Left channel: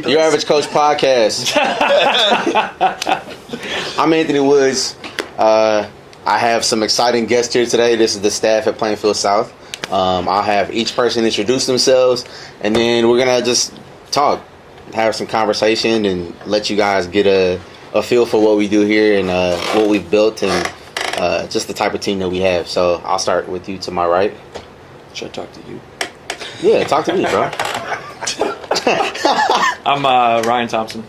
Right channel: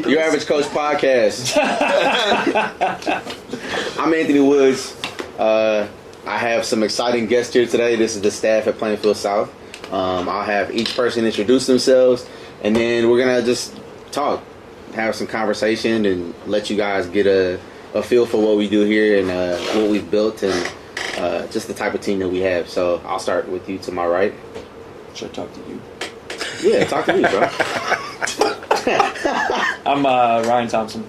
UrAvgCoach Podcast. I'm Anthony Woods. I have some exciting guests here today. This is the staff at Plainfield South. I'll have each person introduce themselves, and then we're going to just talk, have some conversation, and let you guys get a feel for what we do here and what we've built and just the type of team that we have. So I'll start with you to my right. Should I talk to you? Yeah, talk to me, bro. I'm Ryan Thompsen.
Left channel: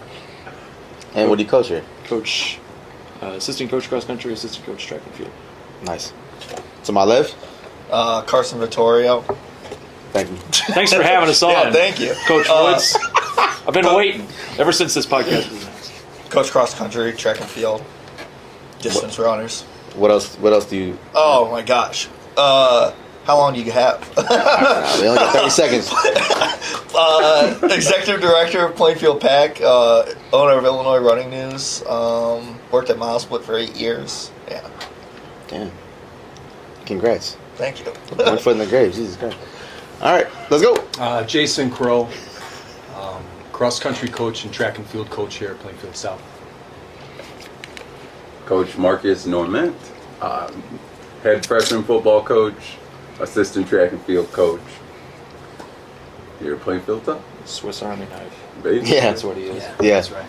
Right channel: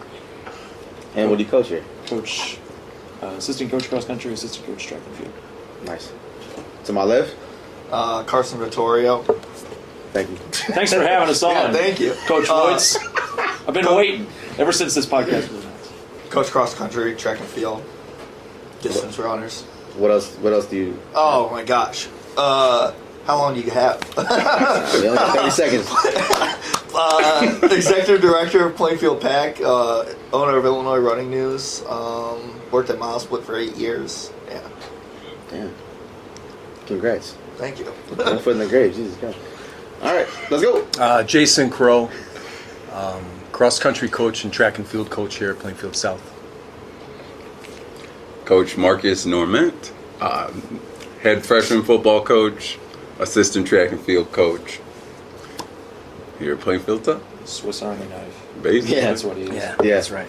And what do you coach here? Coach, assistant coach cross country, assistant coach track and field. Nice. To my left? Carson, Vittorio. Thank you. Thanks for having us on. Yeah, thank you. Coach Woods. I've been waiting ever since this podcast was announced. Coach cross country, track and field, distance runners. What else do you... Oh my gosh. How long do you have? We only got 30 seconds. Executive director of Plainfield Pack, owner of Illinois Running News, worked at MileSplit for 8 years. Yeah. Damn. Congrats. Thank you. One foot in the grave. Jesus Christ. All right, let's go. Jason Crowe, cross-country coach and track and field coach here at Plainfield South. Coach Marcus Normant, head freshman football coach, assistant track and field coach here at Plainfield South. Swiss Army knife. Basically. Yeah. That's what he is. Yeah. That's right.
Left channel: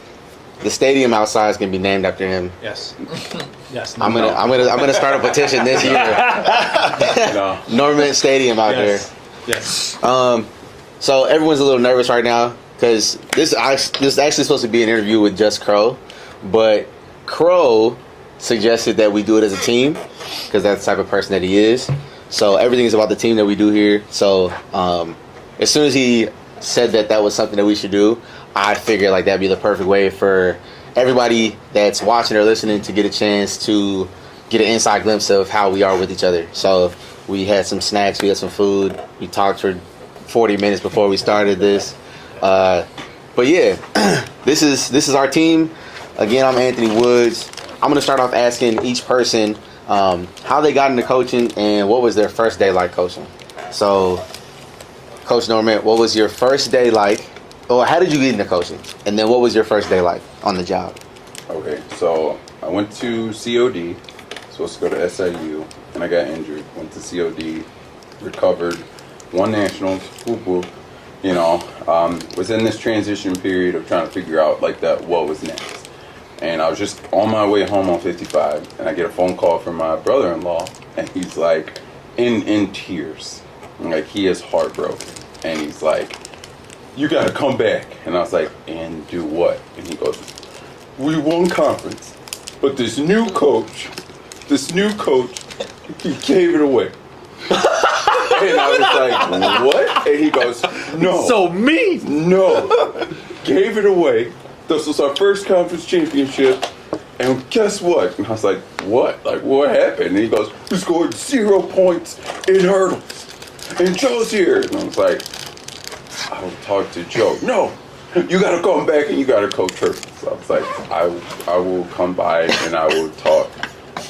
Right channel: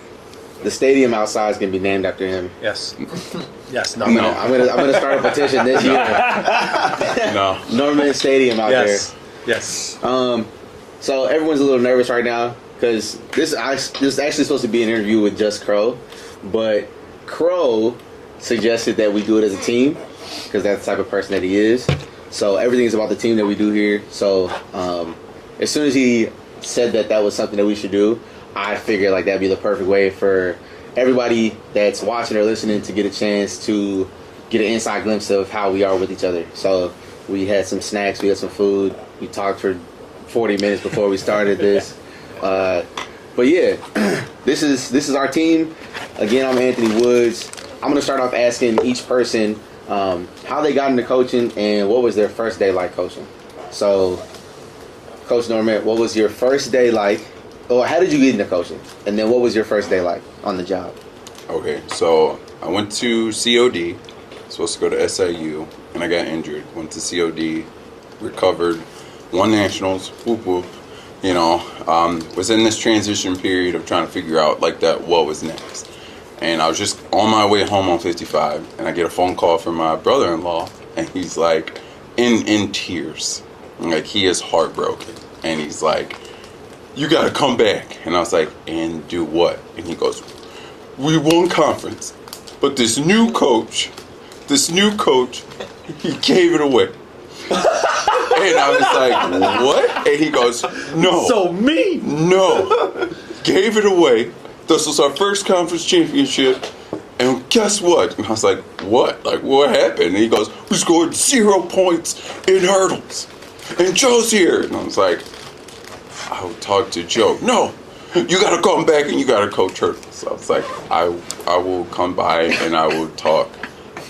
The stadium outside is gonna be named after him. Yes. Yes. I'm gonna start a petition this year. No. Norman Stadium out Yes. Yes. there. So everyone's a little nervous right now because this is actually supposed to be an interview with just Crowe, but Crowe suggested that we do it as a team because that's the type of person that he is. So everything's about the team that we do here. So as soon as he said that was something that we should do, I figured like that'd be the perfect way for everybody that's watching or listening to get a chance to get an inside glimpse of how we are with each other. So we had some snacks, we had some food, we talked for 40 minutes before we started this. But yeah, this is our team. Again, I'm Anthony Woods. I'm gonna start off asking each person how they got into coaching and what was their first day like coaching. So, Coach Normant, what was your first day like? Or how did you get into coaching? And then what was your first day like on the job? Okay, so I went to COD, supposed to go to SIU, and I got injured. Went to COD, recovered, won nationals, whoop whoop. You know, was in this transition period of trying to figure out like that what was next. And I was just on my way home on 55, and I get a phone call from my brother-in-law, and he's like in tears, like he is heartbroken, and he's like, "You gotta come back." And I was like, "And do what?" And he goes, "We won conference, but this new coach, he gave it away." And I was like, "What?" And he goes, "No." So mean. No, gave it away. This was our first conference championship, and guess what? And I was like, "What? Like, what happened?" And he goes, "We scored 0 points in hurdles, and Joe's here." And I was like, "I'll talk to Joe." "No, you gotta come back and you gotta coach hurdles." So I was like, I will come by and I will talk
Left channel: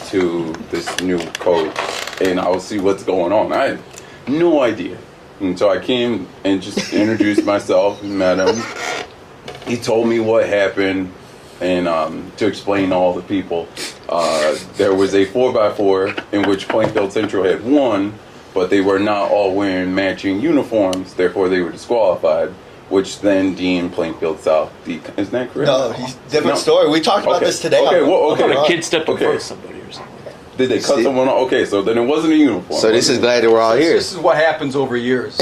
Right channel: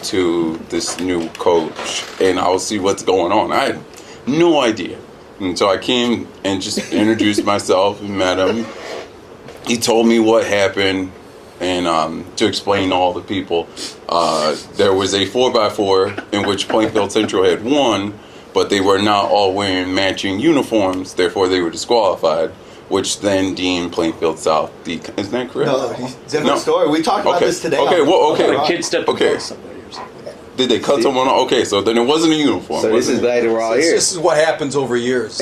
to this new coach and I will see what's going on." I had no idea. And so I came and just introduced myself and met him. He told me what happened, and to explain to all the people, there was a 4x4 in which Plainfield Central had won, but they were not all wearing matching uniforms, therefore they were disqualified, which then deemed Plainfield South isn't that correct? No, different story. We talked about this today. Okay, A kid stepped in front of somebody or something. Did they cut someone off? Okay, so then it wasn't a uniform. So this is glad that we're all here. This is what happens over years,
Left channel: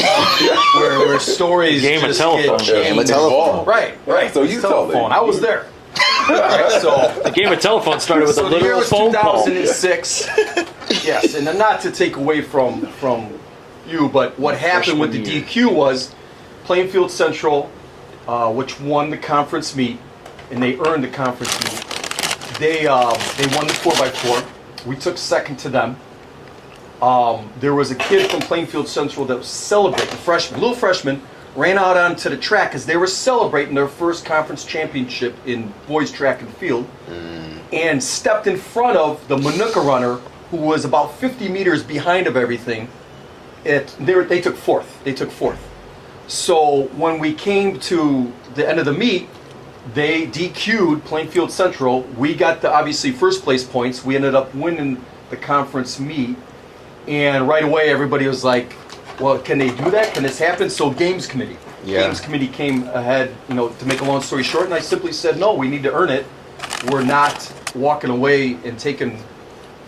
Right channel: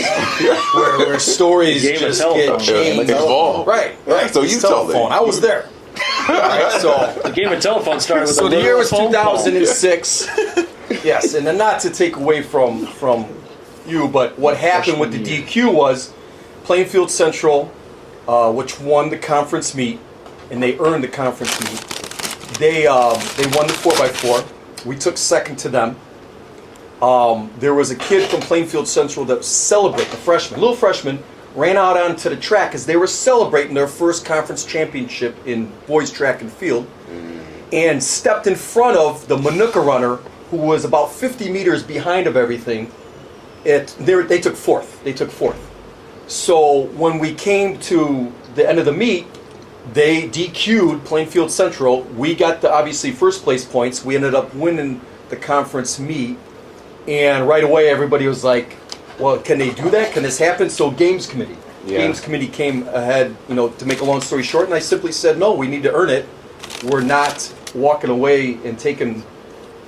where stories Game of just telephone. get Game of changed. telephone. Right. So you tell telephone. them. I was there. Right, so The game of telephone started with a the little year was phone call. 2006. Yes, and then not to take away from you, but what happened with the DQ was Plainfield Central, which won the conference meet, and they earned the conference meet. They won the 4x4. We took second to them. There was a kid from Plainfield Central that was celebrating, a little freshman, ran out onto the track as they were celebrating their first conference championship in boys track and field, and stepped in front of the Manuka runner, who was about 50 meters behind of everything. They took fourth. So when we came to the end of the meet, they DQ'd Plainfield Central. We got the obviously first place points. We ended up winning the conference meet. And right away everybody was like, well, can they do that? Can this happen? So Games Committee. Yeah. Games Committee came ahead, to make a long story short, and I simply said, no, we need to earn it. We're not walking away and taking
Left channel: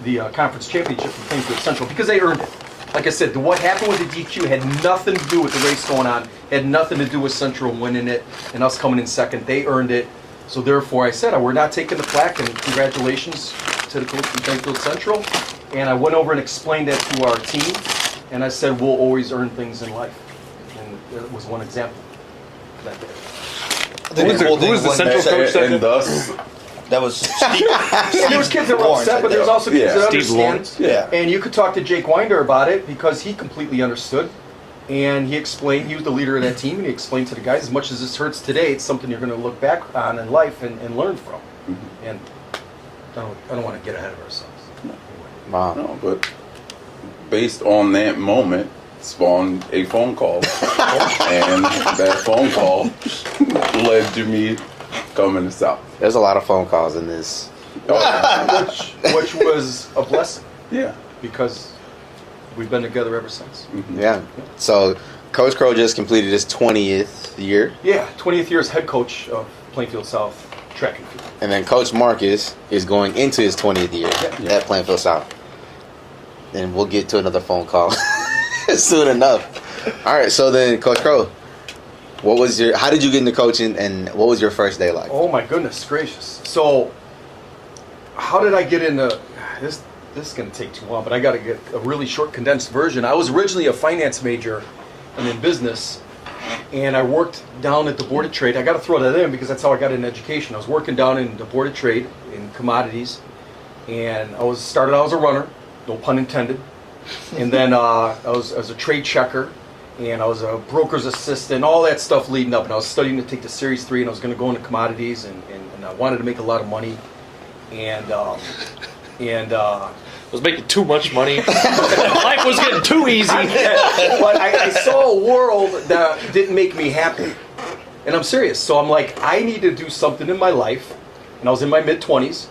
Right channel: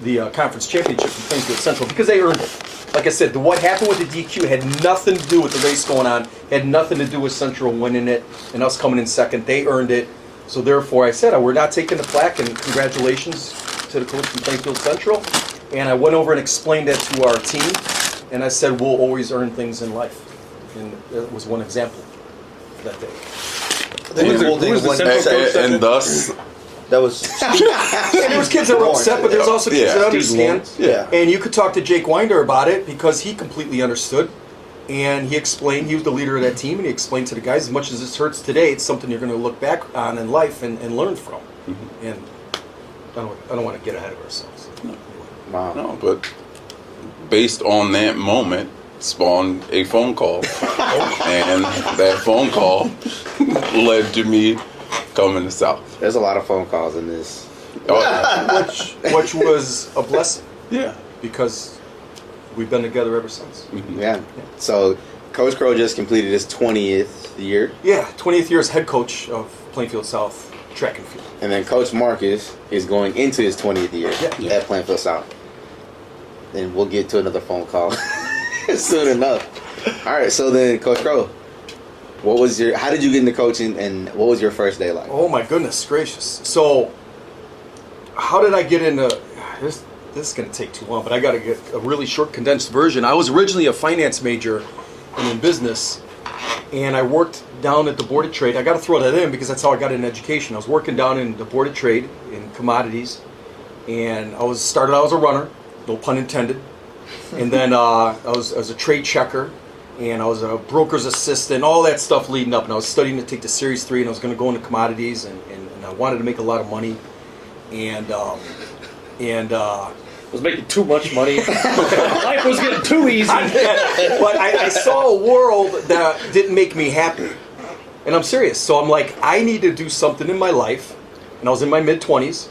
the conference championship from Plainfield Central because they earned it. Like I said, what happened with the DQ had nothing to do with the race going on, had nothing to do with Central winning it and us coming in second. They earned it. So therefore I said, we're not taking the plaque, and congratulations to the coach from Plainfield Central. And I went over and explained that to our team, and I said, we'll always earn things in life. And that was one example of that day. I think the cool thing who's the was Central coach? And thus, that was And there was kids that were upset, but there's also kids Yeah. that Steve understand. Lawrence. Yeah. And you could talk to Jake Winder about it because he completely understood. And he explained, he was the leader of that team, and he explained to the guys, as much as this hurts today, it's something you're going to look back on in life and learn from. And I don't want to get ahead of ourselves. Wow. no, but based on that moment, spawned a phone call, and that phone call led to me coming to South. There's a lot of phone calls in this. Oh, yeah. Which was a blessing Yeah. because we've been together ever since. Yeah. So Coach Crowe just completed his 20th year, Yeah, 20th year as head coach of Plainfield South track and field. and then Coach Marcus is going into his 20th year Yeah. at Plainfield South. And we'll get to another phone call soon enough. All right. So then, Coach Crowe, how did you get into coaching, and what was your first day like? Oh my goodness gracious. So how did I get into this? This is going to take too long, but I got to get a really short condensed version. I was originally a finance major and in business, and I worked down at the Board of Trade. I got to throw that in because that's how I got into education. I was working down in the Board of Trade in commodities, and I started out as a runner, no pun intended, and then I was a trade checker, and I was a broker's assistant, all that stuff leading up. And I was studying to take the Series 3, and I was going to go into commodities, and I wanted to make a lot of money, and Was making too much money. Life was getting too easy. but I saw a world that didn't make me happy. And I'm serious. So I'm like, I need to do something in my life. And I was in my mid-20s.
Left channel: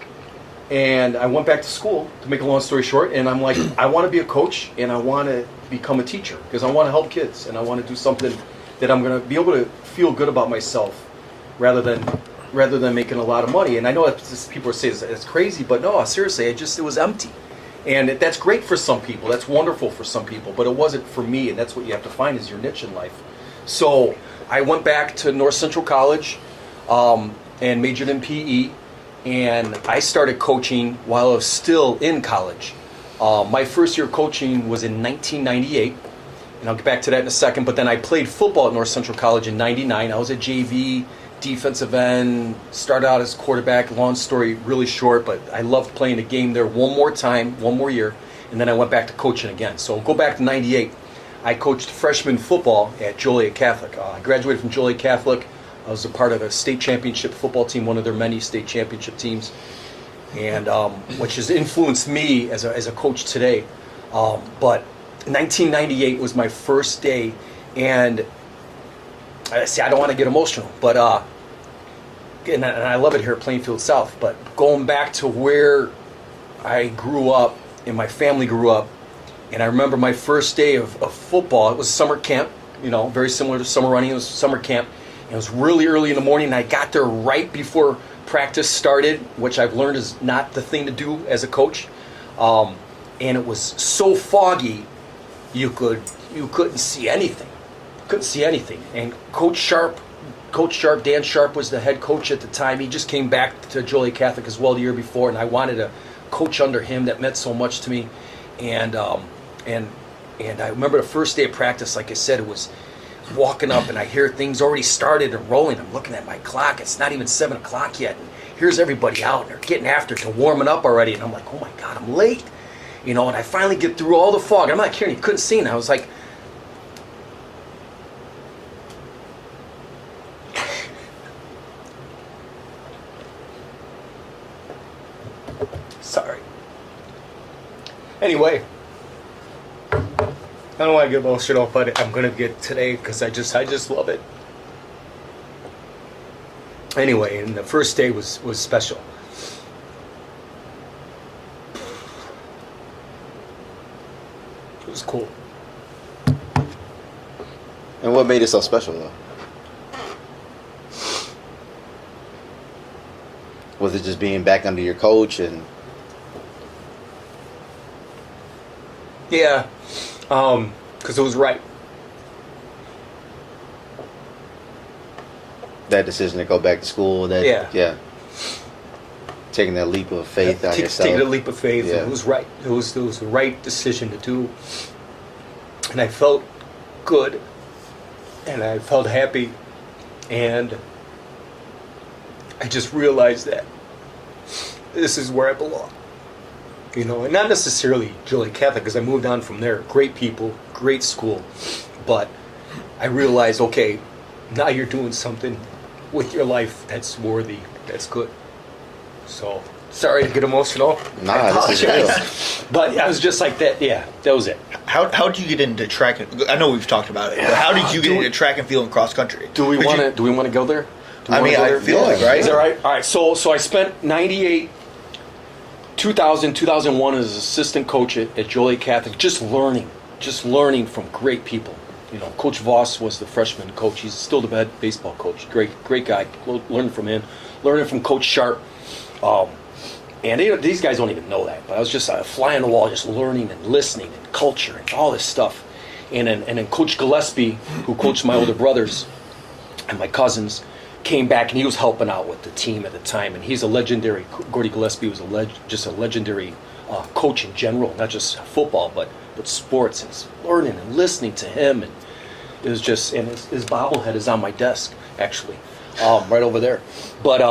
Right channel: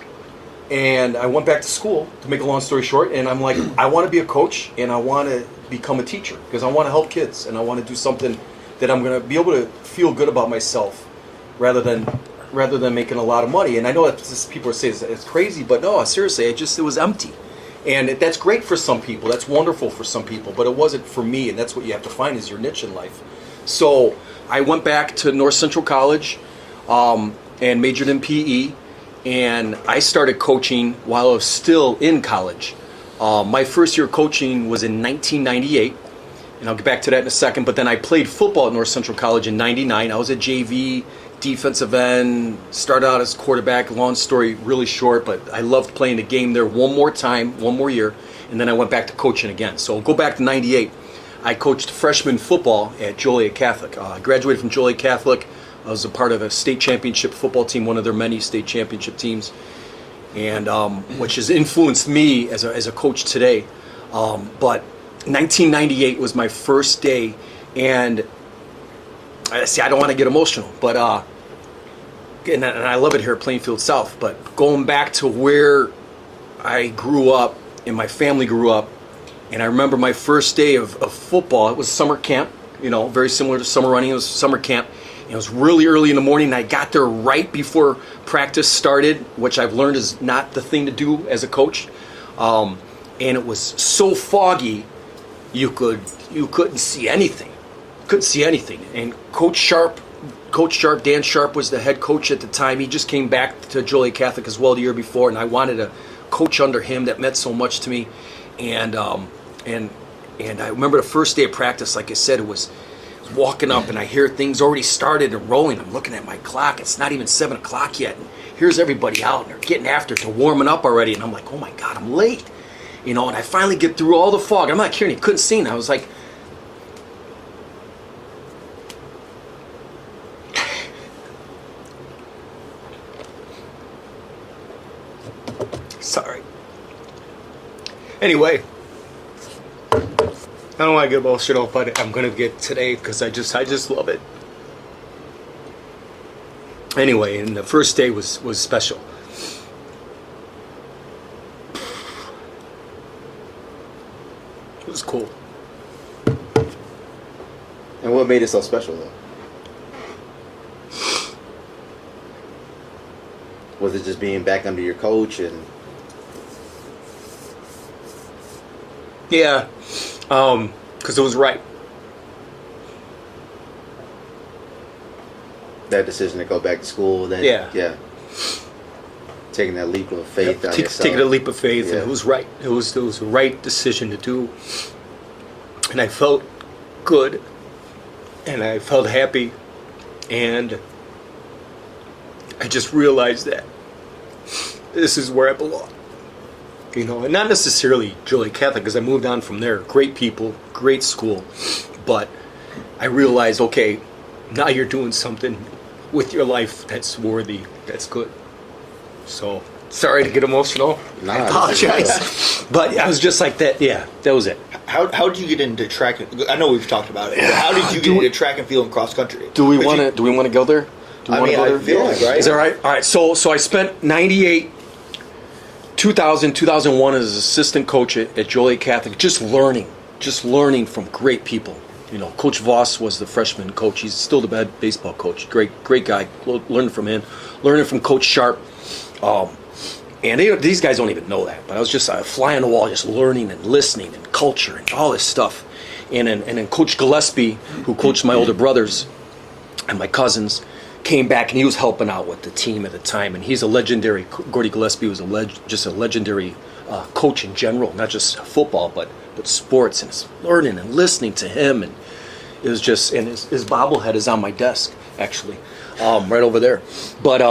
And I went back to school, to make a long story short. And I'm like, I want to be a coach, and I want to become a teacher. Because I want to help kids. And I want to do something that I'm going to be able to feel good about myself rather than making a lot of money. And I know that people are saying it's crazy, but no, seriously, it was empty. And that's great for some people. That's wonderful for some people, but it wasn't for me. And that's what you have to find is your niche in life. So I went back to North Central College and majored in PE. And I started coaching while I was still in college. My first year of coaching was in 1998. And I'll get back to that in a second. But then I played football at North Central College in 99. I was at JV, defensive end, started out as quarterback. Long story, really short, but I loved playing the game there one more year, and then I went back to coaching again. So go back to 98. I coached freshman football at Joliet Catholic. I graduated from Joliet Catholic. I was a part of the state championship football team, one of their many state championship teams, and which has influenced me as a coach today. But 1998 was my first day, and I don't want to get emotional, but and I love it here at Plainfield South, but going back to where I grew up and my family grew up, and I remember my first day of football. It was summer camp, very similar to summer running. It was summer camp. It was really early in the morning, and I got there right before practice started, which I've learned is not the thing to do as a coach. And it was so foggy, you couldn't see anything. And Coach Sharp, Dan Sharp, was the head coach at the time. He just came back to Joliet Catholic as well the year before, and I wanted to coach under him. That meant so much to me. And I remember the first day of practice, like I said, it was walking up, and I hear things already started and rolling. I'm looking at my clock. It's not even 7 o'clock yet. And here's everybody out, and they're getting after it. They're warming up already. And I'm like, oh my God, I'm late. And I finally get through all the fog. I'm not kidding. You couldn't see. And I was like, sorry. Anyway, I don't want to get emotional, but I'm gonna get today because I just love it. Anyway, and the first day was special. It was cool. And what made it so special, though? Was it just being back under your coach and? Yeah, because it was right. That decision to go back to school, that Yeah. Taking that leap of faith out yourself. Taking a leap of faith, Yeah. and it was right. It was the right decision to do, and I felt good, and I felt happy, and I just realized that this is where I belong. You know, and not necessarily Joliet Catholic, because I moved on from there. Great people, great school, but I realized, okay, now you're doing something with your life that's worthy, that's good. So, sorry to get emotional. Nah, I this is apologize. But I was just like that, yeah, that was it. How did you get into track? I know we've talked about it, but how did you get into track and field and cross country? Do we Could want you- to go there? Do we I wanna mean, go I there? feel like, right? Is that right? All right, so I spent 98, 2000, 2001 as assistant coach at Joliet Catholic, just learning from great people. You know, Coach Voss was the freshman coach. He's still the bad baseball coach. Great guy. Learning from him. Learning from Coach Sharp. And these guys don't even know that. But I was just a fly on the wall, just learning and listening and culture and all this stuff. And then Coach Gillespie, who coached my older brothers and my cousins, came back and he was helping out with the team at the time. And he's a legendary. Gordy Gillespie was just a legendary coach in general, not just football, but sports. And it's learning and listening to him, and it was just. And his bobblehead is on my desk, actually, right over there. But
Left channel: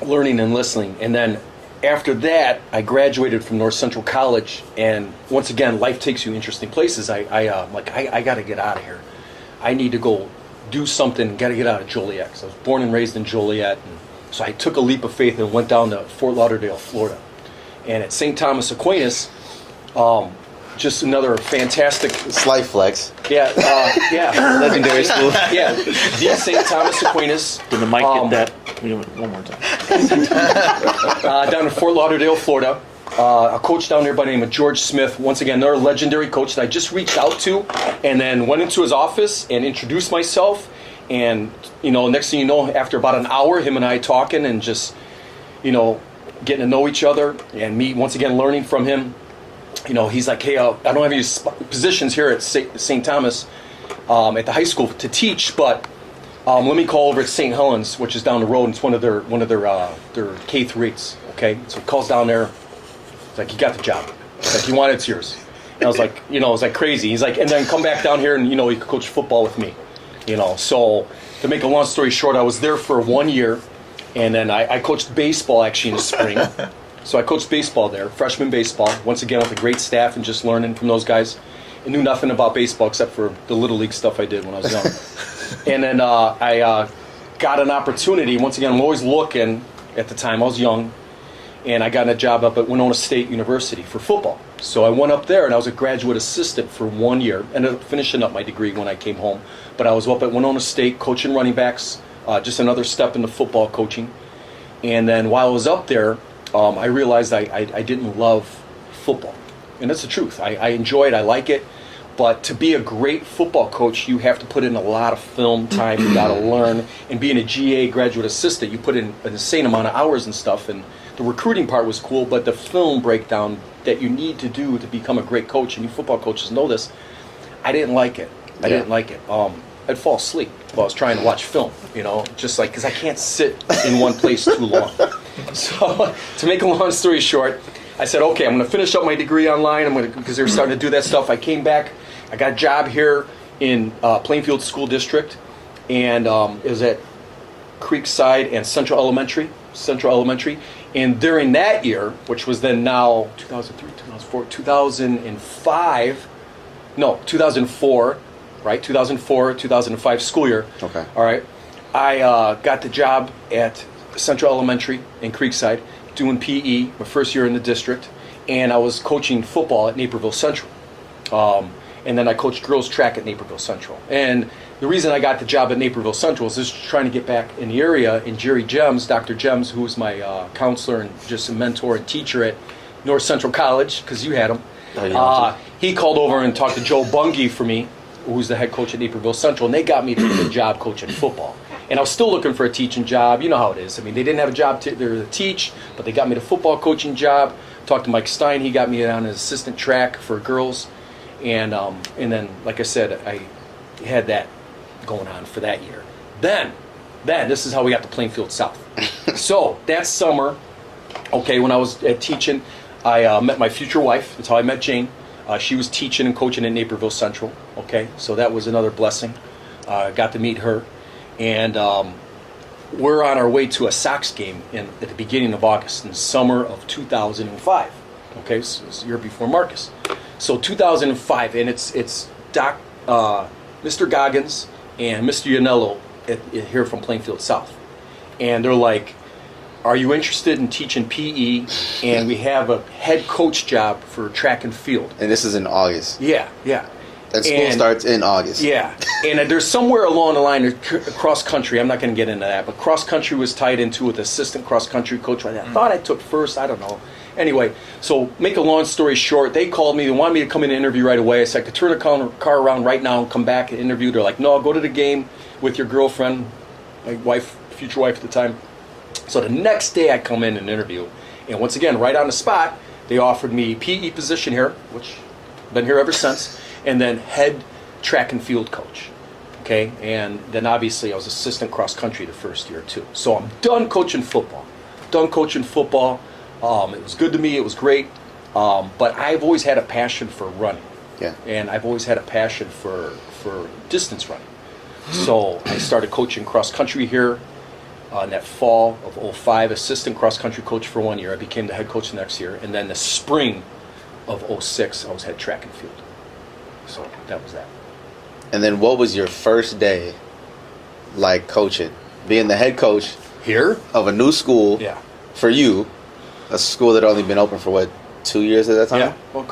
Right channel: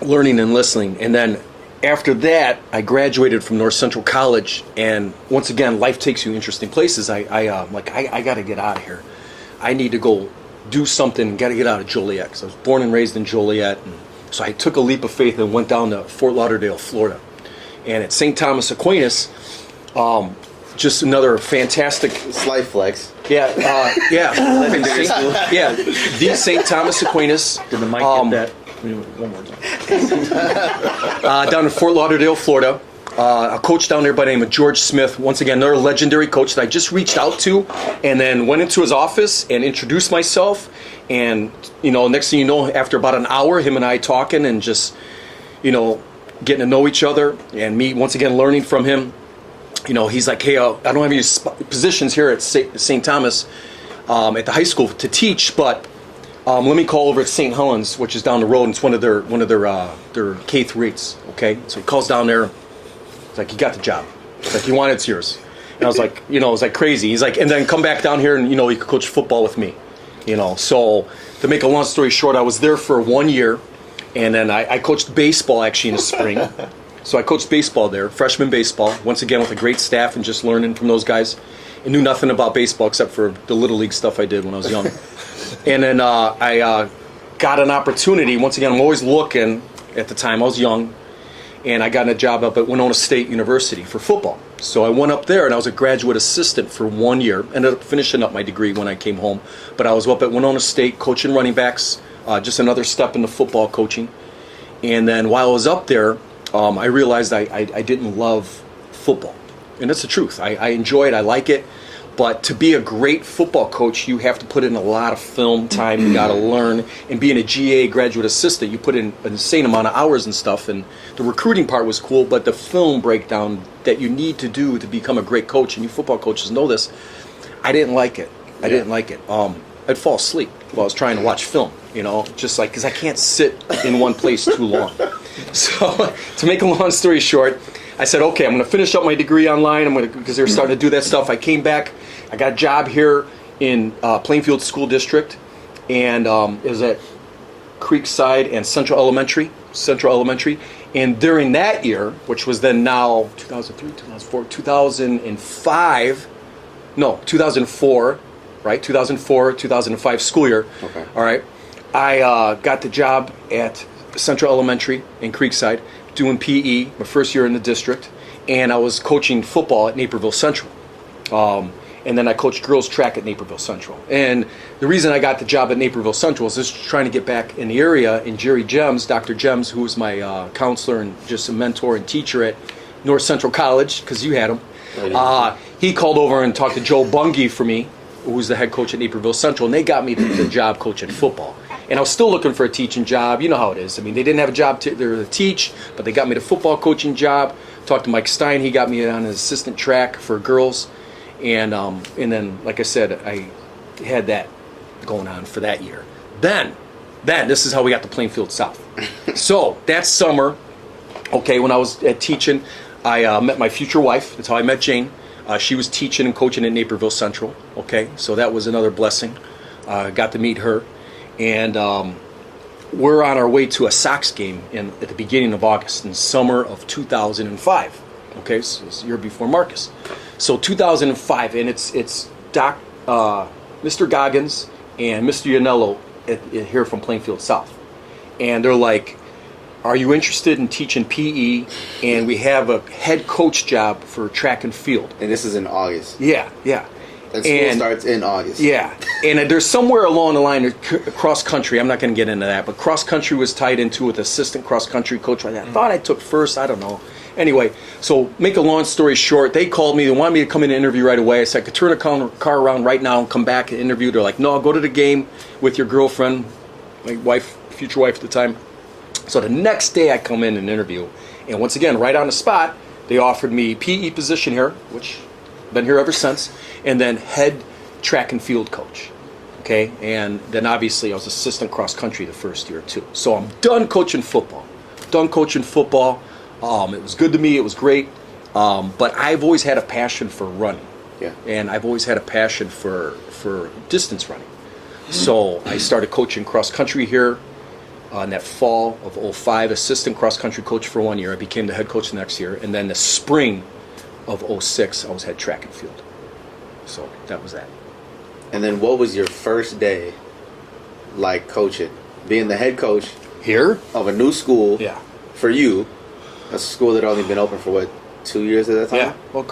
learning and listening, and then after that, I graduated from North Central College, and once again, life takes you interesting places. I got to get out of here. I need to go do something. Got to get out of Joliet, because I was born and raised in Joliet. And so I took a leap of faith and went down to Fort Lauderdale, Florida, and at St. Thomas Aquinas, just another fantastic. Slight flex. Yeah. Legendary school. Yeah, the St. Thomas Aquinas. And the mic did that one more time. Down in Fort Lauderdale, Florida. A coach down there by the name of George Smith. Once again, another legendary coach that I just reached out to, and then went into his office and introduced myself. And, you know, next thing you know, after about an hour, him and I talking and just, you know, getting to know each other, and me, once again, learning from him. You know, he's like, hey, I don't have any positions here at St. Thomas at the high school to teach, but let me call over at St. Helens, which is down the road, and it's one of their K-3s, okay? So he calls down there. He's like, you got the job. He's like, you want it, it's yours. And I was like, you know, it was like crazy. He's like, and then come back down here and, you know, you could coach football with me. You know, so to make a long story short, I was there for 1 year, and then I coached baseball actually in the spring. So I coached baseball there, freshman baseball, once again with a great staff and just learning from those guys. I knew nothing about baseball except for the Little League stuff I did when I was young. And then I got an opportunity. Once again, I'm always looking. At the time, I was young, and I got a job up at Winona State University for football. So I went up there, and I was a graduate assistant for 1 year. Ended up finishing up my degree when I came home. But I was up at Winona State coaching running backs, just another step into football coaching. And then while I was up there, I realized I didn't love football. And that's the truth. I enjoy it. I like it. But to be a great football coach, you have to put in a lot of film time. You got to learn. And being a GA graduate assistant, you put in an insane amount of hours and stuff. And the recruiting part was cool, but the film breakdown that you need to do to become a great coach, and you football coaches know this, I didn't like it. I didn't like it. I'd fall asleep while I was trying to watch film, you know, just like, because I can't sit in one place too long. So to make a long story short, I said, okay, I'm going to finish up my degree online. Because they were starting to do that stuff. I came back. I got a job here in Plainfield School District, and it was at Creekside and Central Elementary. And during that year, which was then now 2003, 2004, 2005, no, 2004, right? 2004, 2005 school year. Okay. All right. I got the job at Central Elementary in Creekside, doing PE, my first year in the district, and I was coaching football at Naperville Central. and then I coached girls track at Naperville Central. And the reason I got the job at Naperville Central is just trying to get back in the area. And Jerry Gems, Dr. Gems, who was my counselor and just a mentor and teacher at North Central College, because you had him, he called over and talked to Joe Bungie for me, who was the head coach at Naperville Central, and they got me the job coaching football. And I was still looking for a teaching job. You know how it is. I mean, they didn't have a job to teach, but they got me the football coaching job. Talked to Mike Stein. He got me on his assistant track for girls. And then, like I said, I had that going on for that year. Then this is how we got to Plainfield South. So that summer, when I was teaching, I met my future wife. That's how I met Jane. She was teaching and coaching at Naperville Central. So that was another blessing. Got to meet her. And we're on our way to a Sox game at the beginning of August, in the summer of 2005. So it's the year before Marcus. So 2005, and it's Mr. Goggins and Mr. Yanello here from Plainfield South. And they're like, are you interested in teaching PE? And we have a head coach job for track and field. And this is in August. Yeah. That school starts in August. Yeah, and there's somewhere along the line, cross country, I'm not going to get into that, but cross country was tied into with assistant cross country coach. I thought I took first, I don't know. Anyway, so make a long story short, they called me, they wanted me to come in and interview right away. I said I could turn a car around right now and come back and interview. They're like, no, I'll go to the game with your girlfriend, my wife, future wife at the time. So the next day I come in and interview, and once again, right on the spot, they offered me PE position here, which I've been here ever since. And then head track and field coach, and then obviously I was assistant cross country the first year too. So I'm done coaching football. It was good to me. It was great. But I've always had a passion for running, and I've always had a passion for distance running. So I started coaching cross country here in that fall of 2005, assistant cross country coach for 1 year. I became the head coach the next year, and then the spring of 2006, I was head track and field. So that was that. And then what was your first day like coaching? Being the head coach here of a new school for you, a school that only been open for 2 years at that time? Yeah, well,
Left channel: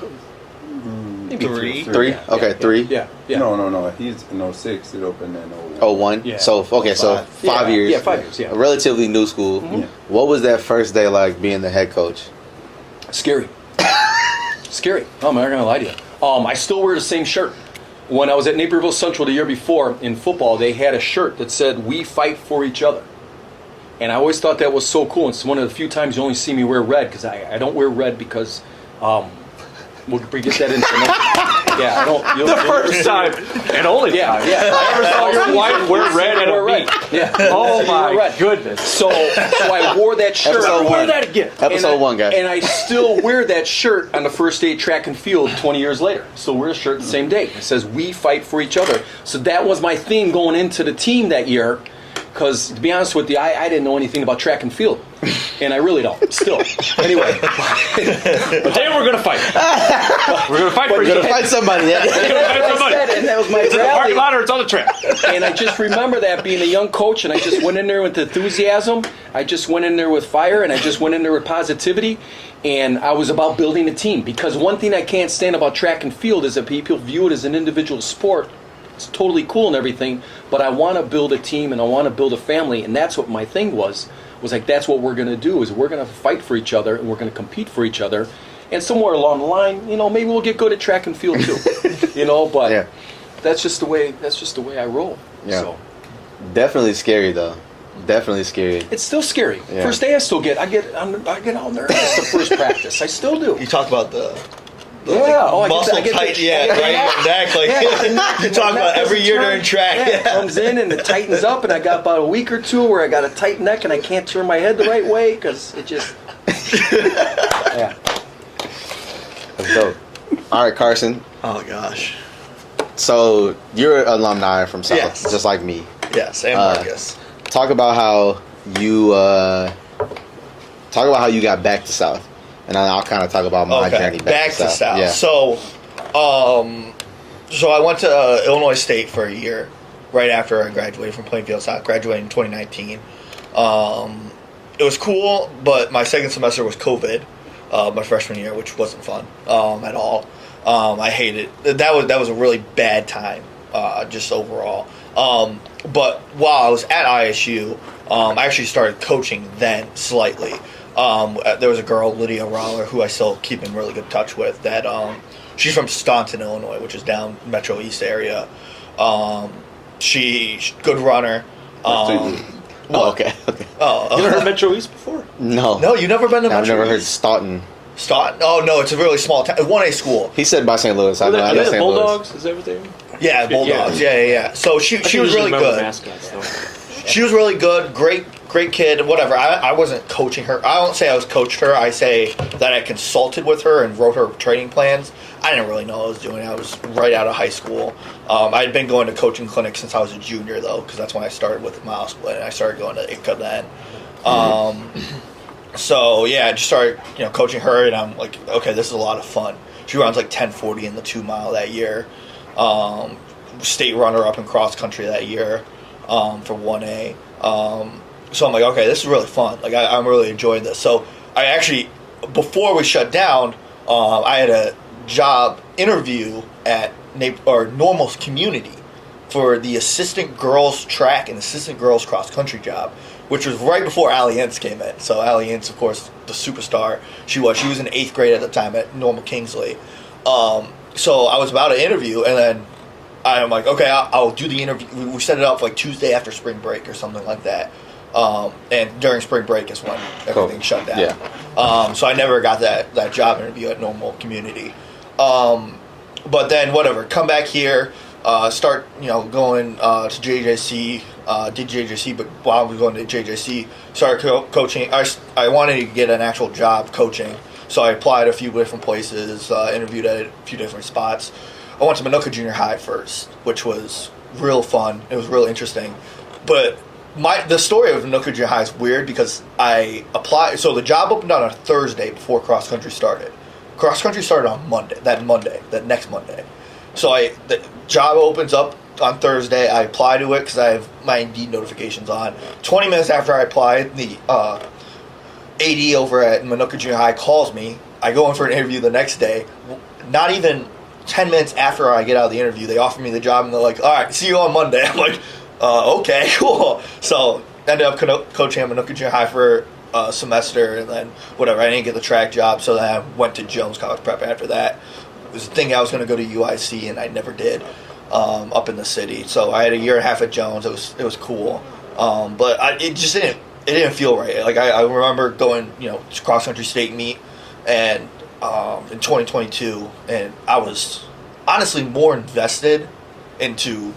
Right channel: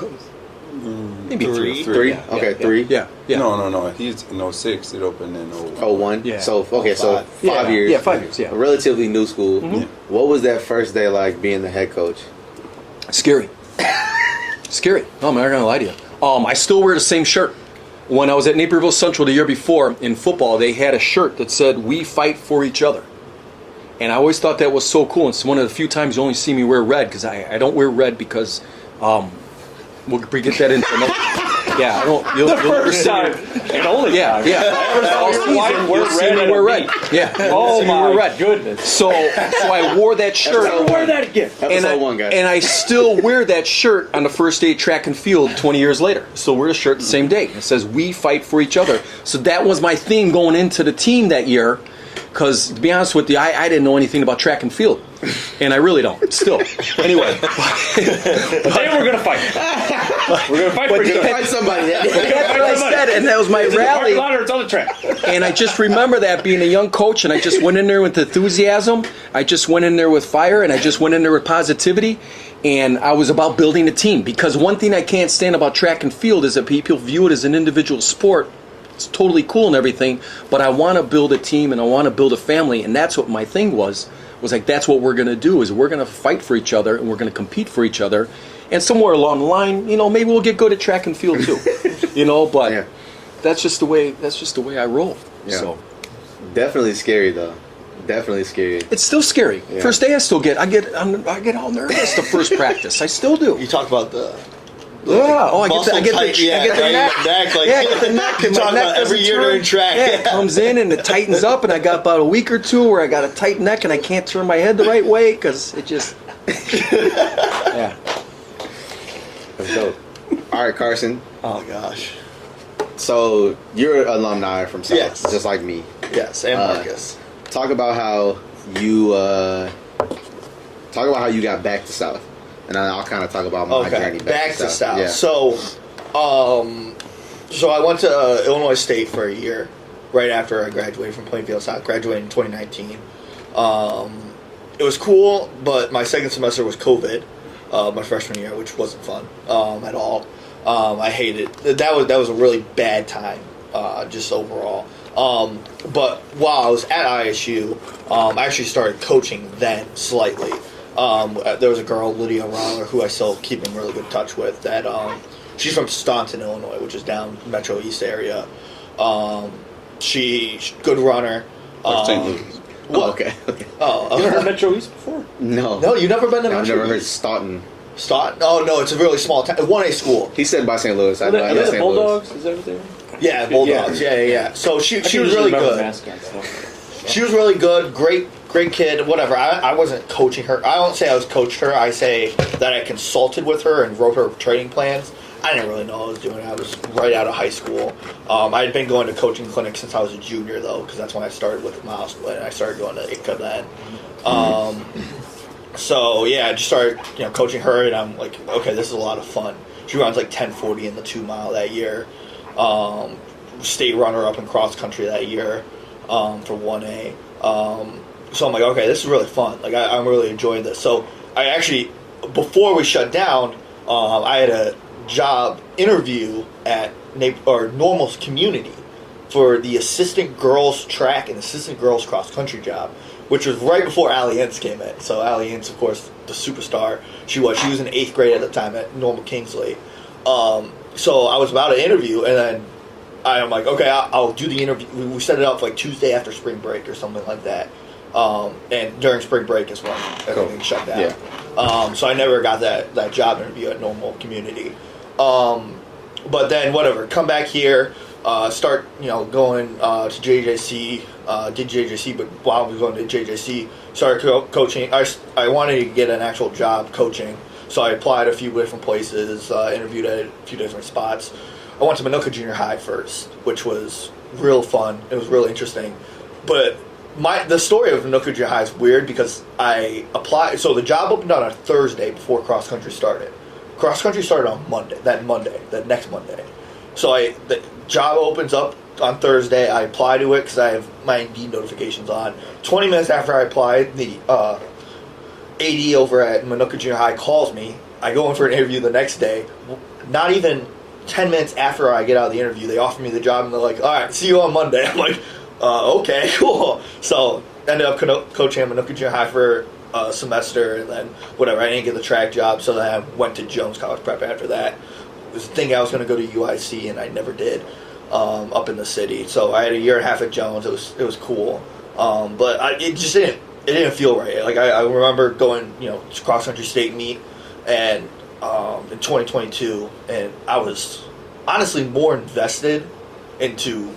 maybe three. Okay, 3. Yeah. No. He's in 06. It opened in 01. Yeah. So 5 years. Yeah, 5 years. Yeah. A relatively new school. Mm-hmm. What was that first day like being the head coach? Scary. Oh, I'm not gonna lie to you. I still wear the same shirt. When I was at Naperville Central the year before in football, they had a shirt that said, "We fight for each other." And I always thought that was so cool. It's one of the few times you only see me wear red, because I don't wear red because we'll get that into I don't. The first time and only time. Yeah. I saw your wife wear red and wear red. Yeah. Oh my red. goodness. So I wore that shirt. Episode 1. That again. Episode 1, guys. And I still wear that shirt on the first day of track and field 20 years later. Still wear the shirt the same day. It says, "We fight for each other." So that was my theme going into the team that year. Because, to be honest with you, I didn't know anything about track and field. And I really don't, still. Anyway. Today we're going to fight. We're going to fight for each other. Fight somebody. And that was my It's in the parking lot or it's on the track. And I just remember that being a young coach, and I just went in there with enthusiasm. I just went in there with fire, and I just went in there with positivity. And I was about building a team. Because one thing I can't stand about track and field is that people view it as an individual sport. It's totally cool and everything, but I want to build a team and I want to build a family, and that's what my thing was like, that's what we're going to do, is we're going to fight for each other and we're going to compete for each other, and somewhere along the line, maybe we'll get good at track and field too, but that's just the way I roll. Yeah. So Definitely scary though. Definitely scary. it's still scary. Yeah. First day I get all nervous the first practice. I still do. You talk about the I muscle get tight, the right in your neck. Like, you talk about every year during track. Yeah, it comes in and it tightens up, and I got about a week or two where I got a tight neck and I can't turn my head the right way because it just. Yeah. That's dope. All right, Carson. Oh gosh. So you're an alumni from South, Yes. just like me. Yes, and Marcus. Talk about how you got back to South. And I'll kind of talk about my journey back to South. Yeah. So I went to Illinois State for a year right after I graduated from Plainfield South. Graduated in 2019. It was cool, but my second semester was COVID, my freshman year, which wasn't fun at all. I hated that was a really bad time, just overall. But while I was at ISU, I actually started coaching then slightly. There was a girl, Lydia Roller, who I still keep in really good touch with. That she's from Thompsen, Illinois, which is down Metro East area. She's good runner. St. Louis. Oh, okay. Oh, You ever heard Metro East before? No, you never been to I've Metro never heard East? Staunton. Staunton? Oh no, it's a really small town. 1A school. He said by St. Louis. I know Are they St. Louis. Bulldogs? Is that what they are? Yeah, Bulldogs. Yeah. So she was really good. She was really good. Great kid. Whatever. I wasn't coaching her. I don't say I was coached her. I say that I consulted with her and wrote her training plans. I didn't really know what I was doing. I was right out of high school. I had been going to coaching clinics since I was a junior, though, because that's when I started with Miles Split. I started going to ICCA then. So yeah, I just started coaching her, and I'm like, okay, this is a lot of fun. She runs like 10:40 in the 2 mile that year. State runner up in cross country that year for 1A. So I'm like, okay, this is really fun. Like I'm really enjoying this. So I actually, before we shut down, I had a job interview at Normal's Community for the assistant girls track and assistant girls cross country job, which was right before Allie Ince came in. So Allie Ince, of course, the superstar she was in 8th grade at the time at Normal Kingsley. So I was about to interview, and then I'm like, okay, I'll do the interview. We set it up like Tuesday after spring break or something like that. And during spring break is when everything shut down. Yeah. So I never got that job interview at Normal Community. But then whatever, come back here, start going to JJC. Did JJC, but while I was going to JJC, started coaching. I wanted to get an actual job coaching, so I applied a few different places, interviewed at a few different spots. I went to Minooka Junior High first, which was real fun. It was real interesting, but the story of Minooka Junior High is weird because I applied. So the job opened on a Thursday before cross country started. Cross country started on that next Monday. So the job opens up on Thursday. I apply to it because I have my Indeed notifications on. 20 minutes after I applied, the AD over at Minooka Junior High calls me. I go in for an interview the next day. Not even 10 minutes after I get out of the interview, they offer me the job, and they're like, all right, see you on Monday. I'm like, okay, cool. So I ended up coaching at Minooka Junior High for a semester, and then whatever, I didn't get the track job, so then I went to Jones College Prep after that. It was thinking I was going to go to UIC, and I never did, up in the city. So I had a year and a half at Jones. It was cool, but it just didn't feel right. Like I remember going to cross country state meet, and in 2022, and I was honestly more invested into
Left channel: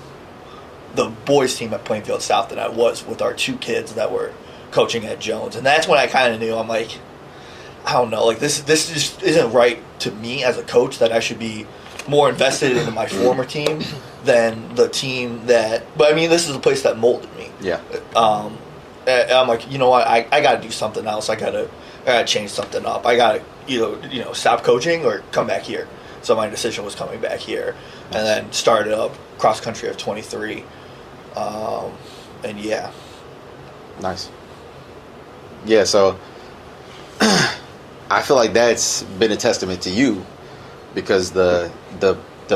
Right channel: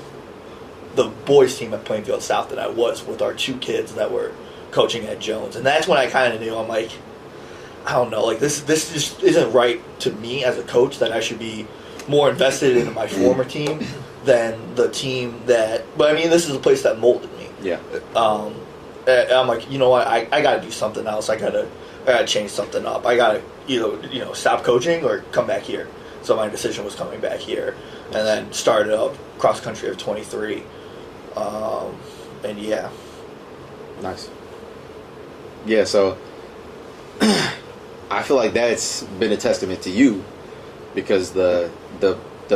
the boys team at Plainfield South than I was with our 2 kids that were coaching at Jones. And that's when I kind of knew, I'm like, I don't know, like this just isn't right to me as a coach, that I should be more invested in my former team than the team but I mean, this is a place that molded me. Yeah. And I'm like, you know what, I got to do something else. I got to change something up. I got to either stop coaching or come back here. So my decision was coming back here, and then started up cross country of 23. And yeah. Nice. Yeah, so I feel like that's been a testament to you, because the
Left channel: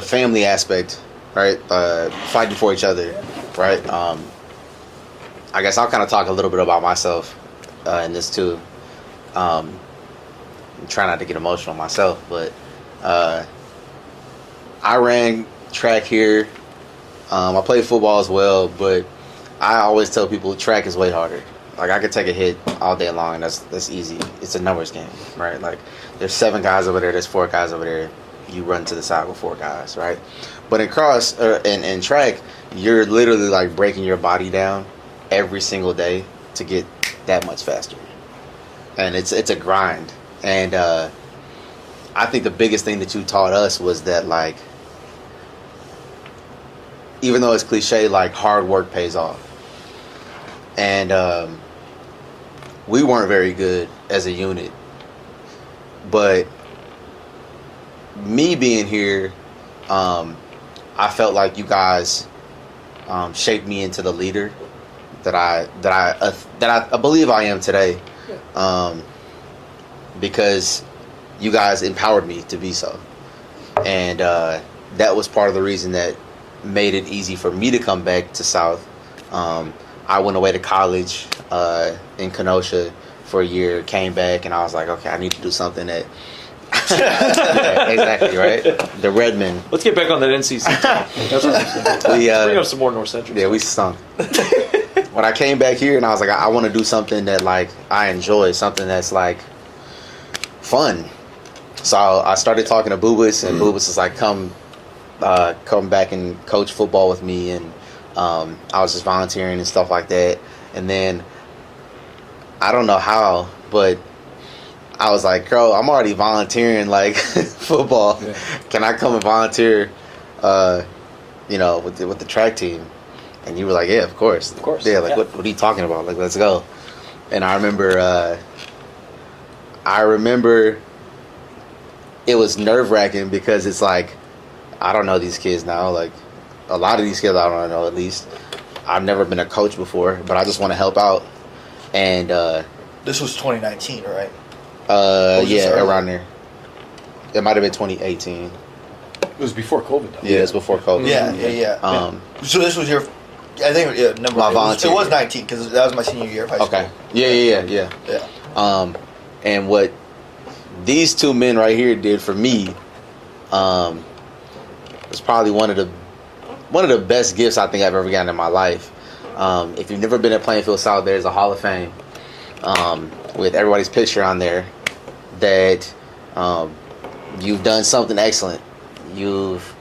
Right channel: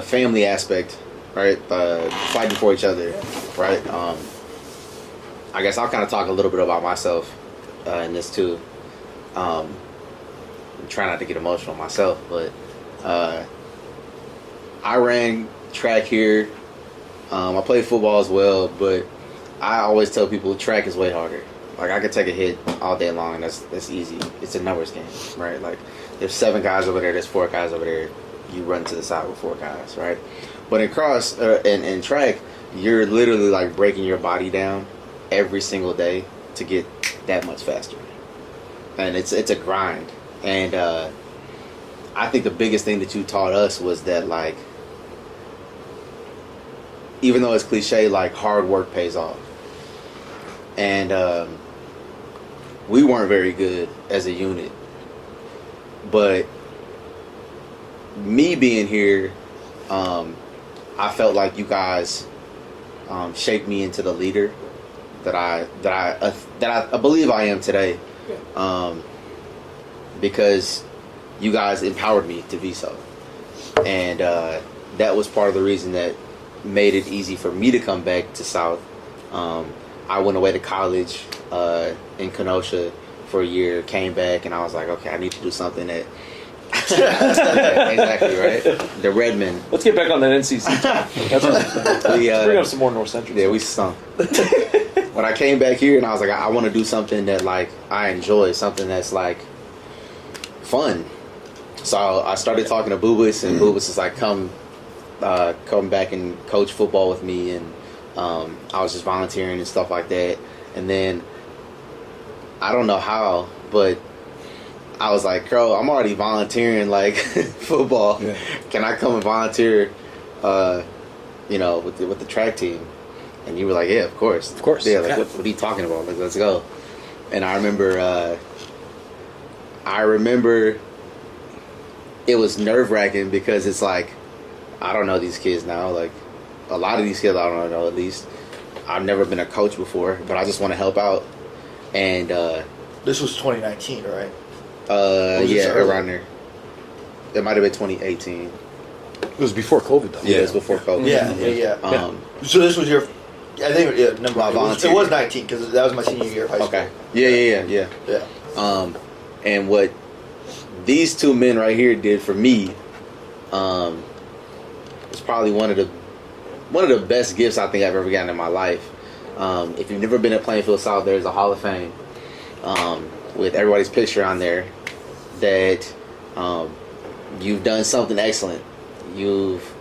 family aspect, right? Fighting for each other, right? I guess I'll kind of talk a little bit about myself in this too. Try not to get emotional myself, but I ran track here. I played football as well, but I always tell people track is way harder. Like, I could take a hit all day long, and that's easy. It's a numbers game, right? Like, there's 7 guys over there, there's 4 guys over there. You run to the side with 4 guys, right? But in track, you're literally like breaking your body down every single day to get that much faster, and it's a grind. And I think the biggest thing that you taught us was that, like, even though it's cliche, like, hard work pays off. And we weren't very good as a unit, but me being here, I felt like you guys shaped me into the leader that I believe I am today, because you guys empowered me to be so. and that was part of the reason that made it easy for me to come back to South. I went away to college in Kenosha for a year, came back, and I was like, okay, I need to do something that. Yeah, exactly, right? The Redmond. Let's get back on that NCC. That's what I'm saying. Bring up some more North Central. Yeah, we stunk. When I came back here, and I was like, I want to do something that like I enjoy, something that's like fun. So I started talking to Boobas, and Boobas was like, come back and coach football with me, and I was just volunteering and stuff like that. And then I don't know how, but I was like, Crowe, I'm already volunteering like football. Yeah. Can I come and volunteer, with the track team? And you were like, yeah, of course. Of course. Yeah, like what are you talking about? Like, let's go. And I remember it was nerve-wracking because it's like, I don't know these kids now. Like, a lot of these kids I don't know, at least. I've never been a coach before, but I just want to help out. And this was 2019, right? Yeah, around there. It might have been 2018. It was before COVID, though. Yeah, it was before COVID. Yeah. So this was your, I think, number. My it was 19 because that was my senior year of high school. Okay. Yeah. And what these two men right here did for me, was probably one of the best gifts I think I've ever gotten in my life. If you've never been at Plainfield South, there's a Hall of Fame with everybody's picture on there that you've done something excellent. You've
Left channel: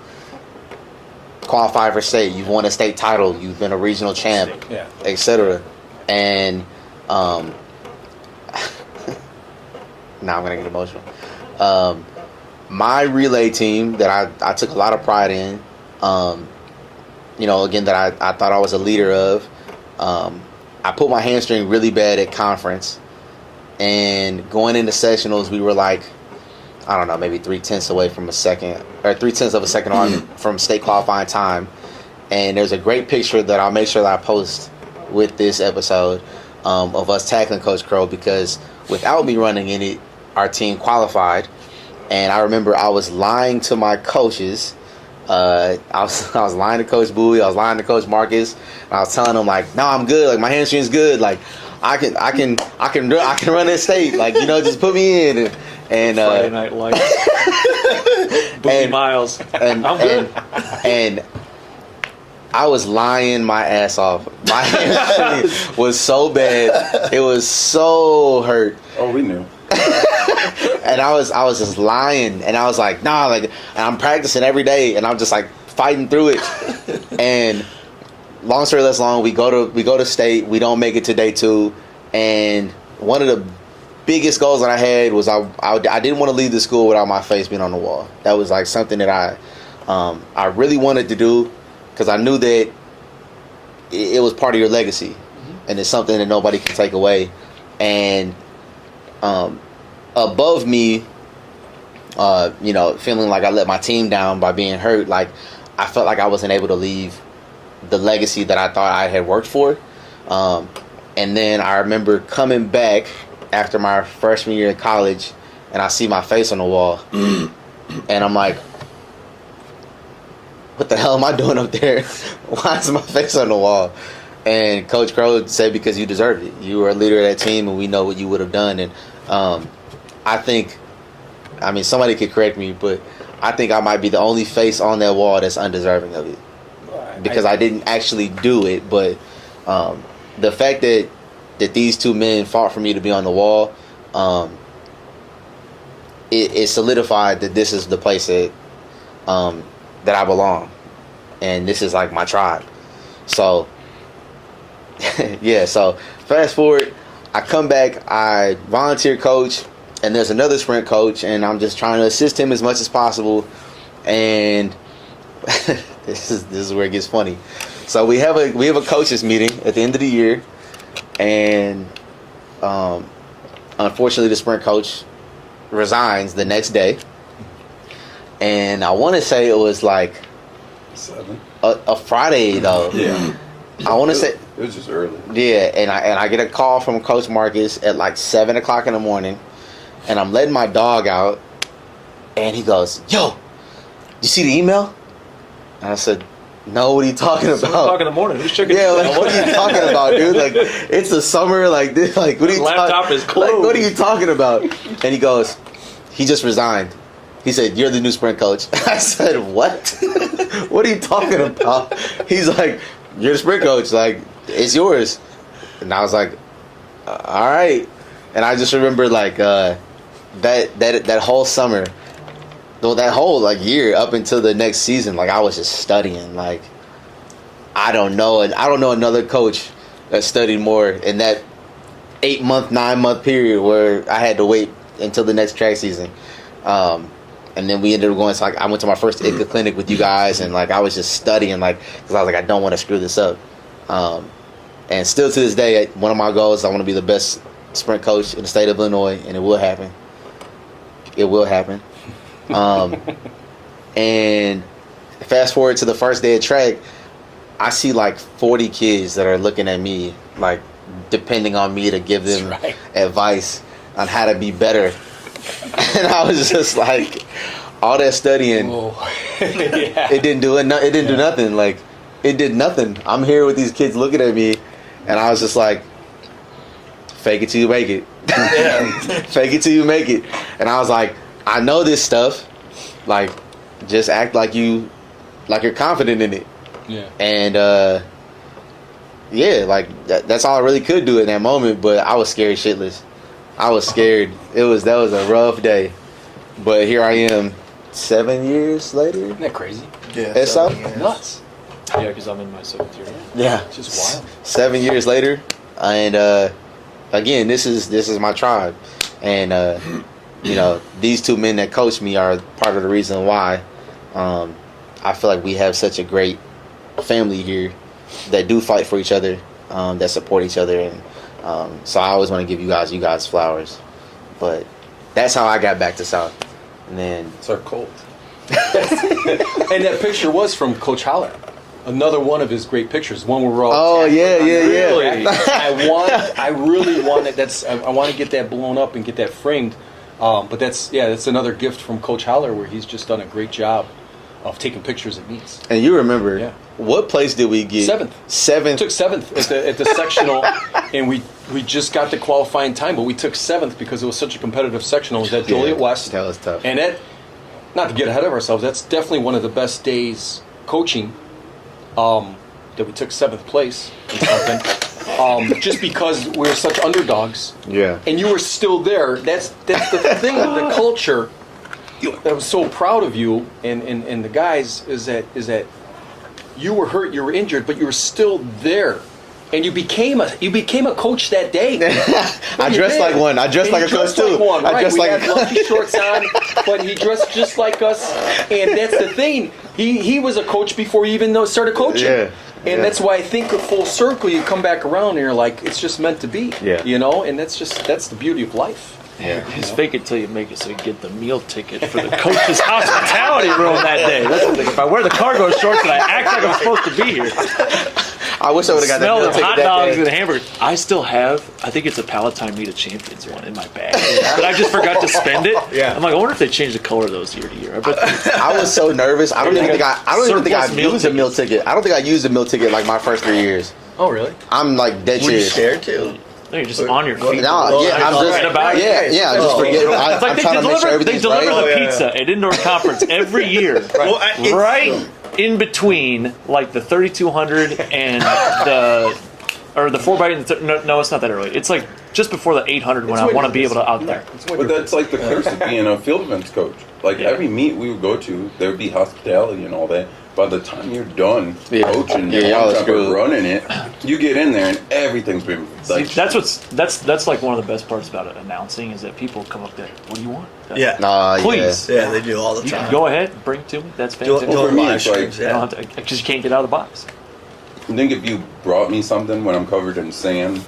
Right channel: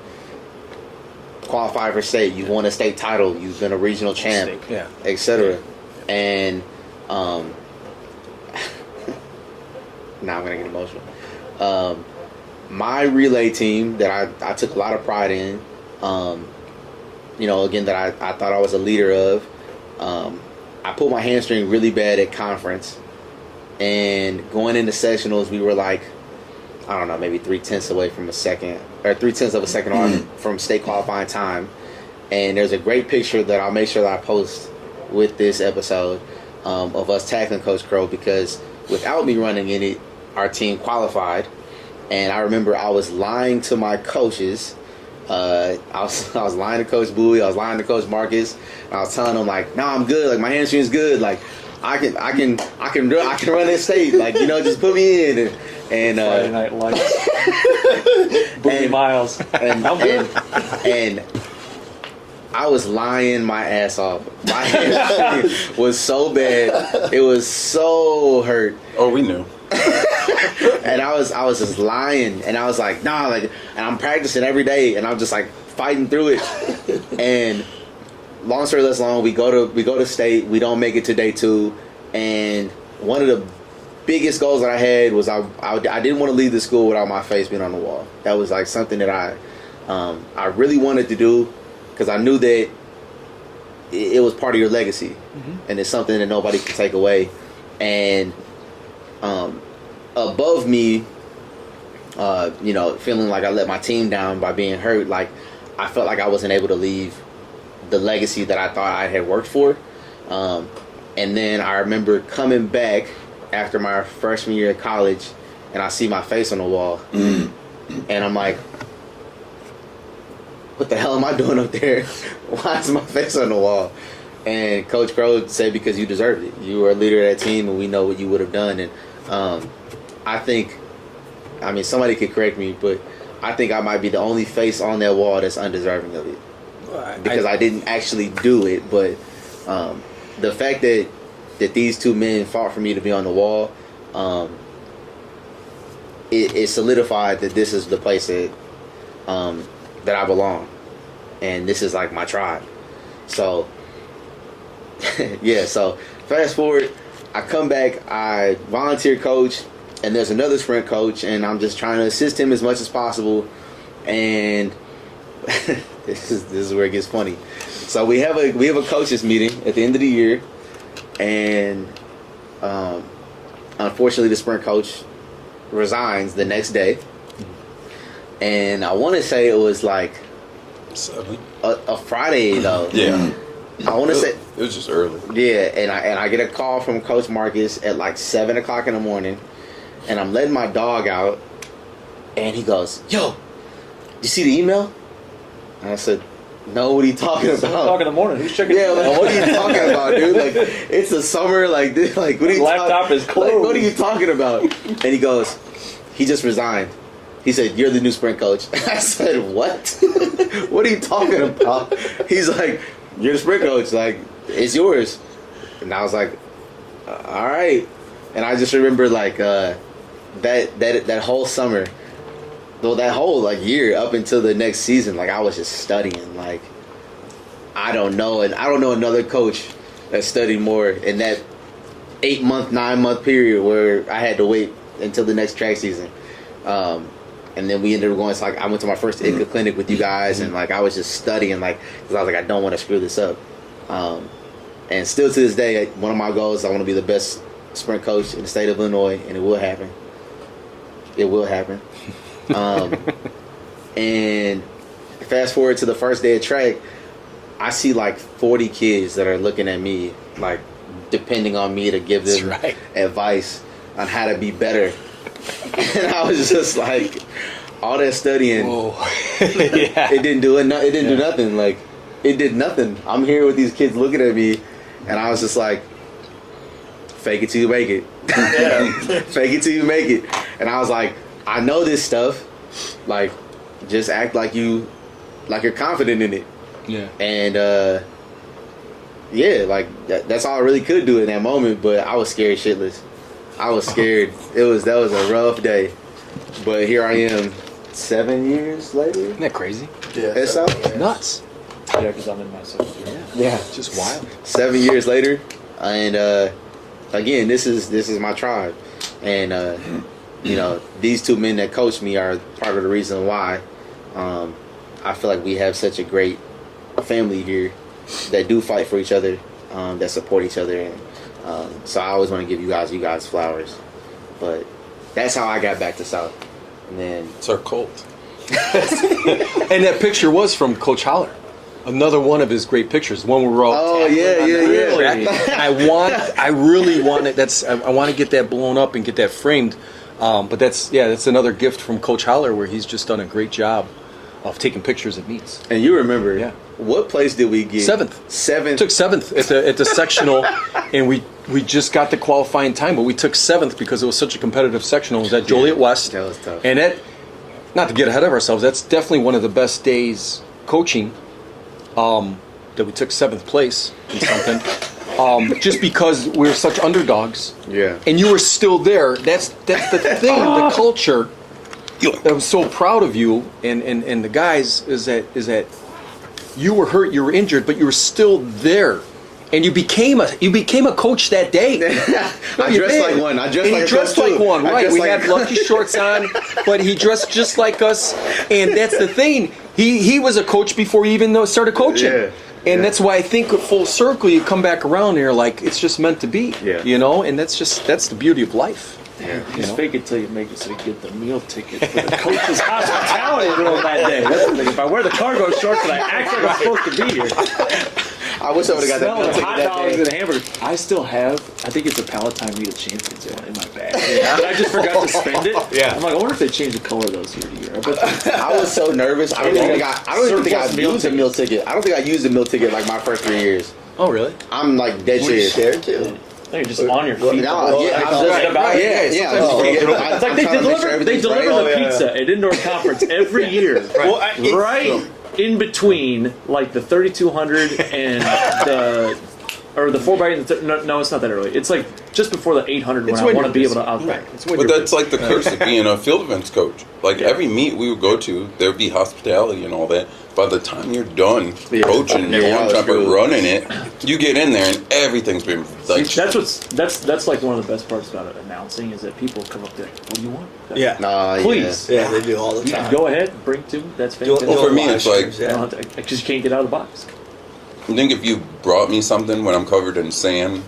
qualified for state. You've won a state title. You've been a regional champ, etc. And now I'm gonna get emotional. My relay team that I took a lot of pride in, again, that I thought I was a leader of. I put my hamstring really bad at conference, and going into sectionals, we were like, I don't know, maybe 3/10 away from 3/10 of a second on from state qualifying time. And there's a great picture that I'll make sure that I post with this episode of us tackling Coach Crowe, because without me running in it, our team qualified. And I remember I was lying to my coaches. I was lying to Coach Bowie. I was lying to Coach Marcus. And I was telling them like, "No, I'm good. Like my hamstring's good. Like I can run this state. Like just put me in." And Friday Night Lights. Bowie Miles. And I was lying my ass off. My hamstring was so bad. It was so hurt. Oh, we knew. And I was just lying, and I was like, nah, like, and I'm practicing every day, and I'm just like fighting through it. And long story less long, we go to state. We don't make it to day 2, and one of the biggest goals that I had was I didn't want to leave the school without my face being on the wall. That was like something that I really wanted to do, because I knew that it was part of your legacy, and it's something that nobody can take away. And above me, feeling like I let my team down by being hurt, like I felt like I wasn't able to leave the legacy that I thought I had worked for. And then I remember coming back after my freshman year in college, and I see my face on the wall, and I'm like, what the hell am I doing up there? Why is my face on the wall? And Coach Crowe said, because you deserved it. You were a leader of that team, and we know what you would have done. And I think, somebody could correct me, but I think I might be the only face on that wall that's undeserving of it. Because I didn't actually do it, but the fact that these two men fought for me to be on the wall, it solidified that this is the place that I belong, and this is like my tribe. So yeah, so fast forward, I come back, I volunteer coach, and there's another sprint coach, and I'm just trying to assist him as much as possible. And this is where it gets funny. So we have a coaches meeting at the end of the year, and unfortunately the sprint coach resigns the next day. And I want to say it was like 7. A Friday though. Yeah. I want to say it was just early. Yeah, and I get a call from Coach Marcus at like 7:00 in the morning, and I'm letting my dog out, and he goes, "Yo, you see the email? And I said, no, what are you talking about? 7:00 in the morning. Who's checking? Yeah, like, what are you talking about, dude? Like, it's the summer. Like, dude, like, what are you Laptop is closed. Like, what are you talking about? And he goes, he just resigned. He said, you're the new sprint coach. I said, what? What are you talking about? He's like, you're the sprint coach. Like, it's yours. And I was like, all right. And I just remember, like, that whole summer, that whole, like, year up until the next season, like, I was just studying. Like, I don't know another coach that studied more in that 8-month, 9-month period where I had to wait until the next track season. And then we ended up going to, like, I went to my first ITCA clinic with you guys, and, like, I was just studying, like, because I was like, I don't want to screw this up. And still to this day, one of my goals is I want to be the best sprint coach in the state of Illinois, and it will happen. It will happen. And fast forward to the first day of track, I see like 40 kids that are looking at me, like depending on me to give them advice on how to be better. And I was just like, all that studying, it didn't do it. It didn't do nothing. Like, it did nothing. I'm here with these kids looking at me, and I was just like, fake it till you make it. Fake it till you make it. And I was like, I know this stuff. Like, just act like you're confident in it. Yeah. And yeah, like that's all I really could do in that moment. But I was scared shitless. I was scared. That was a rough day. But here I am, 7 years later. Isn't that crazy? Yeah, It's Nuts. Yeah, because I'm in my 7th year. Yeah, It's just wild. 7 years later, and again, this is my tribe, and you know, these two men that coach me are part of the reason why I feel like we have such a great family here that do fight for each other, that support each other, and so I always want to give you guys flowers. But that's how I got back to South, and then It's our cult. And that picture was from Coach Holler. Another one of his great pictures. One where we're all. oh tackling yeah. I really want it. I want to get that blown up and get that framed. But that's another gift from Coach Holler, where he's just done a great job of taking pictures at meets. And you remember, Yeah. what place did we get? Seventh. Took 7th at the sectional, and we just got the qualifying time, but we took 7th because it was such a competitive sectional. It was at Joliet West. That was tough. And it, not to get ahead of ourselves, that's definitely one of the best days coaching. That we took 7th place in something. Just because we were such underdogs. Yeah. And you were still there. That's the thing, the culture that I'm so proud of you and the guys is that you were hurt, you were injured, but you were still there. And you became a coach that day. I dressed like one. I dressed like a coach too. One, I right? dressed We like- had lucky shorts on, but he dressed just like us. And that's the thing. He was a coach before he even started coaching. Yeah. And Yeah. that's why I think full circle, you come back around and you're like, it's just meant to be. Yeah. You know, and that's the beauty of life. Yeah. Just fake it till you make it, so you get the meal ticket for the coach's hospitality room that day. If I wear the cargo shorts and I act like I'm supposed to be here, I wish I would have got smell that of meal hot ticket that dogs day. and hamburgers. I still have, I think it's a Palatine Meet of Champions one in my bag. But I just forgot to spend it. Yeah. I'm like, I wonder if they change the color of those year to year. I bet I was so nervous. I don't even think I Surplus meal used a meal ticket. I don't think I used a meal ticket like my first 3 years. Oh, really? I'm like dead Were you serious. scared too? no, you're just on your feet. No, yeah, I'm just Forget about it. yeah. I just forget. It's like I'm they trying to make sure deliver everything's the right. pizza at indoor conference every year. Well, Right in between, like the 3200 and the 4x. No, it's not that early. It's like just before the 800 when I want to be able to out there. But that's like the curse of being a field events coach. Like every meet we would go to, there would be hospitality and all that. By the time you're done coaching, Yeah, you're I was on top of cool. running it, you get in there and everything's been like. That's like one of the best parts about it, announcing is that people come up there. What do you want? Yeah. Nah, Please. Yeah, they do all the You time. go ahead, bring it to me. That's Do fantastic. for me, live it's like- streams, You don't have to, because you can't get out of the box. I think if you brought me something when I'm covered in sand,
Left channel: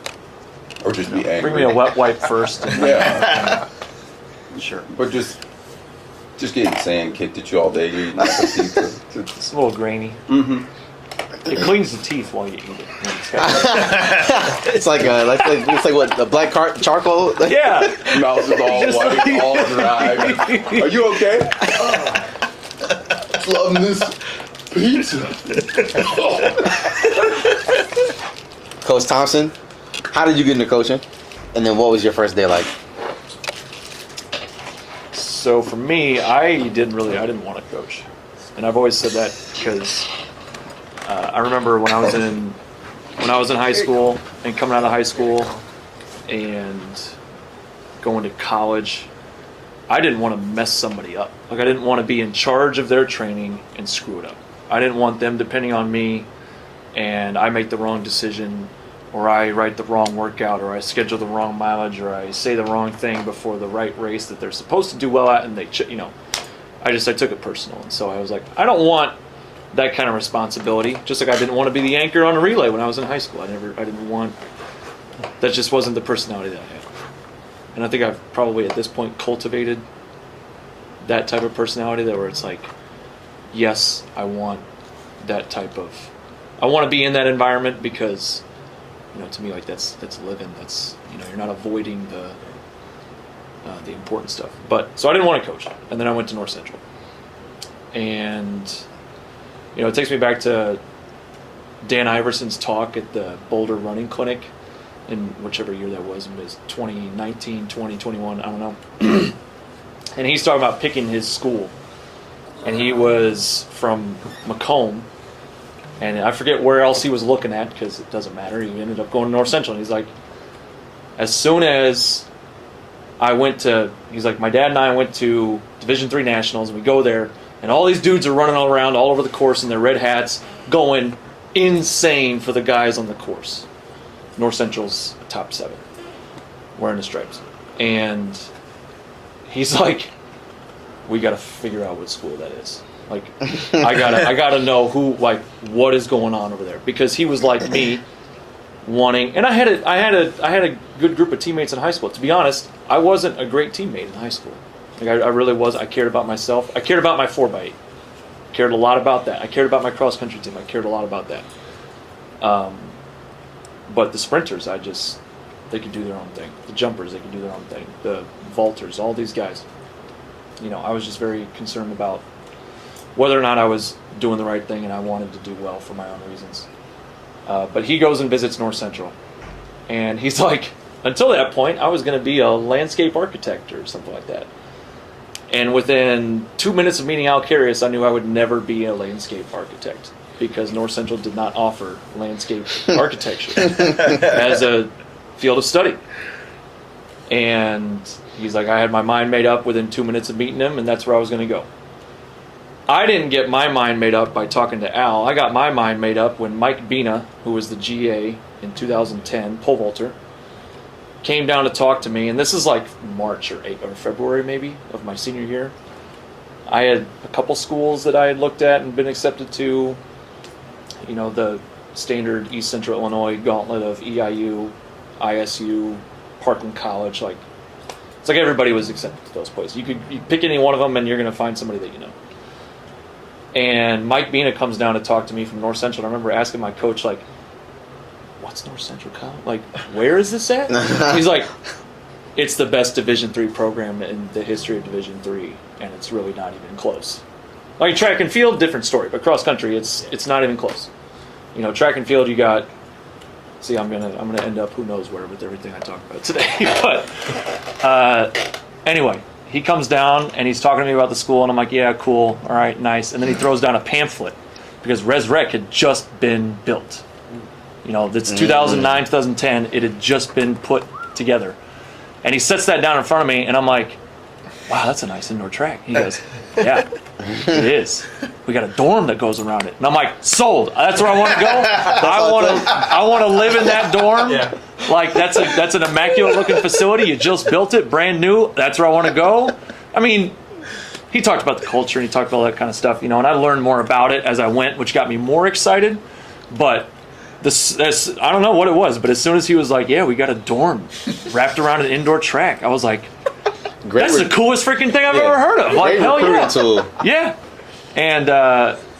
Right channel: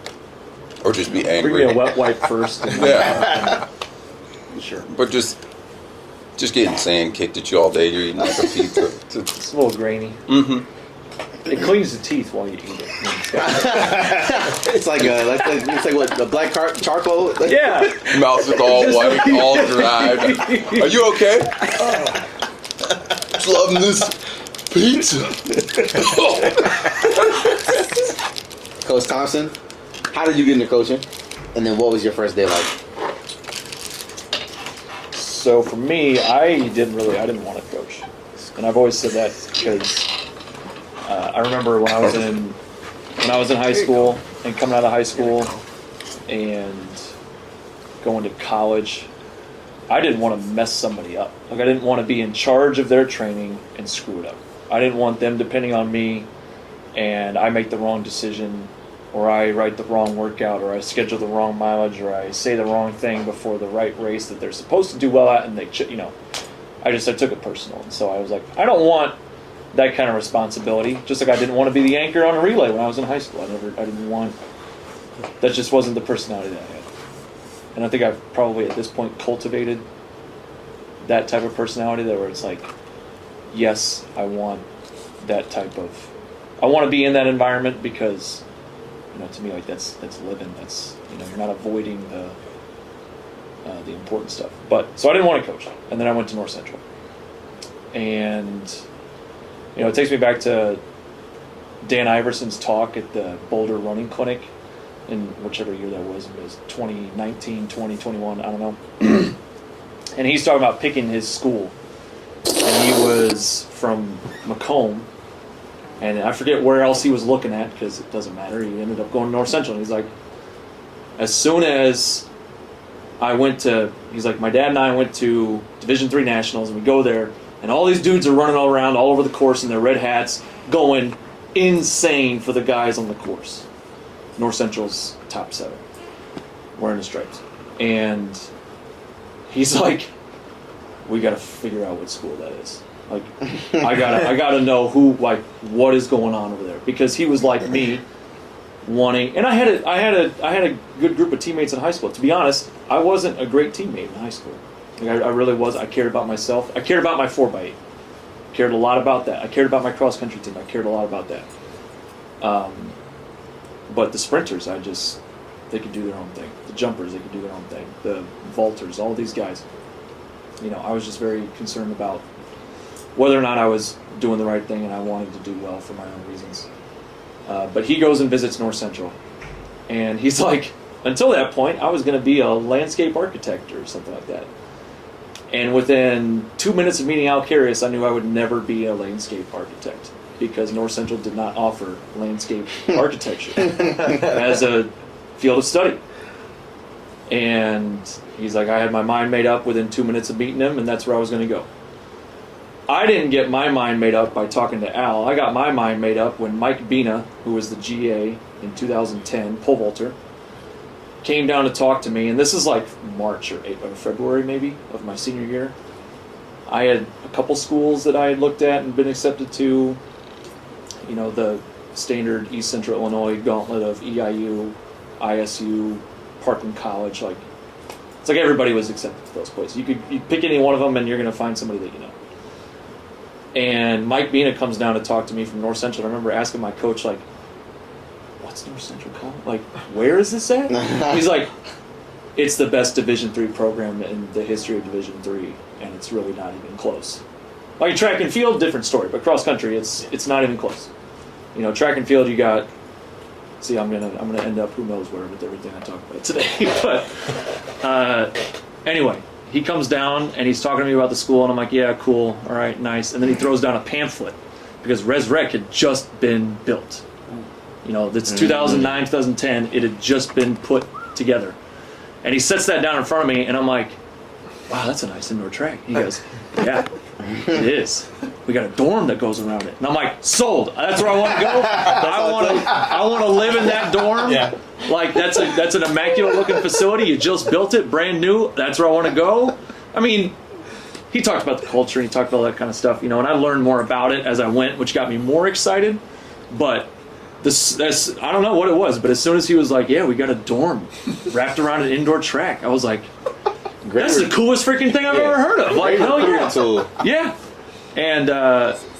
or just be angry. Bring me a wet wipe first. And Yeah, sure. but just getting sand kicked at you all day, eating like a pizza. It's a little grainy. Mm-hmm. It cleans the teeth while you eat it. It's like it's like what the black charcoal. Like, Yeah. Mouth is all white, all dry. Are you okay? loving this pizza. Coach Thompson, how did you get into coaching? And then what was your first day like? So for me, I didn't want to coach. And I've always said that because I remember when I was in high school and coming out of high school and going to college, I didn't want to mess somebody up. Like I didn't want to be in charge of their training and screw it up. I didn't want them depending on me and I make the wrong decision or I write the wrong workout or I schedule the wrong mileage or I say the wrong thing before the right race that they're supposed to do well at and they, I took it personal. And so I was like, I don't want that kind of responsibility. Just like I didn't want to be the anchor on a relay when I was in high school. That just wasn't the personality that I had. And I think I've probably at this point cultivated that type of personality where it's like, yes, I want to be in that environment because, to me, like that's living. That's, you're not avoiding the important stuff. So I didn't want to coach. And then I went to North Central. And, it takes me back to Dan Iverson's talk at the Boulder Running Clinic in whichever year that was. It was 2019, 2021, I don't know. And he's talking about picking his school. And he was from Macomb. And I forget where else he was looking at because it doesn't matter. He ended up going to North Central. And he's like, as soon as he's like, my dad and I went to Division III Nationals. We go there, and all these dudes are running all around all over the course in their red hats, going insane for the guys on the course. North Central's top 7, wearing the stripes. And he's like, we got to figure out what school that is. Like, I gotta know what is going on over there, because he was like me, wanting. And I had a good group of teammates in high school. To be honest, I wasn't a great teammate in high school. Like I really was. I cared about myself. I cared about my 4x8. Cared a lot about that. I cared about my cross country team. I cared a lot about that. But the sprinters, they could do their own thing. The jumpers, they could do their own thing. The vaulters, all these guys. I was just very concerned about whether or not I was doing the right thing, and I wanted to do well for my own reasons. But he goes and visits North Central, and he's like, until that point, I was going to be a landscape architect or something like that. And within 2 minutes of meeting Al Carius, I knew I would never be a landscape architect, because North Central did not offer landscape architecture as a field of study. And he's like, I had my mind made up within 2 minutes of meeting him, and that's where I was going to go. I didn't get my mind made up by talking to Al. I got my mind made up when Mike Bina, who was the GA in 2010, pole vaulter, came down to talk to me. And this is like March or February maybe of my senior year. I had a couple schools that I had looked at and been accepted to, the standard East Central Illinois gauntlet of EIU, ISU, Parkland College. It's like everybody was accepted to those places. You pick any one of them and you're going to find somebody that you know. And Mike Bina comes down to talk to me from North Central. I remember asking my coach, what's North Central College? Where is this at? He's like, it's the best Division III program in the history of Division III, and it's really not even close. Like track and field, different story, but cross country, it's not even close. Track and field, you got. See, I'm gonna end up who knows where with everything I talk about today. But anyway. He comes down and he's talking to me about the school, and I'm like, yeah, cool, all right, nice. And then he throws down a pamphlet because Res Rec had just been built. It's 2009, 2010. It had just been put together. And he sets that down in front of me, and I'm like, wow, that's a nice indoor track. He goes, yeah, it is. We got a dorm that goes around it. And I'm like, sold. That's where I want to go. I want to live in that dorm. Yeah. That's an immaculate looking facility. You just built it, brand new. That's where I want to go. I mean, he talked about the culture and he talked about all that kind of stuff, and I learned more about it as I went, which got me more excited. But I don't know what it was, but as soon as he was like, yeah, we got a dorm wrapped around an indoor track, I was like, that's the coolest freaking thing I've ever heard of. Hell yeah. Yeah. And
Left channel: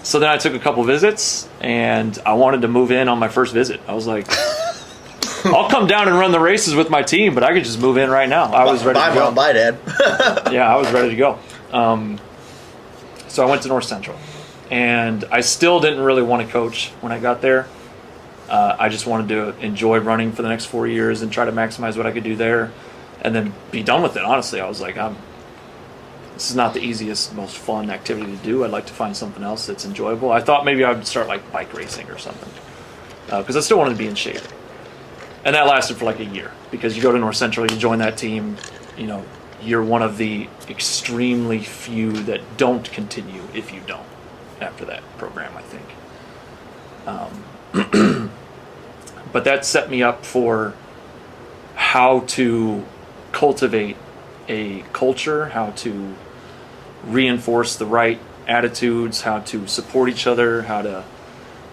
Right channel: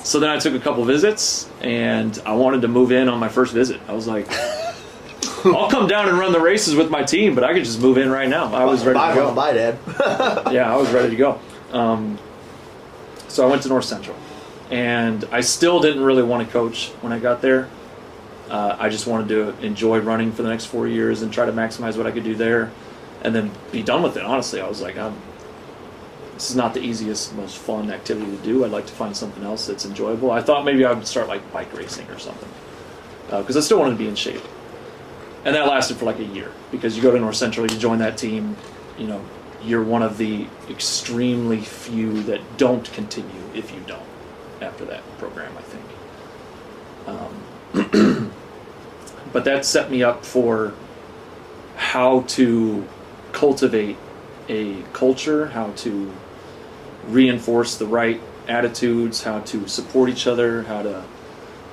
so then I took a couple visits, and I wanted to move in on my first visit. I was like, I'll come down and run the races with my team, but I could just move in right now. I was ready to go. Bye, Dad. Yeah, I was ready to go. So I went to North Central. And I still didn't really want to coach when I got there. I just wanted to enjoy running for the next 4 years and try to maximize what I could do there and then be done with it. Honestly, I was like, this is not the easiest, most fun activity to do. I'd like to find something else that's enjoyable. I thought maybe I would start like bike racing or something because I still wanted to be in shape. And that lasted for like a year because you go to North Central, you join that team, you know, you're one of the extremely few that don't continue if you don't after that program, I think. But that set me up for how to cultivate a culture, how to reinforce the right attitudes, how to support each other, how to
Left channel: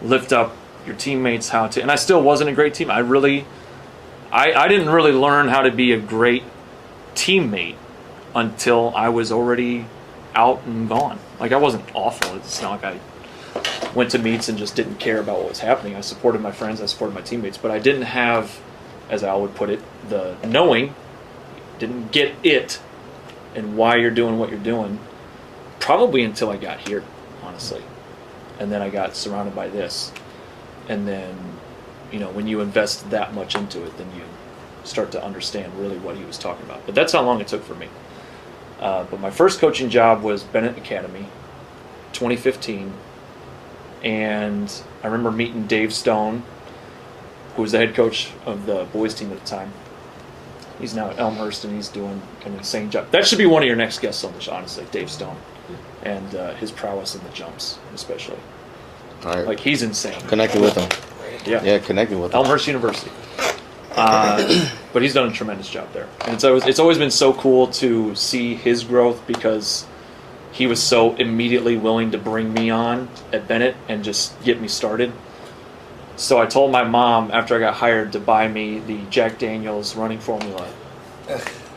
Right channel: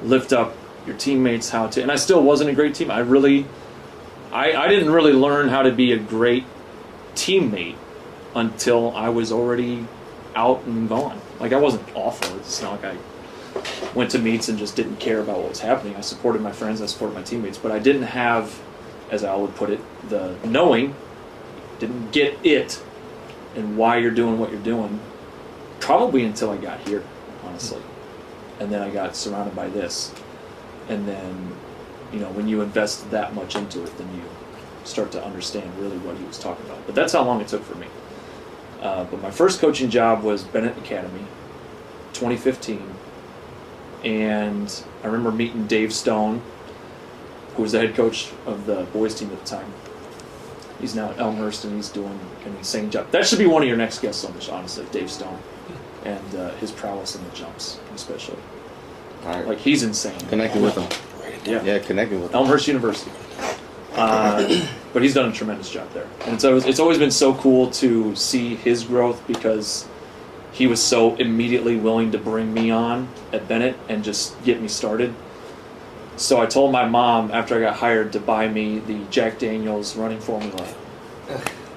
lift up your teammates, and I still wasn't a great team. I didn't really learn how to be a great teammate until I was already out and gone. Like, I wasn't awful. It's not like I went to meets and just didn't care about what was happening. I supported my friends, I supported my teammates, but I didn't have, as Al would put it, the knowing, didn't get it and why you're doing what you're doing, probably until I got here, honestly. And then I got surrounded by this. And then, you know, when you invest that much into it, then you start to understand really what he was talking about. But that's how long it took for me. But my first coaching job was Bennett Academy, 2015. And I remember meeting Dave Stone, who was the head coach of the boys team at the time. He's now at Elmhurst, and he's doing kind of the same job. That should be one of your next guests on the show, honestly, Dave Stone. And his prowess in the jumps, especially. All right. Like, he's insane. Connecting with him. Yeah, connecting with him. Elmhurst University. But he's done a tremendous job there. And it's always been so cool to see his growth because he was so immediately willing to bring me on at Bennett and just get me started. So I told my mom after I got hired to buy me the Jack Daniels running formula.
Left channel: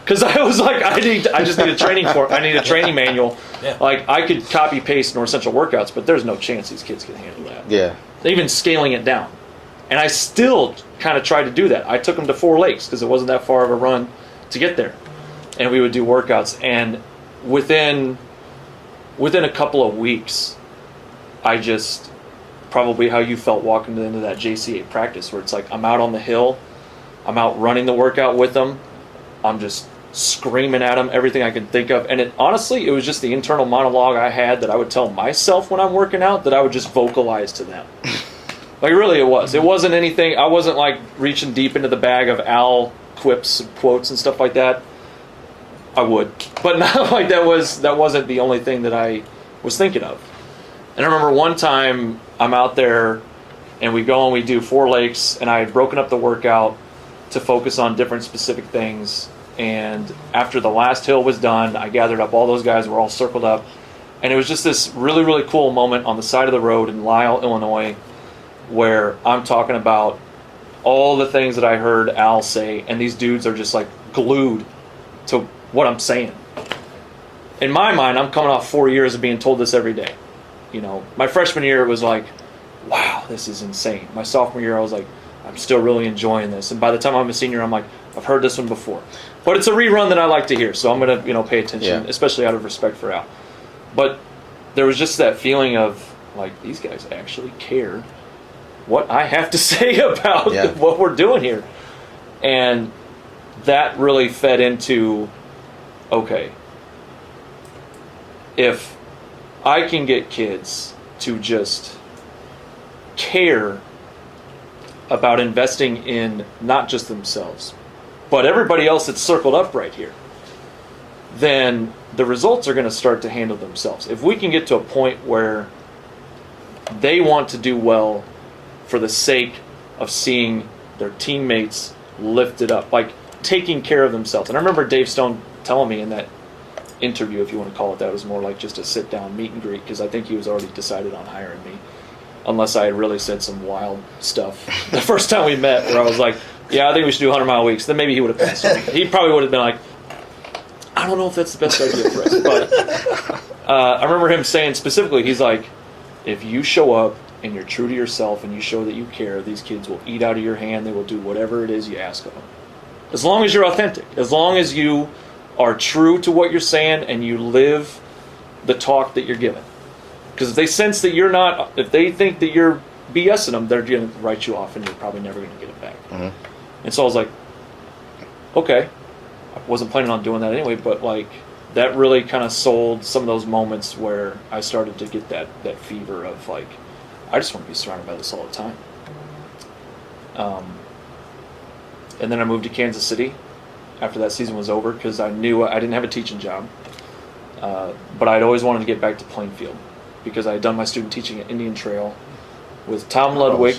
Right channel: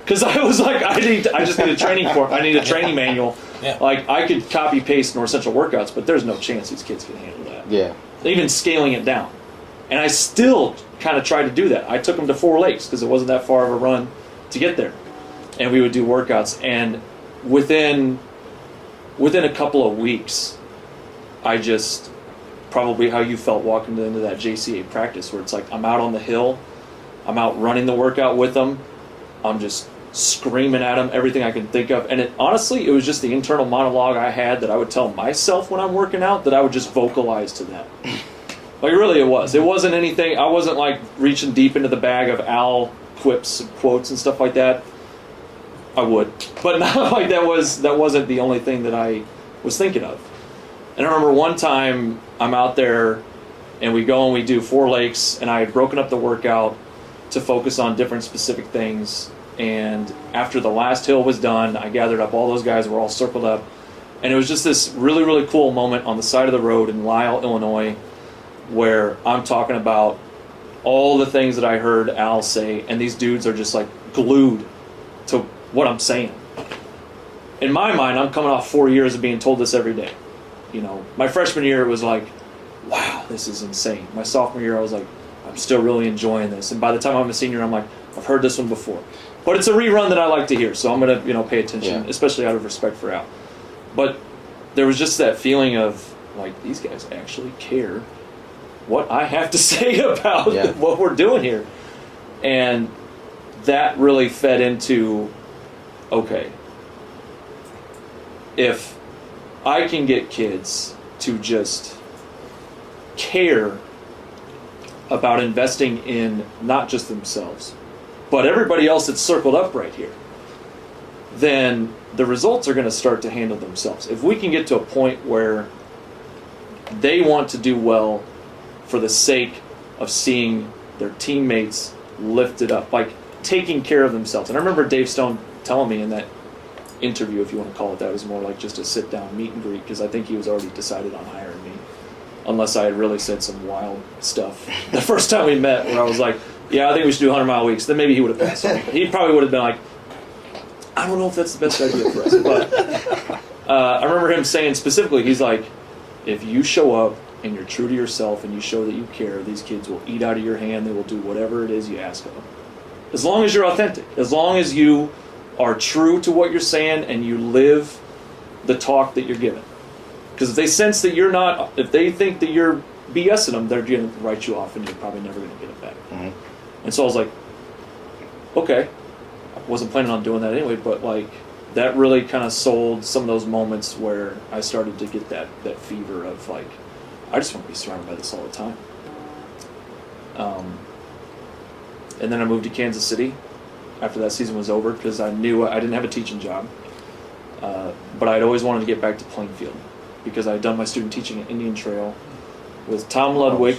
Because I was like, I just need a training manual. Yeah. Like, I could copy paste North Central workouts, but there's no chance these kids can handle that. Yeah. Even scaling it down. And I still kind of tried to do that. I took them to 4 Lakes because it wasn't that far of a run to get there. And we would do workouts. And within a couple of weeks, I just, probably how you felt walking into that JCA practice, where it's like, I'm out on the hill, I'm out running the workout with them, I'm just screaming at them, everything I can think of. And honestly, it was just the internal monologue I had that I would tell myself when I'm working out that I would just vocalize to them. Like, really, it was. It wasn't anything, I wasn't like reaching deep into the bag of Al quips and quotes and stuff like that. I would. But not like that wasn't the only thing that I was thinking of. And I remember one time I'm out there and we go and we do 4 Lakes, and I had broken up the workout to focus on different specific things. And after the last hill was done, I gathered up all those guys, were all circled up. And it was just this really, really cool moment on the side of the road in Lisle, Illinois, where I'm talking about all the things that I heard Al say, and these dudes are just like glued to what I'm saying. In my mind, I'm coming off 4 years of being told this every day. You know, my freshman year, it was like, wow, this is insane. My sophomore year, I was like, I'm still really enjoying this. And by the time I'm a senior, I'm like, I've heard this one before. But it's a rerun that I like to hear, so I'm going to, pay attention, especially out of respect for Al. But there was just that feeling of, like, these guys actually care what I have to say about what we're doing here. And that really fed into, okay, if I can get kids to just care about investing in not just themselves, but everybody else that's circled up right here, then the results are going to start to handle themselves. If we can get to a point where they want to do well for the sake of seeing their teammates lifted up, like taking care of themselves. And I remember Dave Stone telling me in that interview, if you want to call it that, it was more like just a sit-down meet and greet, because I think he was already decided on hiring me, unless I had really said some wild stuff the first time we met, where I was like, yeah, I think we should do 100-mile weeks. Then maybe he would have passed me. He probably would have been like, I don't know if that's the best idea for us. But I remember him saying specifically, he's like, if you show up and you're true to yourself and you show that you care, these kids will eat out of your hand. They will do whatever it is you ask of them. As long as you're authentic. As long as you are true to what you're saying and you live the talk that you're giving. Because if they sense that you're not, if they think that you're BSing them, they're going to write you off and you're probably never going to get it back. Mhm. And so I was like, okay. I wasn't planning on doing that anyway, but like that really kind of sold some of those moments where I started to get that fever of like, I just want to be surrounded by this all the time. And then I moved to Kansas City after that season was over because I knew I didn't have a teaching job. But I'd always wanted to get back to Plainfield because I had done my student teaching at Indian Trail with Tom Ludwig,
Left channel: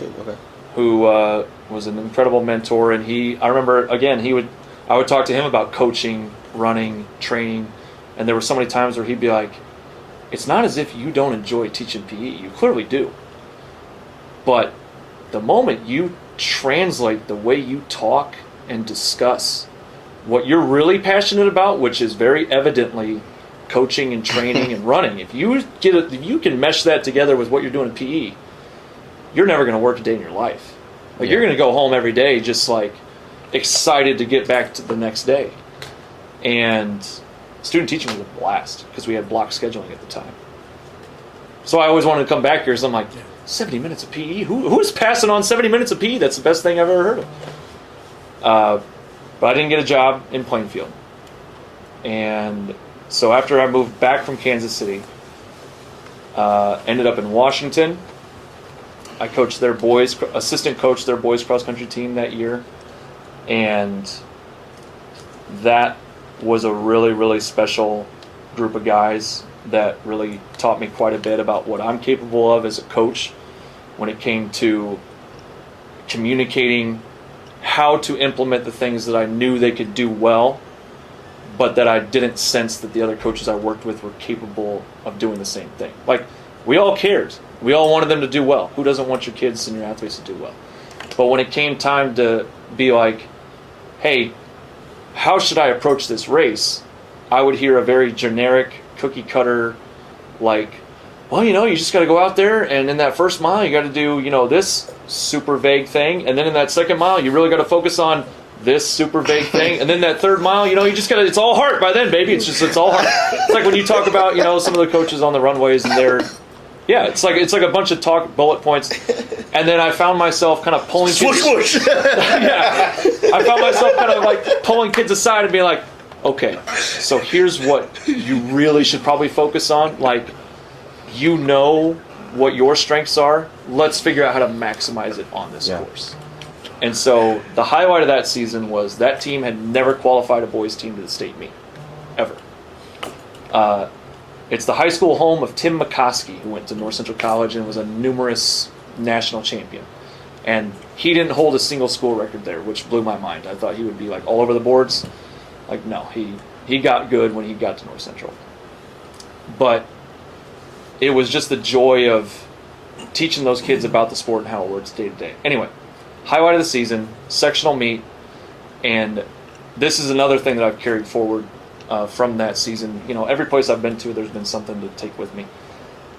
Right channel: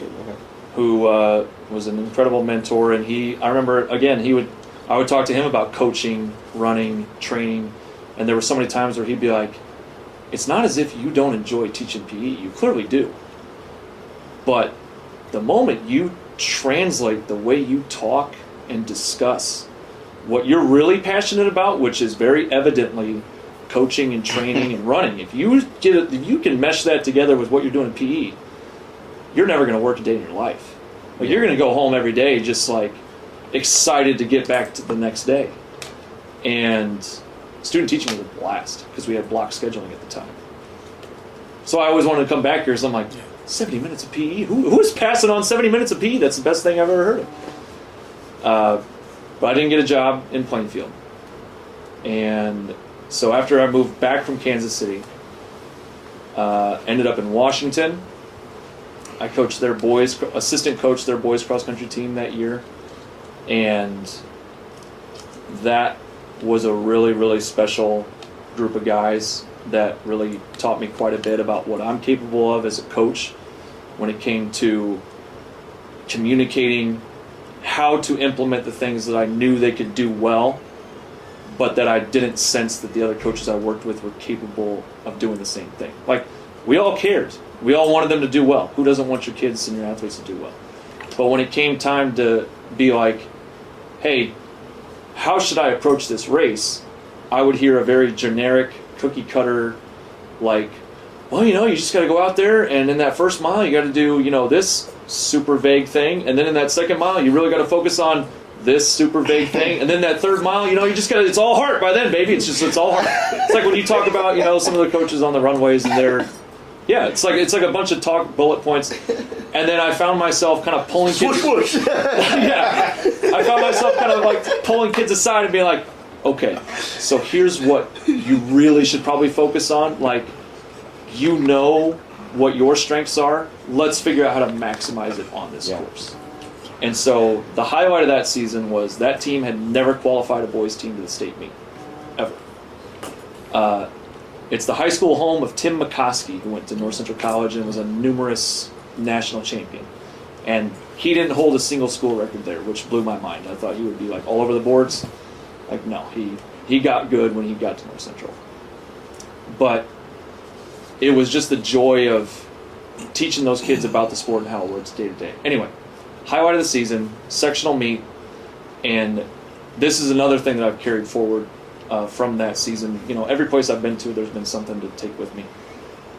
who was an incredible mentor. And I remember, again, I would talk to him about coaching, running, training, and there were so many times where he'd be like, it's not as if you don't enjoy teaching PE. You clearly do. But the moment you translate the way you talk and discuss what you're really passionate about, which is very evidently coaching and training and running, if you can mesh that together with what you're doing in PE, you're never going to work a day in your life. Like you're going to go home every day just like excited to get back to the next day. And student teaching was a blast because we had block scheduling at the time. So I always wanted to come back here, so I'm like, 70 minutes of PE? Who's passing on 70 minutes of PE? That's the best thing I've ever heard of. But I didn't get a job in Plainfield. And so after I moved back from Kansas City, ended up in Washington. I coached their boys, assistant coached their boys cross country team that year. And that was a really, really special group of guys that really taught me quite a bit about what I'm capable of as a coach when it came to communicating how to implement the things that I knew they could do well, but that I didn't sense that the other coaches I worked with were capable of doing the same thing. Like, we all cared. We all wanted them to do well. Who doesn't want your kids and your athletes to do well? But when it came time to be like, hey, how should I approach this race? I would hear a very generic, cookie cutter, like, well, you just got to go out there, and in that first mile, you got to do, this super vague thing, and then in that second mile, you really got to focus on this super vague thing, and then that third mile, you just got to, it's all heart by then, baby. It's all heart. It's like when you talk about, some of the coaches on the runways, and it's like a bunch of talk bullet points, and then I found myself kind of pulling kids. Swoosh, swoosh. Yeah, I found myself kind of like pulling kids aside and being like, okay, so here's what you really should probably focus on. Like, what your strengths are. Let's figure out how to maximize it on this course. And so the highlight of that season was that team had never qualified a boys team to the state meet, ever. It's the high school home of Tim McCoskey, who went to North Central College and was a numerous national champion. And he didn't hold a single school record there, which blew my mind. I thought he would be like all over the boards. Like, no, he got good when he got to North Central. But it was just the joy of teaching those kids about the sport and how it works day to day. Anyway, highlight of the season, sectional meet, and this is another thing that I've carried forward from that season. Every place I've been to, there's been something to take with me.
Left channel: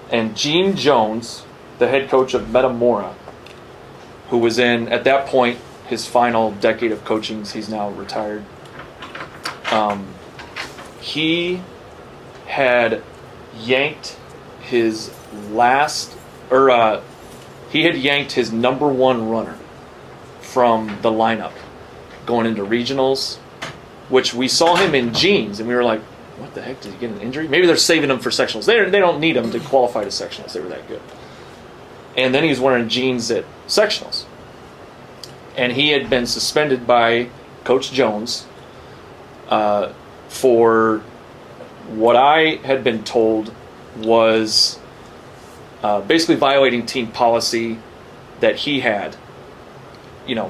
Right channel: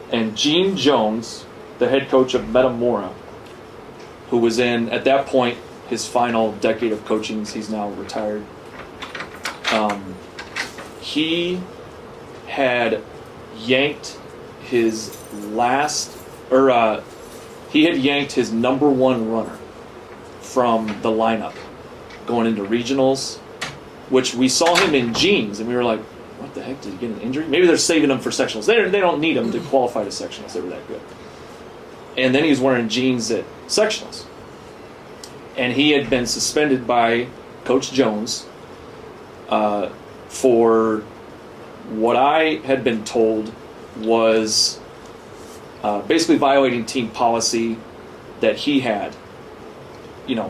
And Gene Jones, the head coach of Metamora, who was in, at that point, his final decade of coaching, he's now retired. He had yanked his his number one runner from the lineup going into regionals, which we saw him in jeans, and we were like, what the heck, did he get an injury? Maybe they're saving him for sectionals. They don't need him to qualify to sectionals. They were that good. And then he was wearing jeans at sectionals. And he had been suspended by Coach Jones for what I had been told was basically violating team policy that he had. The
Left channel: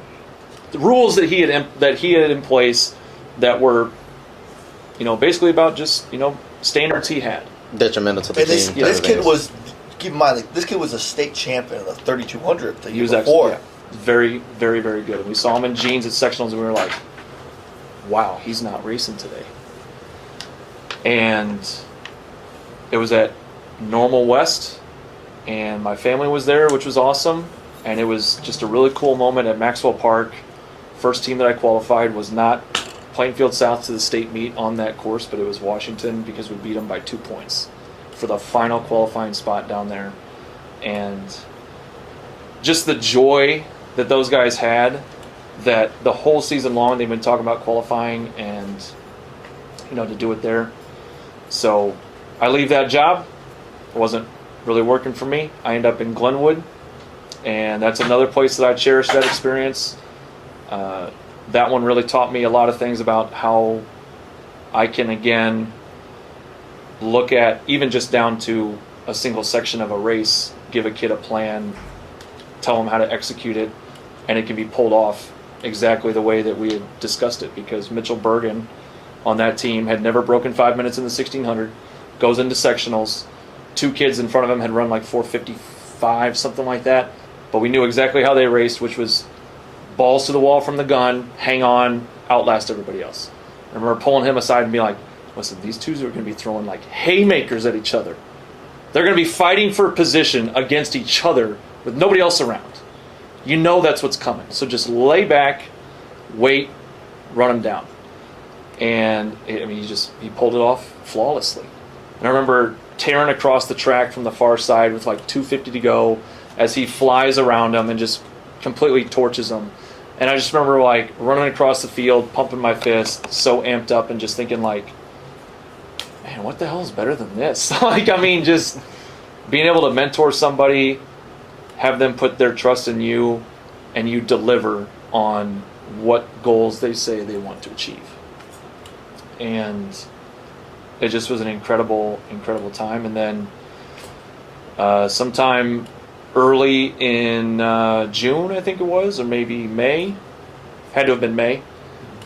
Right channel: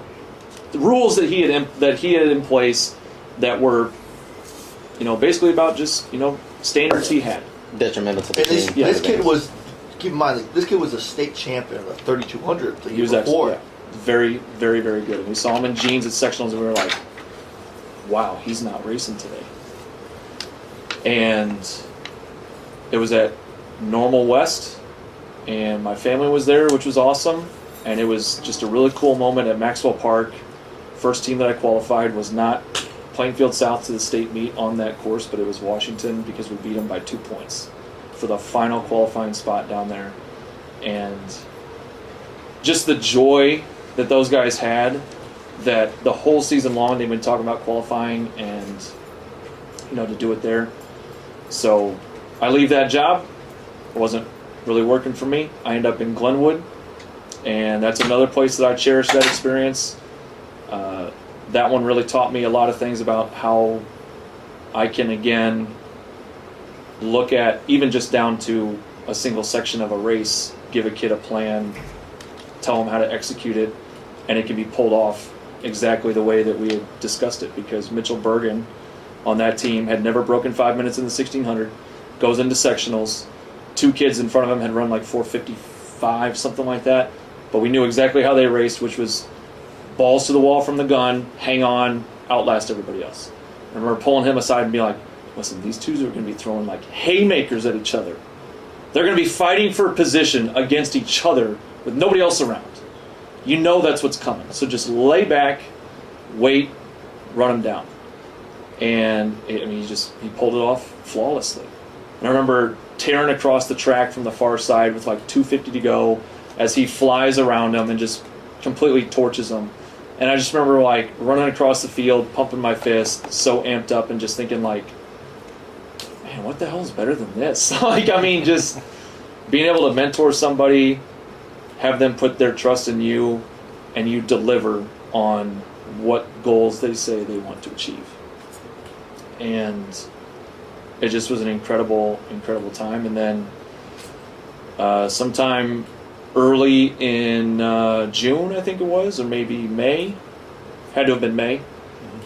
rules that he had in place that were, basically about just, standards he had. Detrimental to the team. This kid was, keep in mind, this kid was a state champion of the 3200 the year before. Very, very, very good. And we saw him in jeans at sectionals, and we were like, wow, he's not racing today. And it was at Normal West, and my family was there, which was awesome. And it was just a really cool moment at Maxwell Park. First team that I qualified was not Plainfield South to the state meet on that course, but it was Washington because we beat them by 2 points. for the final qualifying spot down there. And just the joy that those guys had, that the whole season long they've been talking about qualifying and, to do it there. So I leave that job. It wasn't really working for me. I end up in Glenwood, and that's another place that I cherish that experience. That one really taught me a lot of things about how I can, again, look at, even just down to a single section of a race, give a kid a plan, tell them how to execute it, and it can be pulled off exactly the way that we had discussed it, because Mitchell Bergen on that team had never broken 5 minutes in the 1600, goes into sectionals. 2 kids in front of him had run like 4:55, something like that, but we knew exactly how they raced, which was balls to the wall from the gun, hang on, outlast everybody else. I remember pulling him aside and being like, listen, these twos are going to be throwing like haymakers at each other. They're going to be fighting for position against each other with nobody else around. You know that's what's coming. So just lay back, wait, run them down. And he pulled it off flawlessly. And I remember tearing across the track from the far side with like 2:50 to go as he flies around them and just completely torches them. And I just remember like running across the field, pumping my fist, so amped up, and just thinking like, man, what the hell is better than this? Just being able to mentor somebody, have them put their trust in you, and you deliver on what goals they say they want to achieve. And it just was an incredible, incredible time. And then sometime early in June, I think it was, or maybe May, had to have been May,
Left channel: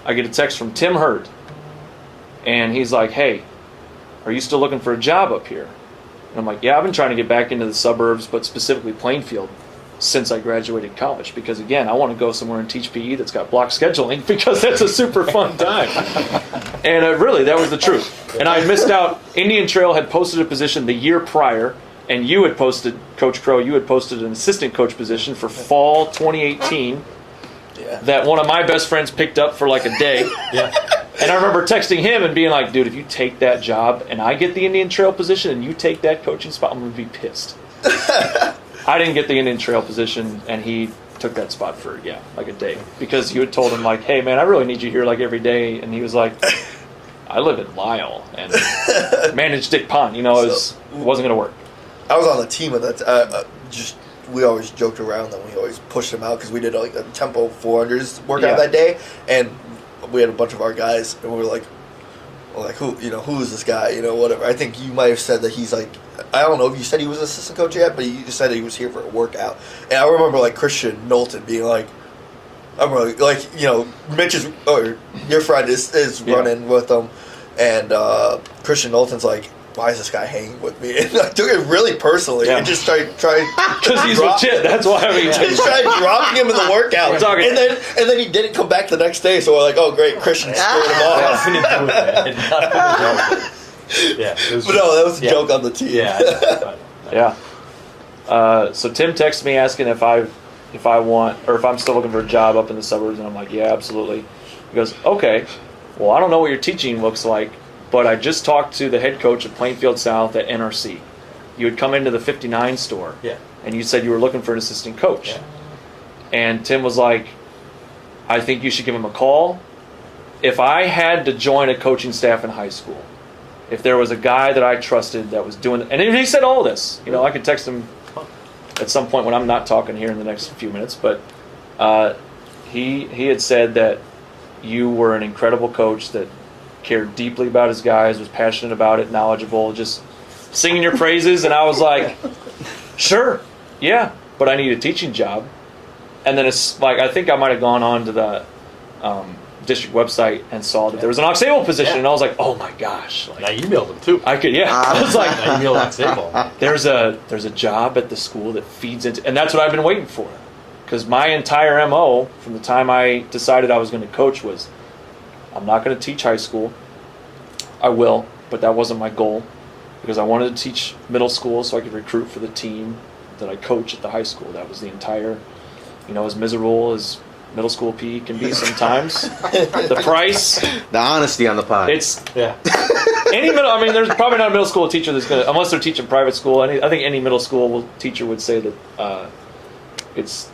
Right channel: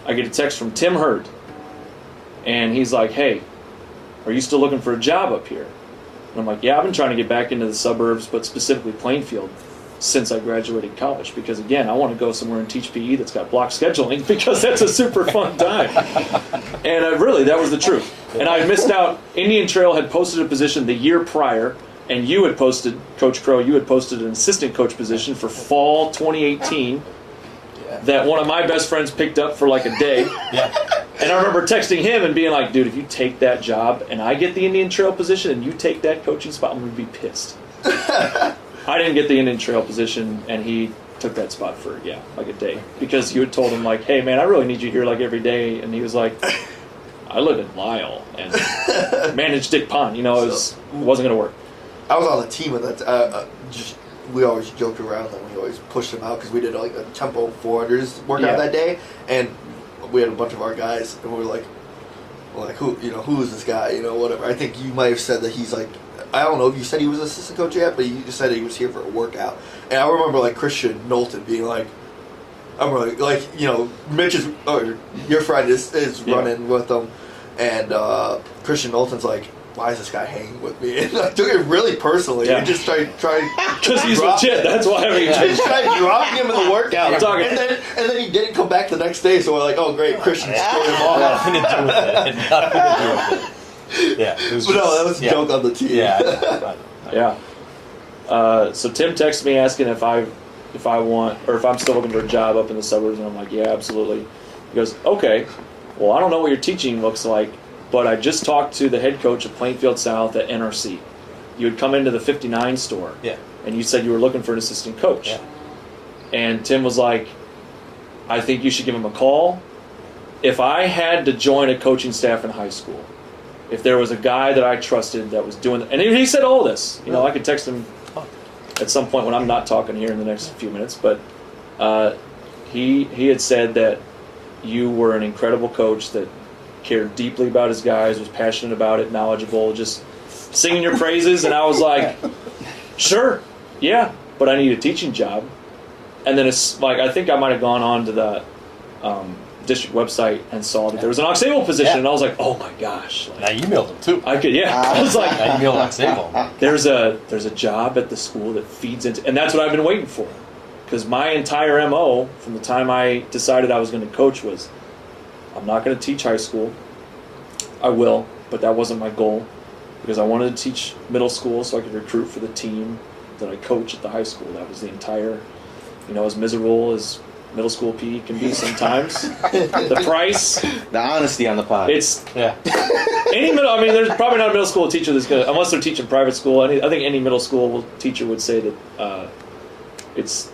I get a text from Tim Hurd. And he's like, hey, are you still looking for a job up here? And I'm like, yeah, I've been trying to get back into the suburbs, but specifically Plainfield, since I graduated college. Because, again, I want to go somewhere and teach PE that's got block scheduling, because that's a super fun time. And really, that was the truth. And I had missed out. Indian Trail had posted a position the year prior, and you had posted, Coach Crowe, you had posted an assistant coach position for fall 2018 that one of my best friends picked up for like a day. And I remember texting him and being like, dude, if you take that job and I get the Indian Trail position and you take that coaching spot, I'm going to be pissed. I didn't get the Indian Trail position, and he took that spot for, like a day. Because you had told him, like, hey, man, I really need you here, like, every day. And he was like, I live in Lyle and manage Dick Pond. It wasn't going to work. I was on the team with that. We always joked around that we always pushed them out because we did like a tempo 400s workout that day, and we had a bunch of our guys, and we were like who is this guy? Whatever. I think you might have said that he's like, I don't know if you said he was assistant coach yet, but you just said he was here for a workout. And I remember like Christian Knowlton being like, I'm really like, Mitch is, or your friend is running with them, and Christian Knowlton's like, why is this guy hanging with me? And I took it really personally. I just tried because he's legit. That's why just tried dropping him in the workout, and then he didn't come back the next day. So we're like, oh great, Christian scared him off. Nothing to do with it. Yeah, but no, that was a joke on the team. So Tim texted me asking if I want, or if I'm still looking for a job up in the suburbs, and I'm like, yeah, absolutely. He goes, okay. Well, I don't know what your teaching looks like, but I just talked to the head coach of Plainfield South at NRC. You had come into the 59 store, and you said you were looking for an assistant coach. And Tim was like, I think you should give him a call. If I had to join a coaching staff in high school, if there was a guy that I trusted that was doing it, and he said all this, I could text him at some point when I'm not talking here in the next few minutes, but he had said that you were an incredible coach that cared deeply about his guys, was passionate about it, knowledgeable, just singing your praises. And I was like, sure, yeah, but I need a teaching job. And then it's like, I think I might have gone on to the district website and saw that there was an Aux Sable position, and I was like, oh my gosh. Now you emailed him too. I could, I was like, now you emailed Aux Sable. There's a job at the school that feeds into, and that's what I've been waiting for. Because my entire MO from the time I decided I was going to coach was, I'm not going to teach high school. I will, but that wasn't my goal, because I wanted to teach middle school so I could recruit for the team that I coach at the high school. That was the entire, as miserable as middle school PE can be sometimes. The price. The honesty on the pod. It's Any middle, I mean, there's probably not a middle school teacher that's gonna, unless they're teaching private school. I think any middle school teacher would say that it's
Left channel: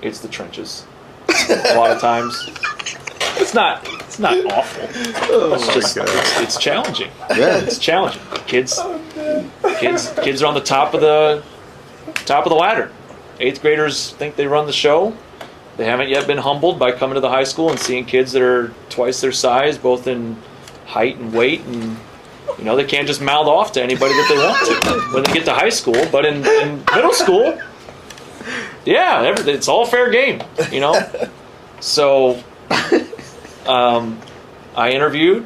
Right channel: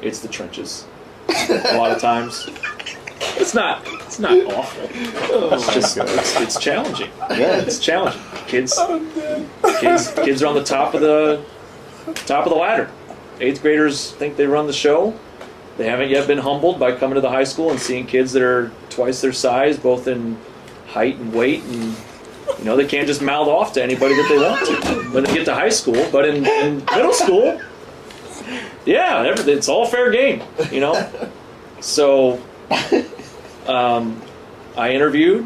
the trenches. A lot of times, it's not awful. It's just it's challenging. Yeah. It's challenging. Kids are on the top of the ladder. 8th graders think they run the show. They haven't yet been humbled by coming to the high school and seeing kids that are twice their size, both in height and weight, and they can't just mouth off to anybody that they want to when they get to high school. But in middle school, yeah, it's all fair game, So I interviewed,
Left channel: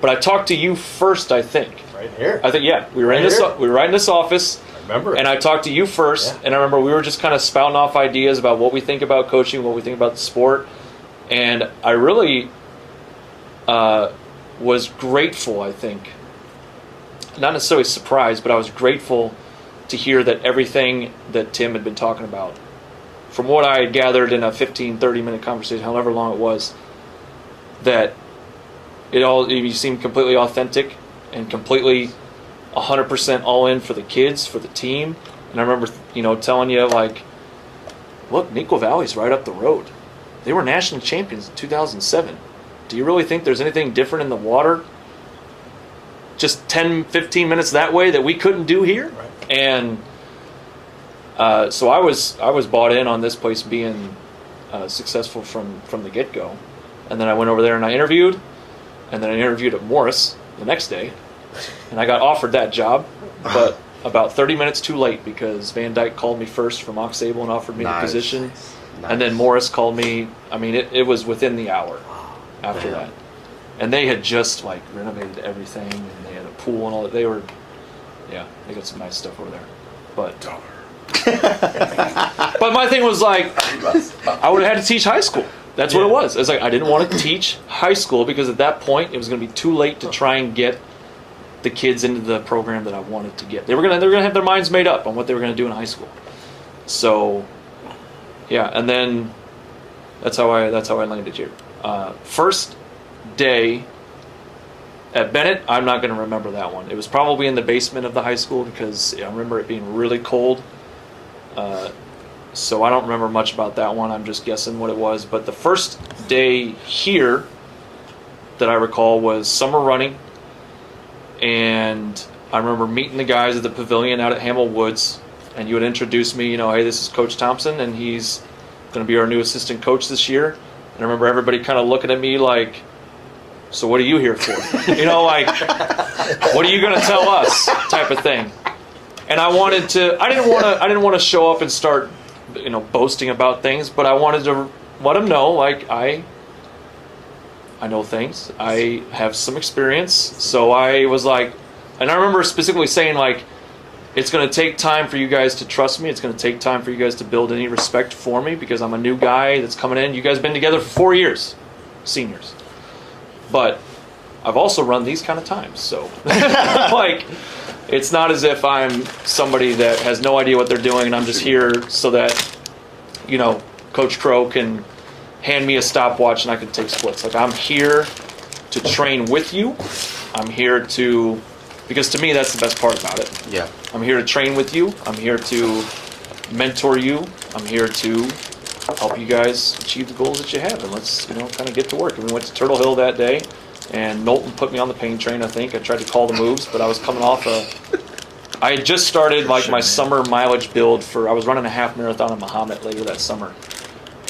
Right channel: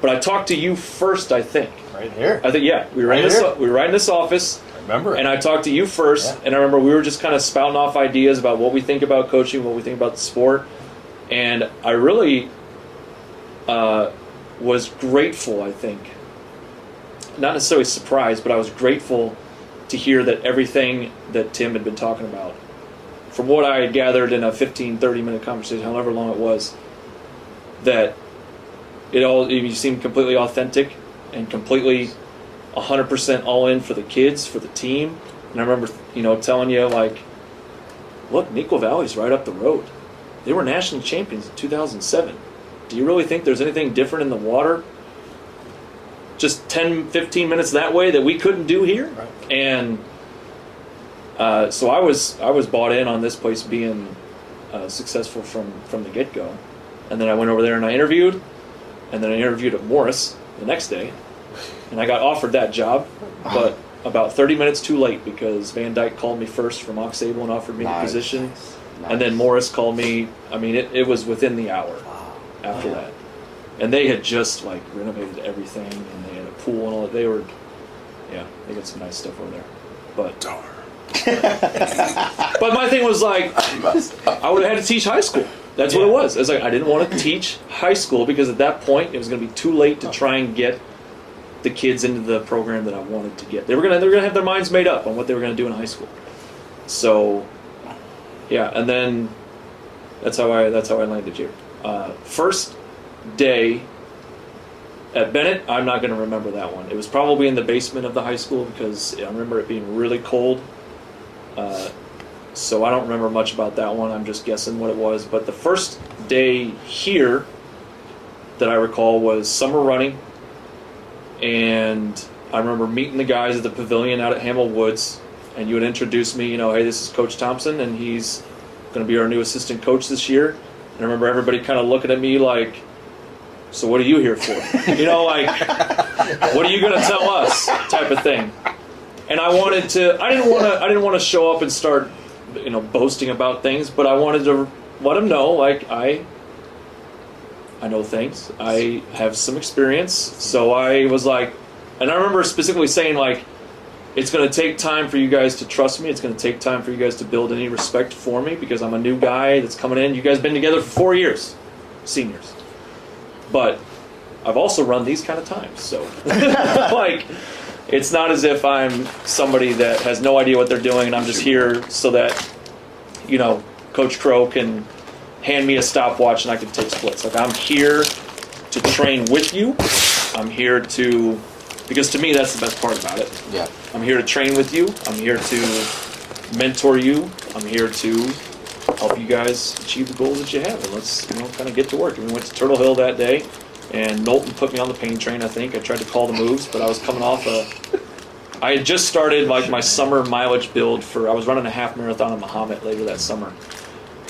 but I talked to you first, I think. Right here. I think, yeah, we were right in this office. Remember it. And I talked to you first, and I remember we were just kind of spouting off ideas about what we think about coaching, what we think about the sport, and I really was grateful, I think. Not necessarily surprised, but I was grateful to hear that everything that Tim had been talking about, from what I had gathered in a 15, 30-minute conversation, however long it was, that you seemed completely authentic and completely 100% all in for the kids, for the team. And I remember, telling you, like, look, Neuqua Valley's right up the road. They were national champions in 2007. Do you really think there's anything different in the water just 10, 15 minutes that way that we couldn't do here? Right. And so I was bought in on this place being successful from the get-go. And then I went over there and I interviewed, and then I interviewed at Morris the next day, and I got offered that job, but about 30 minutes too late because Van Dyke called me first from Aux Sable and offered me the position. Nice. And then Morris called me. I mean, it was within the hour after that. And they had just, like, renovated everything, and they had a pool and all that. They got some nice stuff over there. But but my thing was, like, I would have had to teach high school. That's what it was. It's like I didn't want to teach high school because at that point it was going to be too late to try and get the kids into the program that I wanted to get. They were gonna have their minds made up on what they were going to do in high school. So, yeah, and then that's how I landed here. First day at Bennett, I'm not going to remember that one. It was probably in the basement of the high school because I remember it being really cold. So I don't remember much about that one. I'm just guessing what it was. But the first day here that I recall was summer running. And I remember meeting the guys at the pavilion out at Hamel Woods. And you would introduce me, hey, this is Coach Thompsen, and he's going to be our new assistant coach this year. And I remember everybody kind of looking at me like, so what are you here for? Like, what are you going to tell us type of thing. And I didn't want to show up and start boasting about things, but I wanted to let them know, like, I know things. I have some experience. So I was like, and I remember specifically saying, like, it's going to take time for you guys to trust me. It's going to take time for you guys to build any respect for me because I'm a new guy that's coming in. You guys have been together for 4 years, seniors. But I've also run these kind of times. So, like, it's not as if I'm somebody that has no idea what they're doing and I'm just here so that, Coach Crowe can hand me a stopwatch and I can take splits. Like, I'm here to train with you. I'm here to, because to me that's the best part about it. Yeah. I'm here to train with you. I'm here to mentor you. I'm here to help you guys achieve the goals that you have. And let's, kind of get to work. And we went to Turtle Hill that day, and Knowlton put me on the pain train, I think. I tried to call the moves, but I was coming off I had just started, like, my summer mileage build I was running a half marathon in Mahomet later that summer.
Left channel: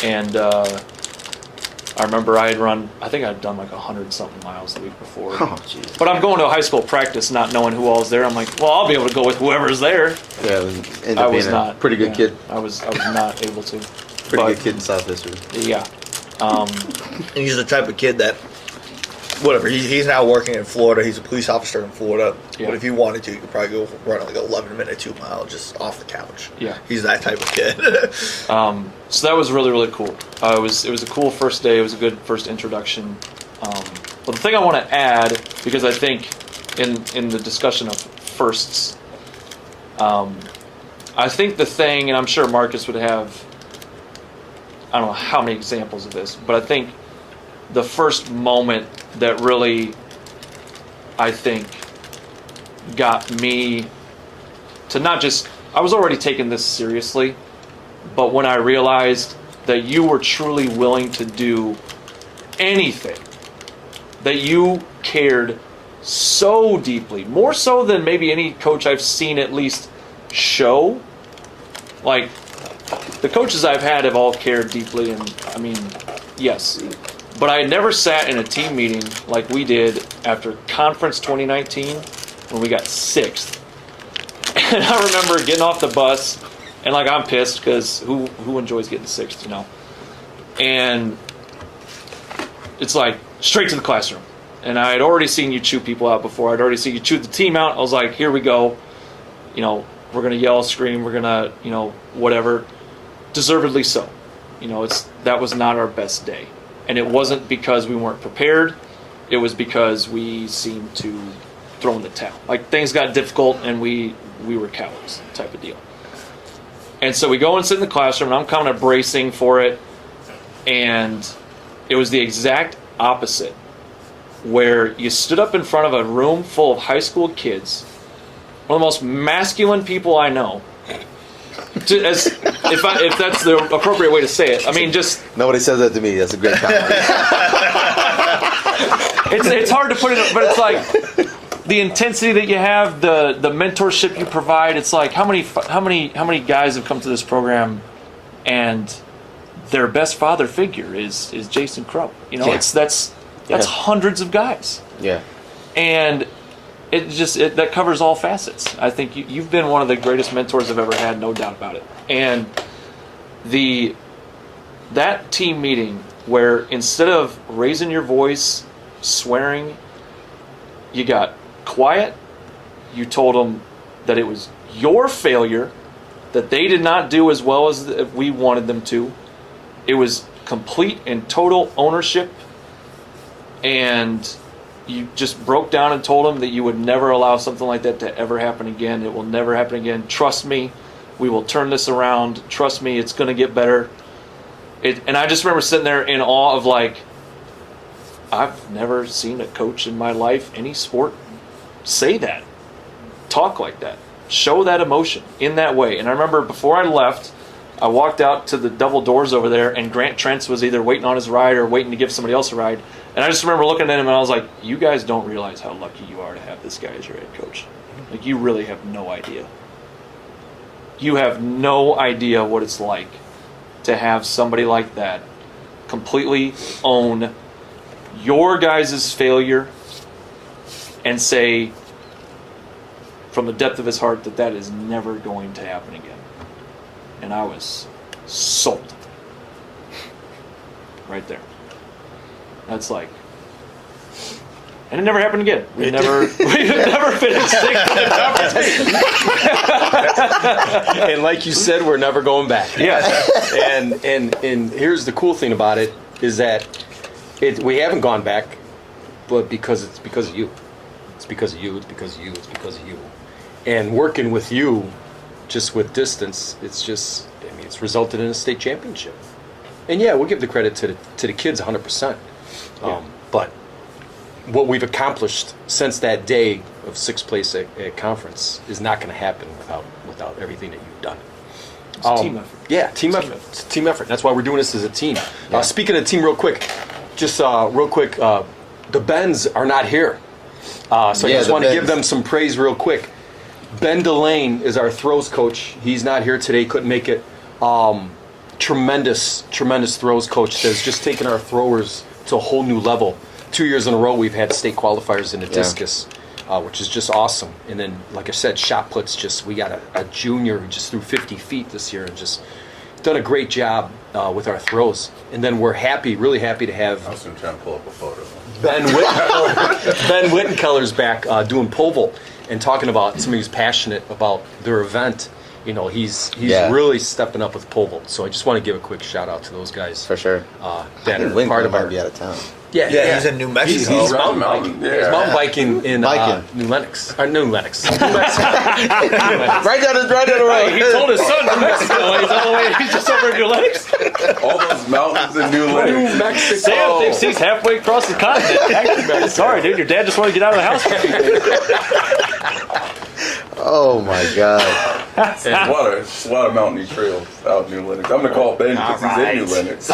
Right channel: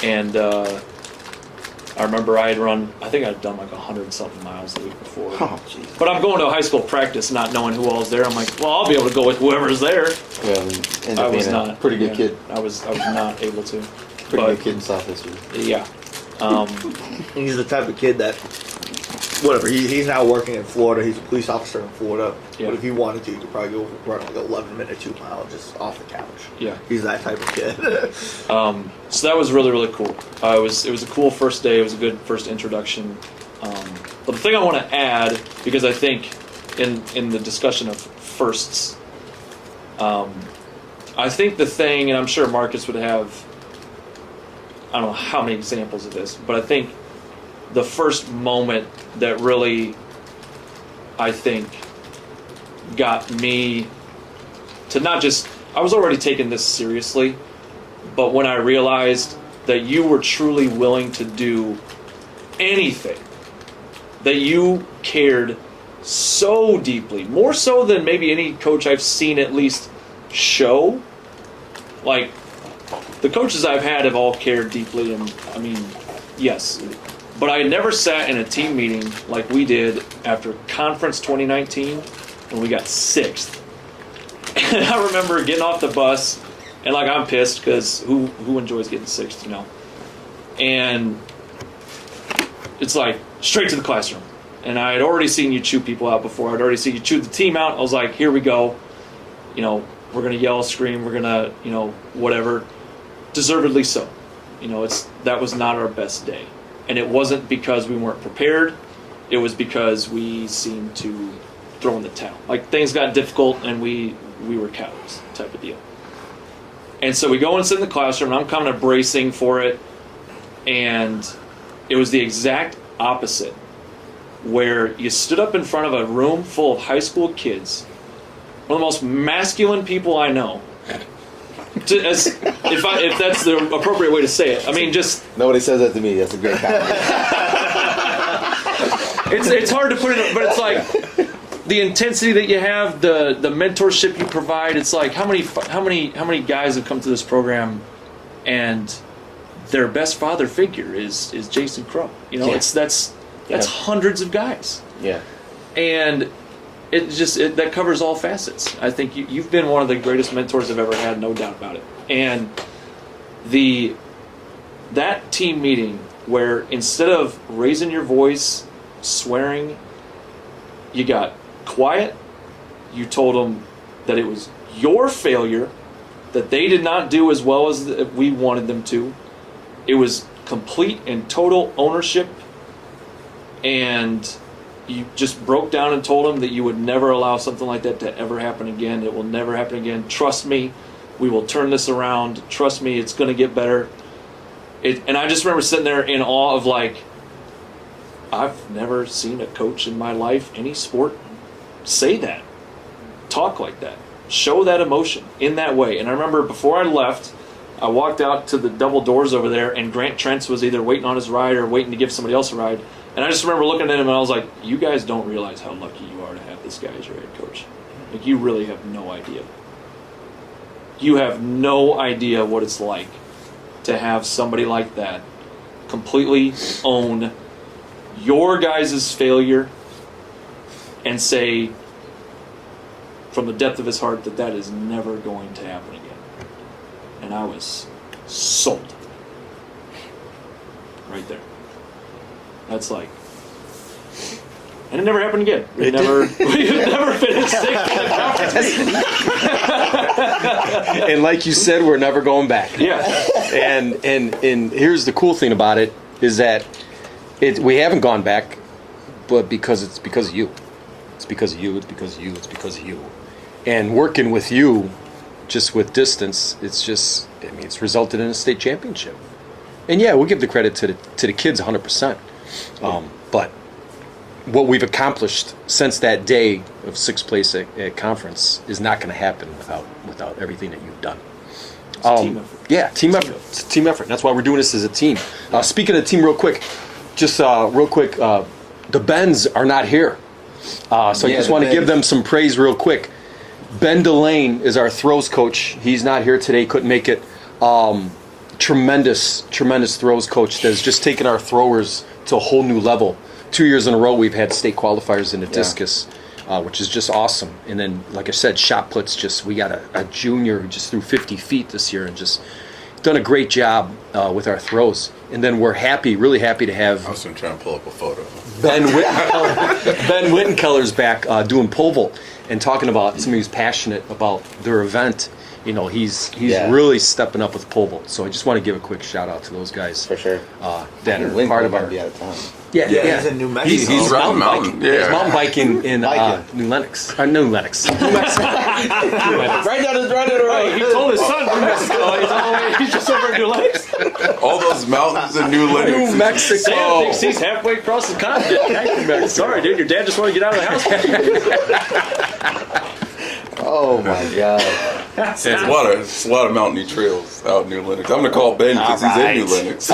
And I remember I had done like 100-something miles the week before. Oh, but I'm going to a high school practice not knowing who all is there. I'm like, well, I'll be able to go with whoever's there. Yeah, I was not. Pretty good kid. I was not able to. Pretty good kid in South History. Yeah. He's the type of kid that, whatever, he's now working in Florida. He's a police officer in Florida. Yeah. But if you wanted to, you could probably go run like 11-minute 2 mile just off the couch. Yeah. He's that type of kid. So that was really, really cool. It was a cool first day. It was a good first introduction. But the thing I want to add, because I think in the discussion of firsts, I think the thing, and I'm sure Marcus would have, I don't know how many examples of this, but I think the first moment that really I think, got me to not just, I was already taking this seriously, but when I realized that you were truly willing to do anything, that you cared so deeply, more so than maybe any coach I've seen at least show. Like, the coaches I've had have all cared deeply, and I mean, yes. But I had never sat in a team meeting like we did after Conference 2019 when we got 6th. And I remember getting off the bus, and like, I'm pissed because who enjoys getting 6th, you know? And it's like, straight to the classroom. And I had already seen you chew people out before. I'd already seen you chew the team out. I was like, here we go. You know, we're going to yell, scream, we're going to, you know, whatever. Deservedly so. You know, that was not our best day. And it wasn't because we weren't prepared. It was because we seemed to throw in the towel. Like, things got difficult and we were cowards type of deal. And so we go and sit in the classroom, and I'm kind of bracing for it. And it was the exact opposite, where you stood up in front of a room full of high school kids, one of the most masculine people I know, if that's the appropriate way to say it. I mean, just... Nobody says that to me. That's a great comment. It's hard to put it, but it's like the intensity that you have, the mentorship you provide. It's like, how many guys have come to this program and their best father figure is Jason Crowe. You know, Yeah. that's hundreds of guys. Yeah. And that covers all facets. I think you've been one of the greatest mentors I've ever had, no doubt about it. And that team meeting where instead of raising your voice, swearing, you got quiet, you told them that it was your failure, that they did not do as well as we wanted them to. It was complete and total ownership, and you just broke down and told them that you would never allow something like that to ever happen again. It will never happen again. Trust me, we will turn this around. Trust me, it's going to get better. And I just remember sitting there in awe of, like, I've never seen a coach in my life, any sport, say that, talk like that, show that emotion in that way. And I remember before I left, I walked out to the double doors over there, and Grant Trentz was either waiting on his ride or waiting to give somebody else a ride. And I just remember looking at him, and I was like, you guys don't realize how lucky you are to have this guy as your head coach. Like, you really have no idea. You have no idea what it's like to have somebody like that completely own your guys' failure and say from the depth of his heart that is never going to happen again. And I was sold. Right there. That's like, and it never happened again. We've never finished 6th in the conference. And like you said, we're never going back. Yeah. And here's the cool thing about it is that we haven't gone back, but it's because of you. It's because of you. It's because of you. It's because of you. And working with you, just with distance, it's resulted in a state championship. And yeah, we'll give the credit to the kids 100%. But what we've accomplished since that day of 6th place at conference is not going to happen without everything that you've done. It's a team effort. Yeah, team effort. It's a team effort. That's why we're doing this as a team. Speaking of team, real quick, the Bens are not here. So I just want to give them some praise real quick. Ben Delane is our throws coach. He's not here today, couldn't make it. Tremendous throws coach that's just taken our throwers to a whole new level. 2 years in a row we've had state qualifiers in the discus, which is just awesome. And then, like I said, shot puts, we got a junior who just threw 50 feet this year and just done a great job with our throws. And then we're really happy to have I'm still trying to pull up a photo. Ben Wittenkeller's back doing pole vault and talking about somebody who's passionate about their event. he's Yeah. really stepping up with pole vault. So I just want to give a quick shout out to those guys For sure. that are Win part of might our. be out of town. Yeah, he's in New Mexico. He's Round mountain Mountain, biking. yeah. He's mountain biking in Biking. New Lenox. New Mexico. Right down the road. He told his son New Mexico. He's just over in New Lennox. All those mountains in New New Lennox. Mexico. Sam thinks he's halfway across the continent. Sorry, dude. Your dad just wanted to get out of the house. Oh my God. It's a lot of mountainy trails out in New Lennox. I'm gonna call Ben because he's in New Lennox.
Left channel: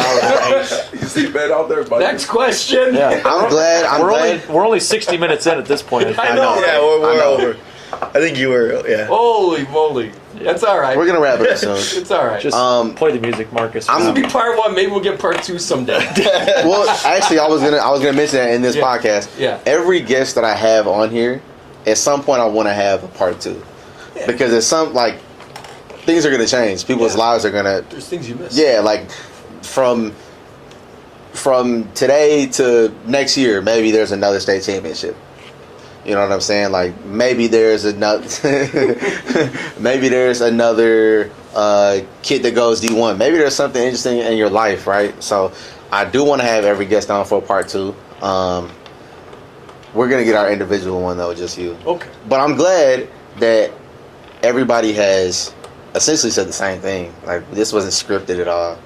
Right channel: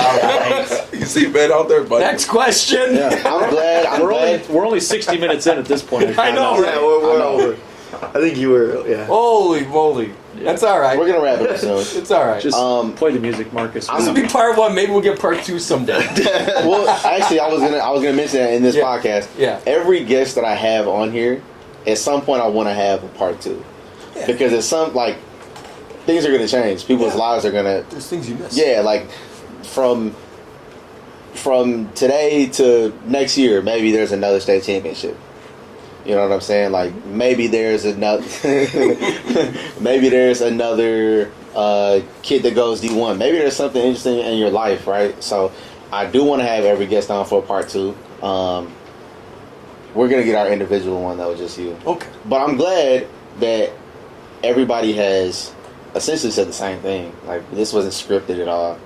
You see Ben out there, buddy? Next question. I'm glad. We're only 60 minutes in at this point. I know. Yeah, we're over. I think you were. Yeah. Holy moly. That's all right. We're gonna wrap it up soon. It's all right. Just play the music, Marcus. This will be part 1. Maybe we'll get part 2 someday. Well, actually, I was gonna mention that in this podcast. Yeah. Every guest that I have on here, at some point, I want to have a part 2, because it's things are gonna change. People's lives are gonna. There's things you miss. Yeah, like from today to next year, maybe there's another state championship. You know what I'm saying? Like maybe there's another kid that goes D1. Maybe there's something interesting in your life, right? So I do want to have every guest on for part 2. We're gonna get our individual one though, just you. Okay. But I'm glad that everybody has essentially said the same thing. Like this wasn't scripted at all.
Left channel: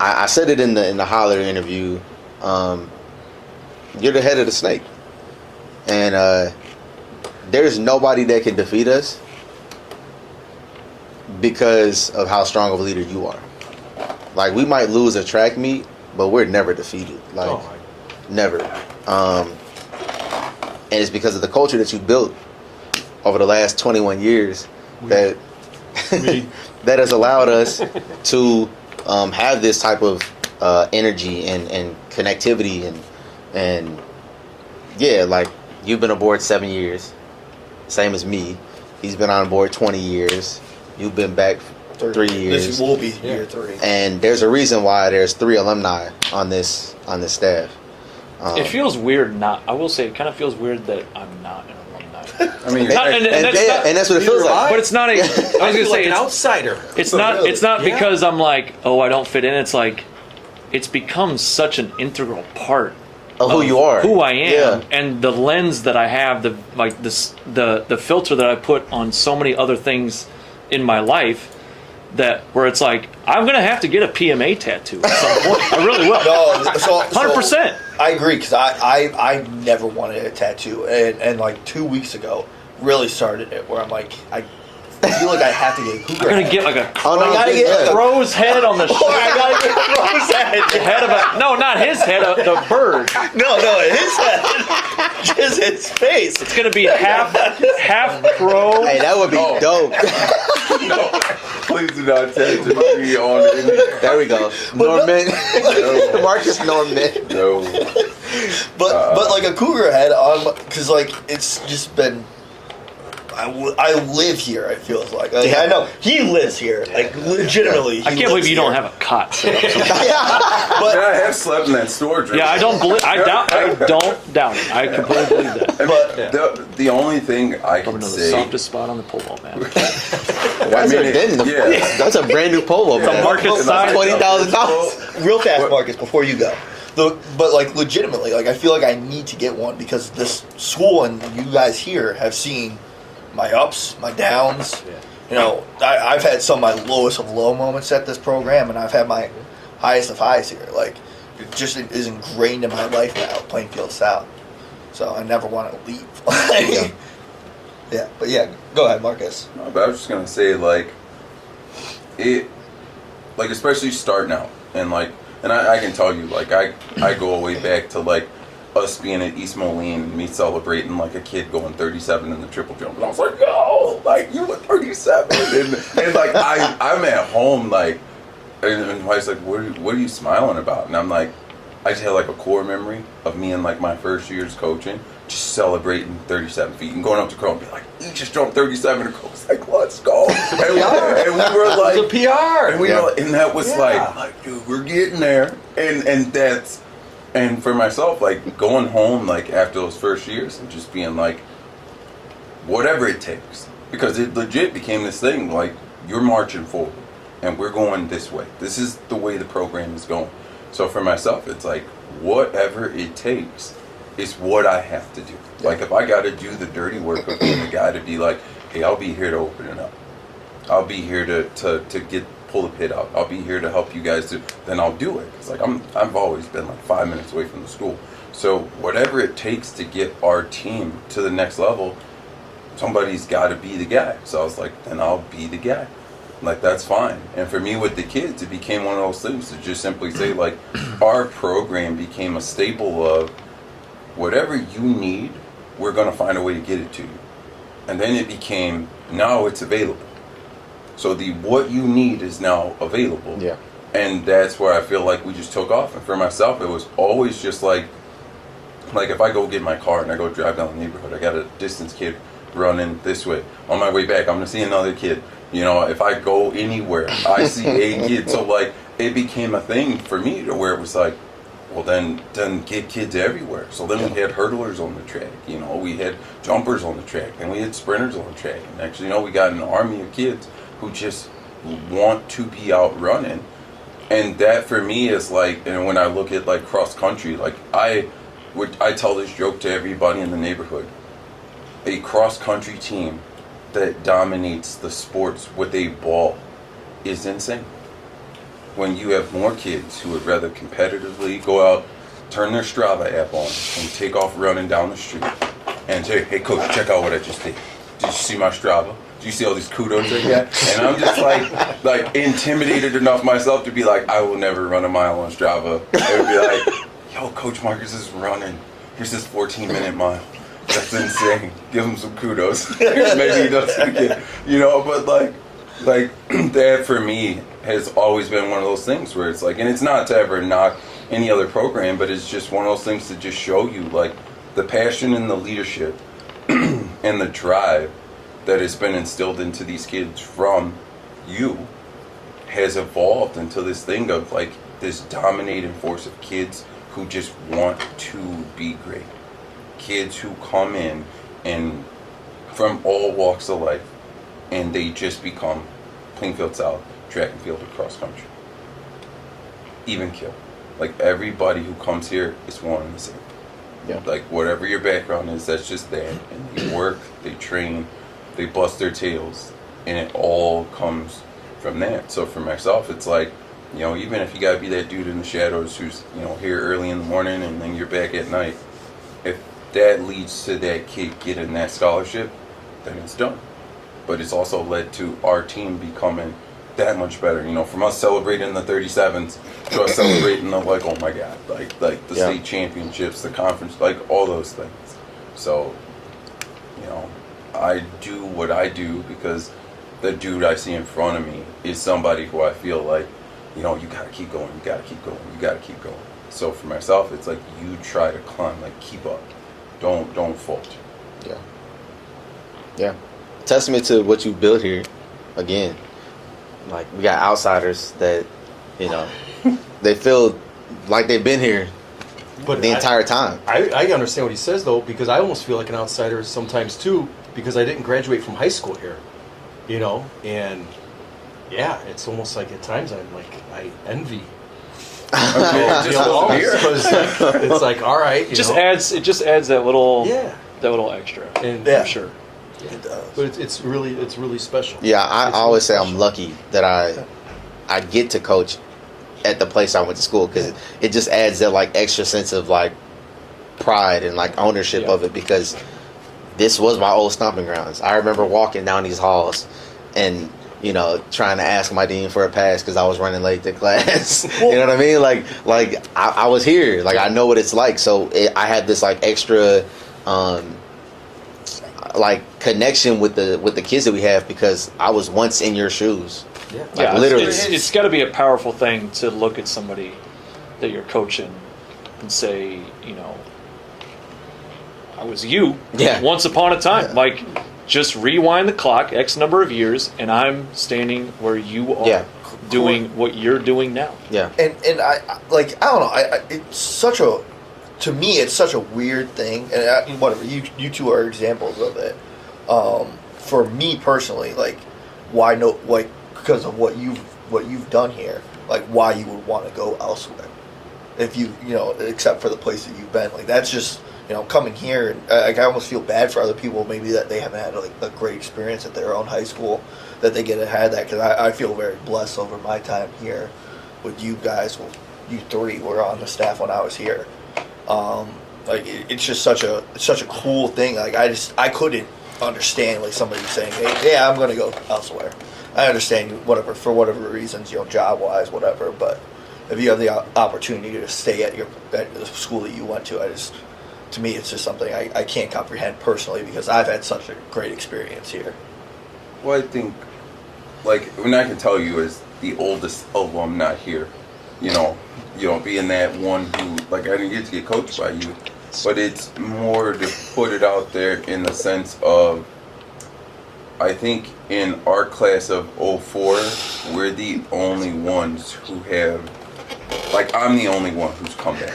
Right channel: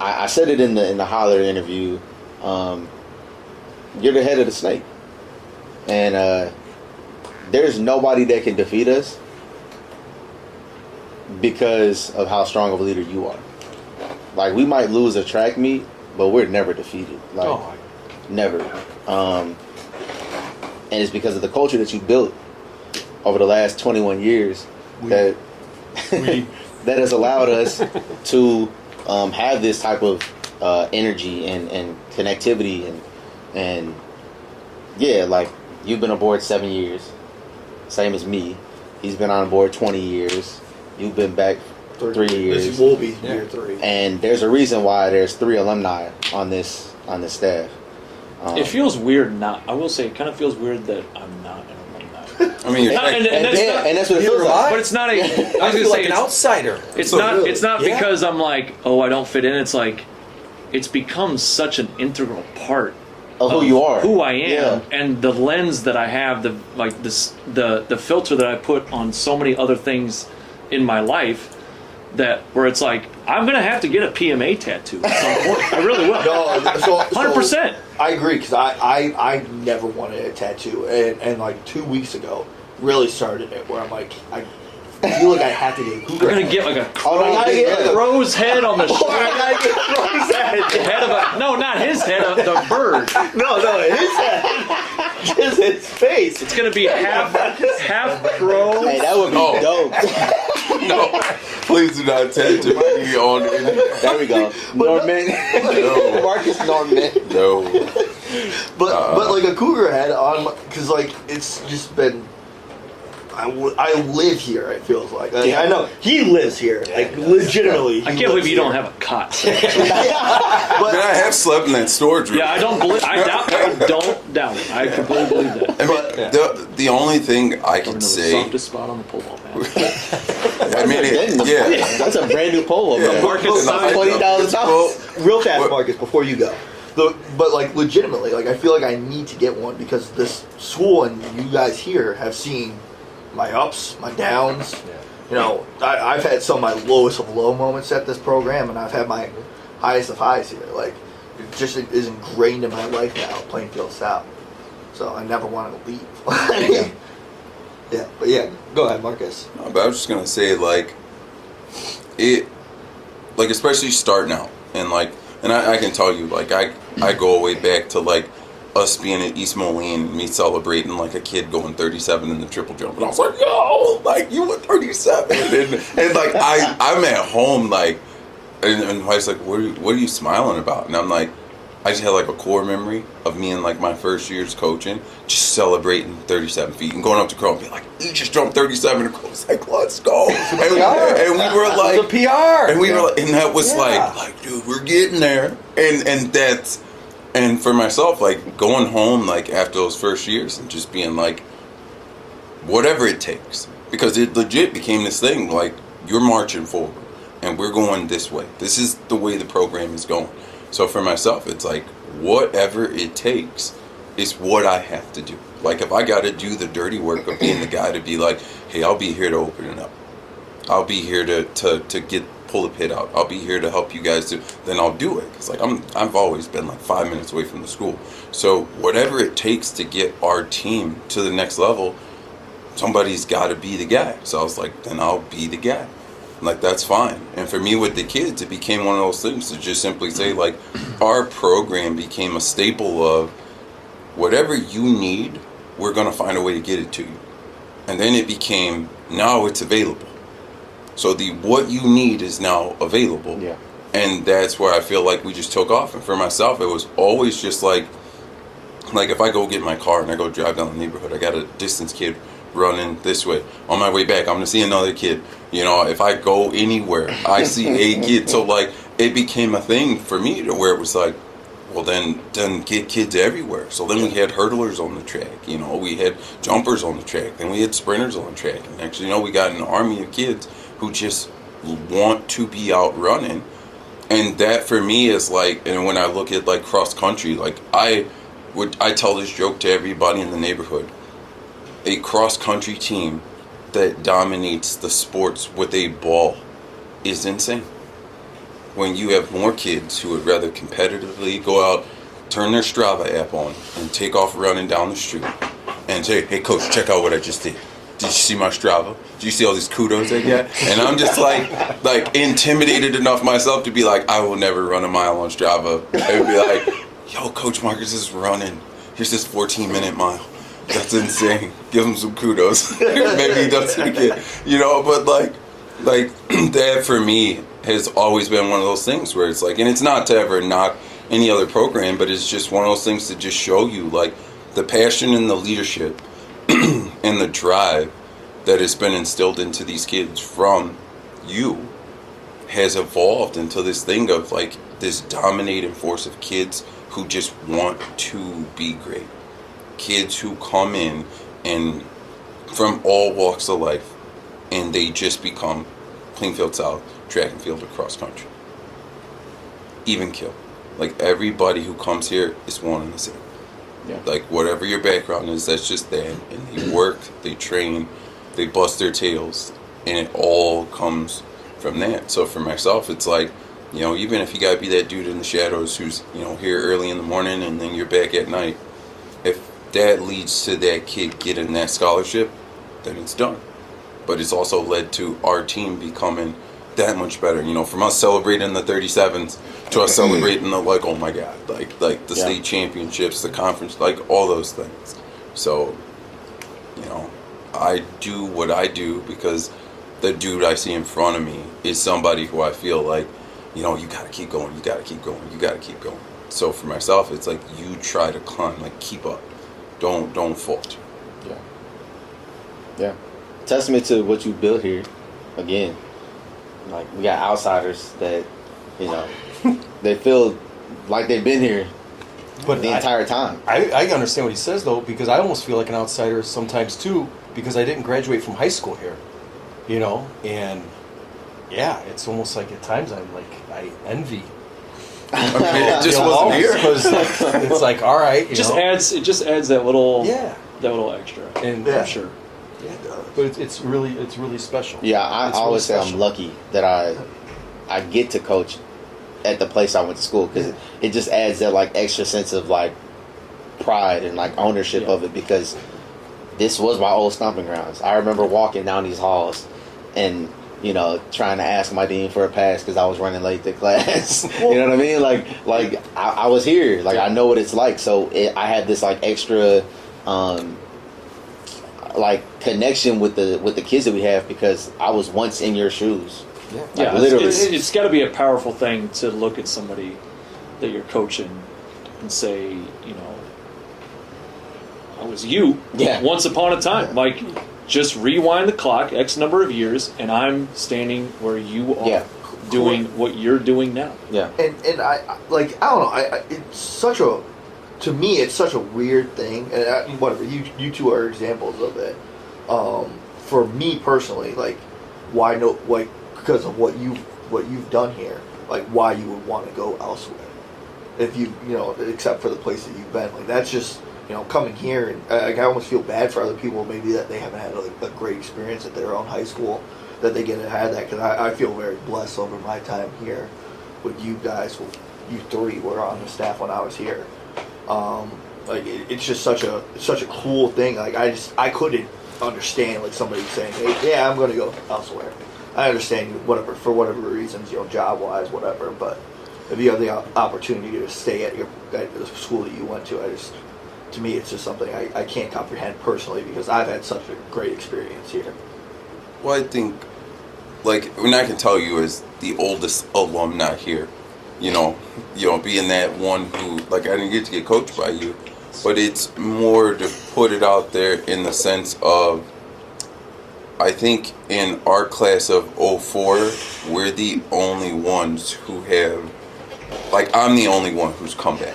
I said it in the Holler interview. You're the head of the snake, and there's nobody that can defeat us because of how strong of a leader you are. Like we might lose a track meet, but we're never defeated. Like never. And it's because of the culture that you built over the last 21 years that that has allowed us to have this type of energy and connectivity and yeah, like you've been aboard 7 years, same as me. He's been on board 20 years. You've been back 3 years. This will be year 3. And there's a reason why there's 3 alumni on this staff. It feels weird not. I will say it kind of feels weird that I'm not an alumni. I mean, And that's what it feels like. But it's not. I was I gonna feel say like an outsider. it's not. really? It's not Yeah. because I'm like, oh, I don't fit in. It's like, it's become such an integral part Of who you are. who I am, Yeah. and the lens that I have, the filter that I put on so many other things in my life, where it's like I'm gonna have to get a PMA tattoo at some point. I really will. No, so 100%. I agree because I never wanted a tattoo, and like 2 weeks ago really started it where I'm like I feel like I have to get a I'm cougar gonna head. get like a Oh, no, I gotta get like a crow's head on the Or I gotta get Crow's head. head of a no, not his head, the bird. No, his head, just his face. It's gonna be half crow. Hey, that would be dope. no, please do not tattoo me on any. There we go. Norman. No. Marcus Norman. No. But like a cougar head on, because like it's just been. I live here. It feels like I know he lives here. Like legitimately, I can't believe you don't have a cot. Yeah, But I have slept in that storage room. Yeah, I don't doubt it. I completely believe that. But the only thing I Probably can the say, softest spot on the pole vault, man. I mean, Yeah, that's a brand new polo, man. Marcus size. $20,000. real fast, Marcus, before you go. But like legitimately, like I feel like I need to get one because this school and you guys here have seen my ups, my downs. Yeah. You know, I've had some of my lowest of low moments at this program, and I've had my highest of highs here. Like, it just is ingrained in my life now, Plainfield South. So I never want to leave. Yeah, but yeah, go ahead, Marcus. I was just gonna say especially starting out and I can tell you I go way back to us being at East Moline and me celebrating like a kid going 37 in the triple jump, and I was like, yo, you were 37, and I'm at home and wife's like, what are you smiling about? And I'm like, I just had a core memory of me in my first years coaching, just celebrating 37 feet and going up to Crowe and being like, you just jumped 37, and Crowe's like, let's go. And we were like, It's a PR. and we were like, and that was dude, we're getting there. And for myself, going home after those first years and just being whatever it takes, because it legit became this thing, like, you're marching forward, and we're going this way. This is the way the program is going. So for myself, it's like, whatever it takes is what I have to do. Like, if I got to do the dirty work of being the guy to be like, hey, I'll be here to open it up. I'll be here to pull the pit out. I'll be here to help you guys then I'll do it. It's like, I've always been like 5 minutes away from the school. So whatever it takes to get our team to the next level, somebody's got to be the guy. So I was like, then I'll be the guy. Like, that's fine. And for me with the kids, it became one of those things to just simply say, like, our program became a staple of whatever you need, we're going to find a way to get it to you. And then it became, now it's available. So the what you need is now available. Yeah. And that's where I feel like we just took off. And for myself, it was always just like if I go get my car and I go drive down the neighborhood, I got a distance kid running this way. On my way back, I'm going to see another kid. You know, if I go anywhere, I see a kid. So, like, it became a thing for me to where it was like, well, then get kids everywhere. So then we had hurdlers on the track. You know, we had jumpers on the track. Then we had sprinters on the track. And next, you know, we got an army of kids who just want to be out running. And that for me is like, and when I look at like cross country, like I tell this joke to everybody in the neighborhood. A cross country team that dominates the sports with a ball is insane. When you have more kids who would rather competitively go out, turn their Strava app on, and take off running down the street and say, hey coach, check out what I just did. Did you see my Strava? Did you see all these kudos I got? And I'm just like intimidated enough myself to be like, I will never run a mile on Strava. And be like, yo, Coach Marcus is running. Here's this 14-minute mile. That's insane. Give him some kudos. Maybe he does it again. You know, but like that for me has always been one of those things where it's like, and it's not to ever knock any other program, but it's just one of those things to just show you like the passion and the leadership and the drive that has been instilled into these kids from you has evolved into this thing of like this dominating force of kids who just want to be great. Kids who come in and from all walks of life and they just become Plainfield South track and field or cross country. Even kill. Like everybody who comes here is wanting the same. Yeah. Like whatever your background is, that's just that. And they work, they train, they bust their tails, and it all comes from that. So for myself, it's like, you know, even if you gotta be that dude in the shadows who's, you know, here early in the morning and then you're back at night, if that leads to that kid getting that scholarship, then it's done. But it's also led to our team becoming that much better. You know, from us celebrating the 37s to us celebrating the like, oh my God, like the state championships, the conference, like all those things. So, you know, I do what I do because the dude I see in front of me is somebody who I feel like, you know, you gotta keep going, you gotta keep going, you gotta keep going. So for myself, it's like you try to climb, like keep up. Don't falter. Yeah. Yeah. Testament to what you built here, again. Like, we got outsiders that, you know, they feel like they've been here the entire time. I understand what he says, though, because I almost feel like an outsider sometimes, too, because I didn't graduate from high school here, you know? And, yeah, it's almost like at times I'm like, I envy. Just wasn't here. It's like, all right, It just adds that little yeah, that little extra. and For sure. It does. But it's really special. Yeah, I It's always say really I'm special. lucky that I get to coach at the place I went to school, because it just adds that like extra sense of like pride and like ownership of it, because this was my old stomping grounds. I remember walking down these halls and, you know, trying to ask my dean for a pass because I was running late to class. You know what I mean? Like I was here. Like I know what it's like. So I had this like extra like connection with the kids that we have, because I was once in your shoes. Yeah. Like, Yeah, literally. it's got to be a powerful thing to look at somebody that you're coaching and say, you know, I was you once upon a time. Yeah. Like, just rewind the clock X number of years, and I'm standing where you are doing what you're doing now. Yeah. And I like, I don't know, it's such a, to me it's such a weird thing, and whatever, you two are examples of it. for me personally, like, why no, like, because of what you've done here, like, why you would want to go elsewhere, if you know, except for the place that you've been. Like, that's just, you know, coming here, and like, I almost feel bad for other people maybe that they haven't had like a great experience at their own high school, that they get to have that, because I feel very blessed over my time here with you guys. Well, you three were on the staff when I was here. Like, it's just such a cool thing. Like, I couldn't understand like somebody saying, hey, yeah, I'm going to go elsewhere. I understand whatever, for whatever reasons, you know, job wise, whatever, but if you have the opportunity to stay at the school that you went to, to me, it's just something I can't comprehend personally, because I've had such a great experience here. Well, I think, like, when I can tell you as the oldest alumni here, you know, being that one who, like, I didn't get to get coached by you, but it's more to put it out there in the sense of, I think in our class of 04, we're the only ones who have, like, I'm the only one who's come back.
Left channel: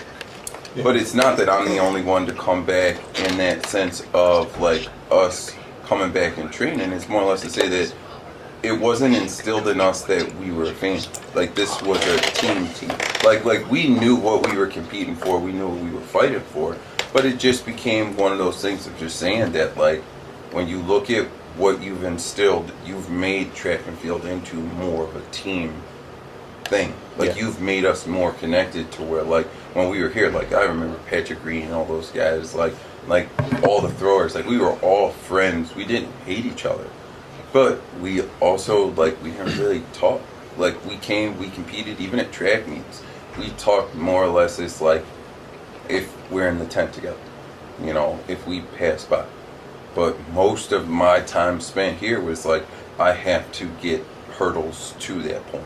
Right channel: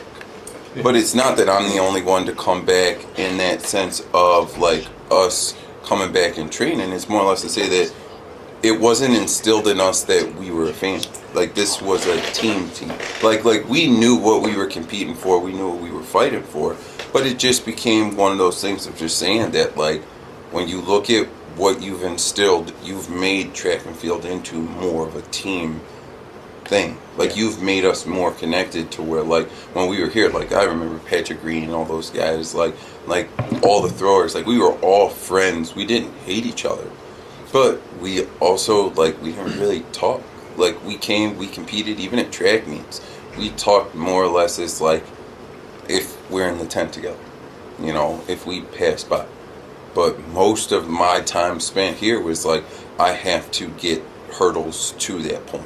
But it's not that I'm the only one to come back in that sense of, like, us coming back and training. It's more or less to say that it wasn't instilled in us that we were a family. Like, this was a team. Like we knew what we were competing for. We knew what we were fighting for. But it just became one of those things of just saying that, like, when you look at what you've instilled, you've made track and field into more of a team thing. Like, you've made us more connected to where, like, when we were here, like, I remember Patrick Green and all those guys, like all the throwers, like, we were all friends. We didn't hate each other. But we also, like, we didn't really talk. Like, we competed even at track meets. We talked more or less as, like, if we're in the tent together, you know, if we pass by. But most of my time spent here was, like, I have to get hurdles to that point.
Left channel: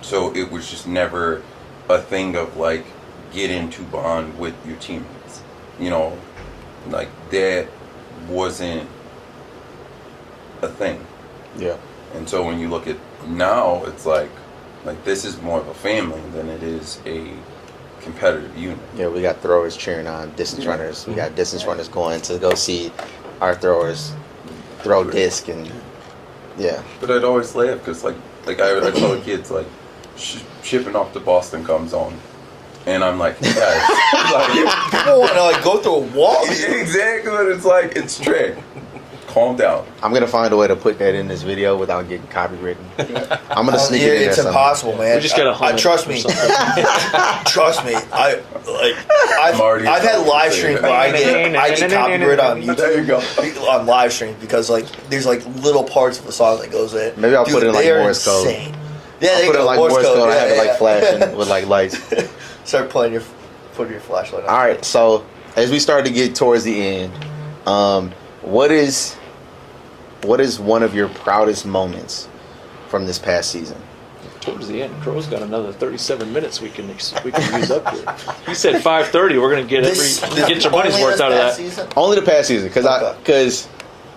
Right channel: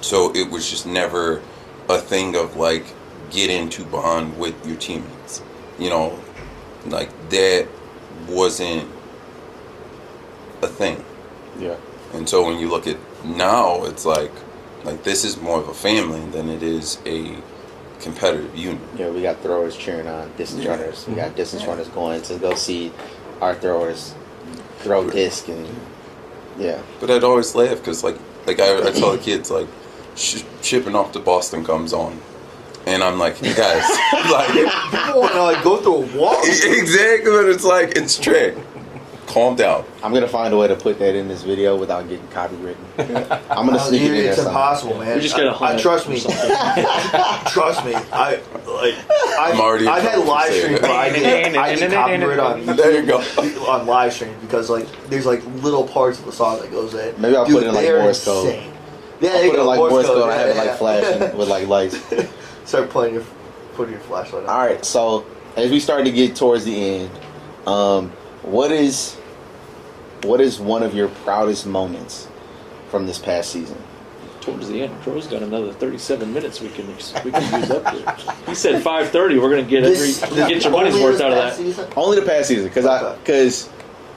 So it was just never a thing of, like, get into bond with your teammates. You know, like, that wasn't a thing. Yeah. And so when you look at now, it's like this is more of a family than it is a competitive unit. Yeah, we got throwers cheering on distance runners. We got distance runners going to go see our throwers throw disc, and yeah. But I'd always laugh because, like I tell the kids, like, shipping off to Boston comes on, and I'm like, guys, like, People want to, like, go through a wall. exactly what it's like. It's track. Calm down. I'm gonna find a way to put that in this video without getting copywritten. I'm gonna sneak it in there. It's impossible, man. You just gotta I trust me. Trust me. I've had live streams where I get copyright on YouTube. There you go. On live streams, because, like, there's, like, little parts of the song that goes in. Maybe I'll put it in, like, they're Morse code. insane. Yeah, I'll there you put it go. like Morse code. I have it like flashing with like lights. Start putting your flashlight on. All right, so as we start to get towards the end, what is one of your proudest moments from this past season? Towards the end, Crow's got another 37 minutes we can use up here. He said 5:30. We're gonna get your money's worth out of that. Season? Only the past season, because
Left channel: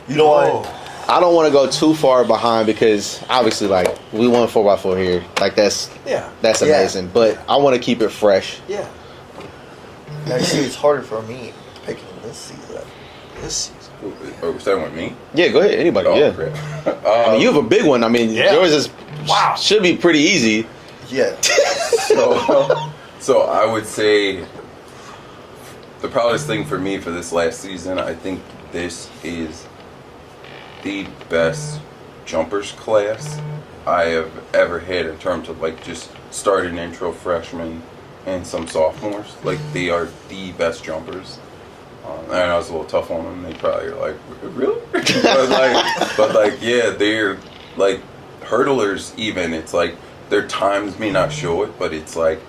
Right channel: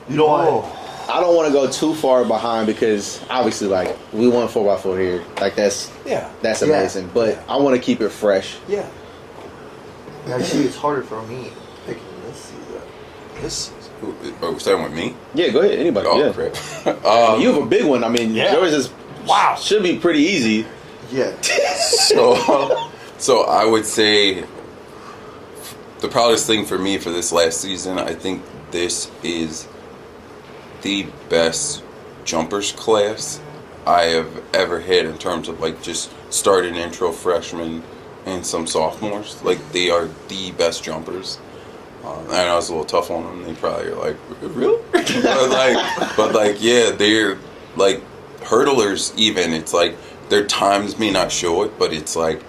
You know what? I don't want to go too far behind, because obviously, like, we won 4x4 here, like that's amazing. But I want to keep it fresh. Yeah. Now, you see, it's harder for me picking this season. This season. Oh, was that with me? Yeah, go ahead. Anybody? Oh, yeah. crap. You have a big one. I mean, Yeah. yours is should be pretty easy. Yeah. So I would say the proudest thing for me for this last season, I think this is the best jumpers class I have ever had in terms of, like, just starting intro freshmen and some sophomores. Like, they are the best jumpers. I know it's a little tough on them. They probably are like, really? but yeah, they're like hurdlers. Even it's like their times may not show it, but it's like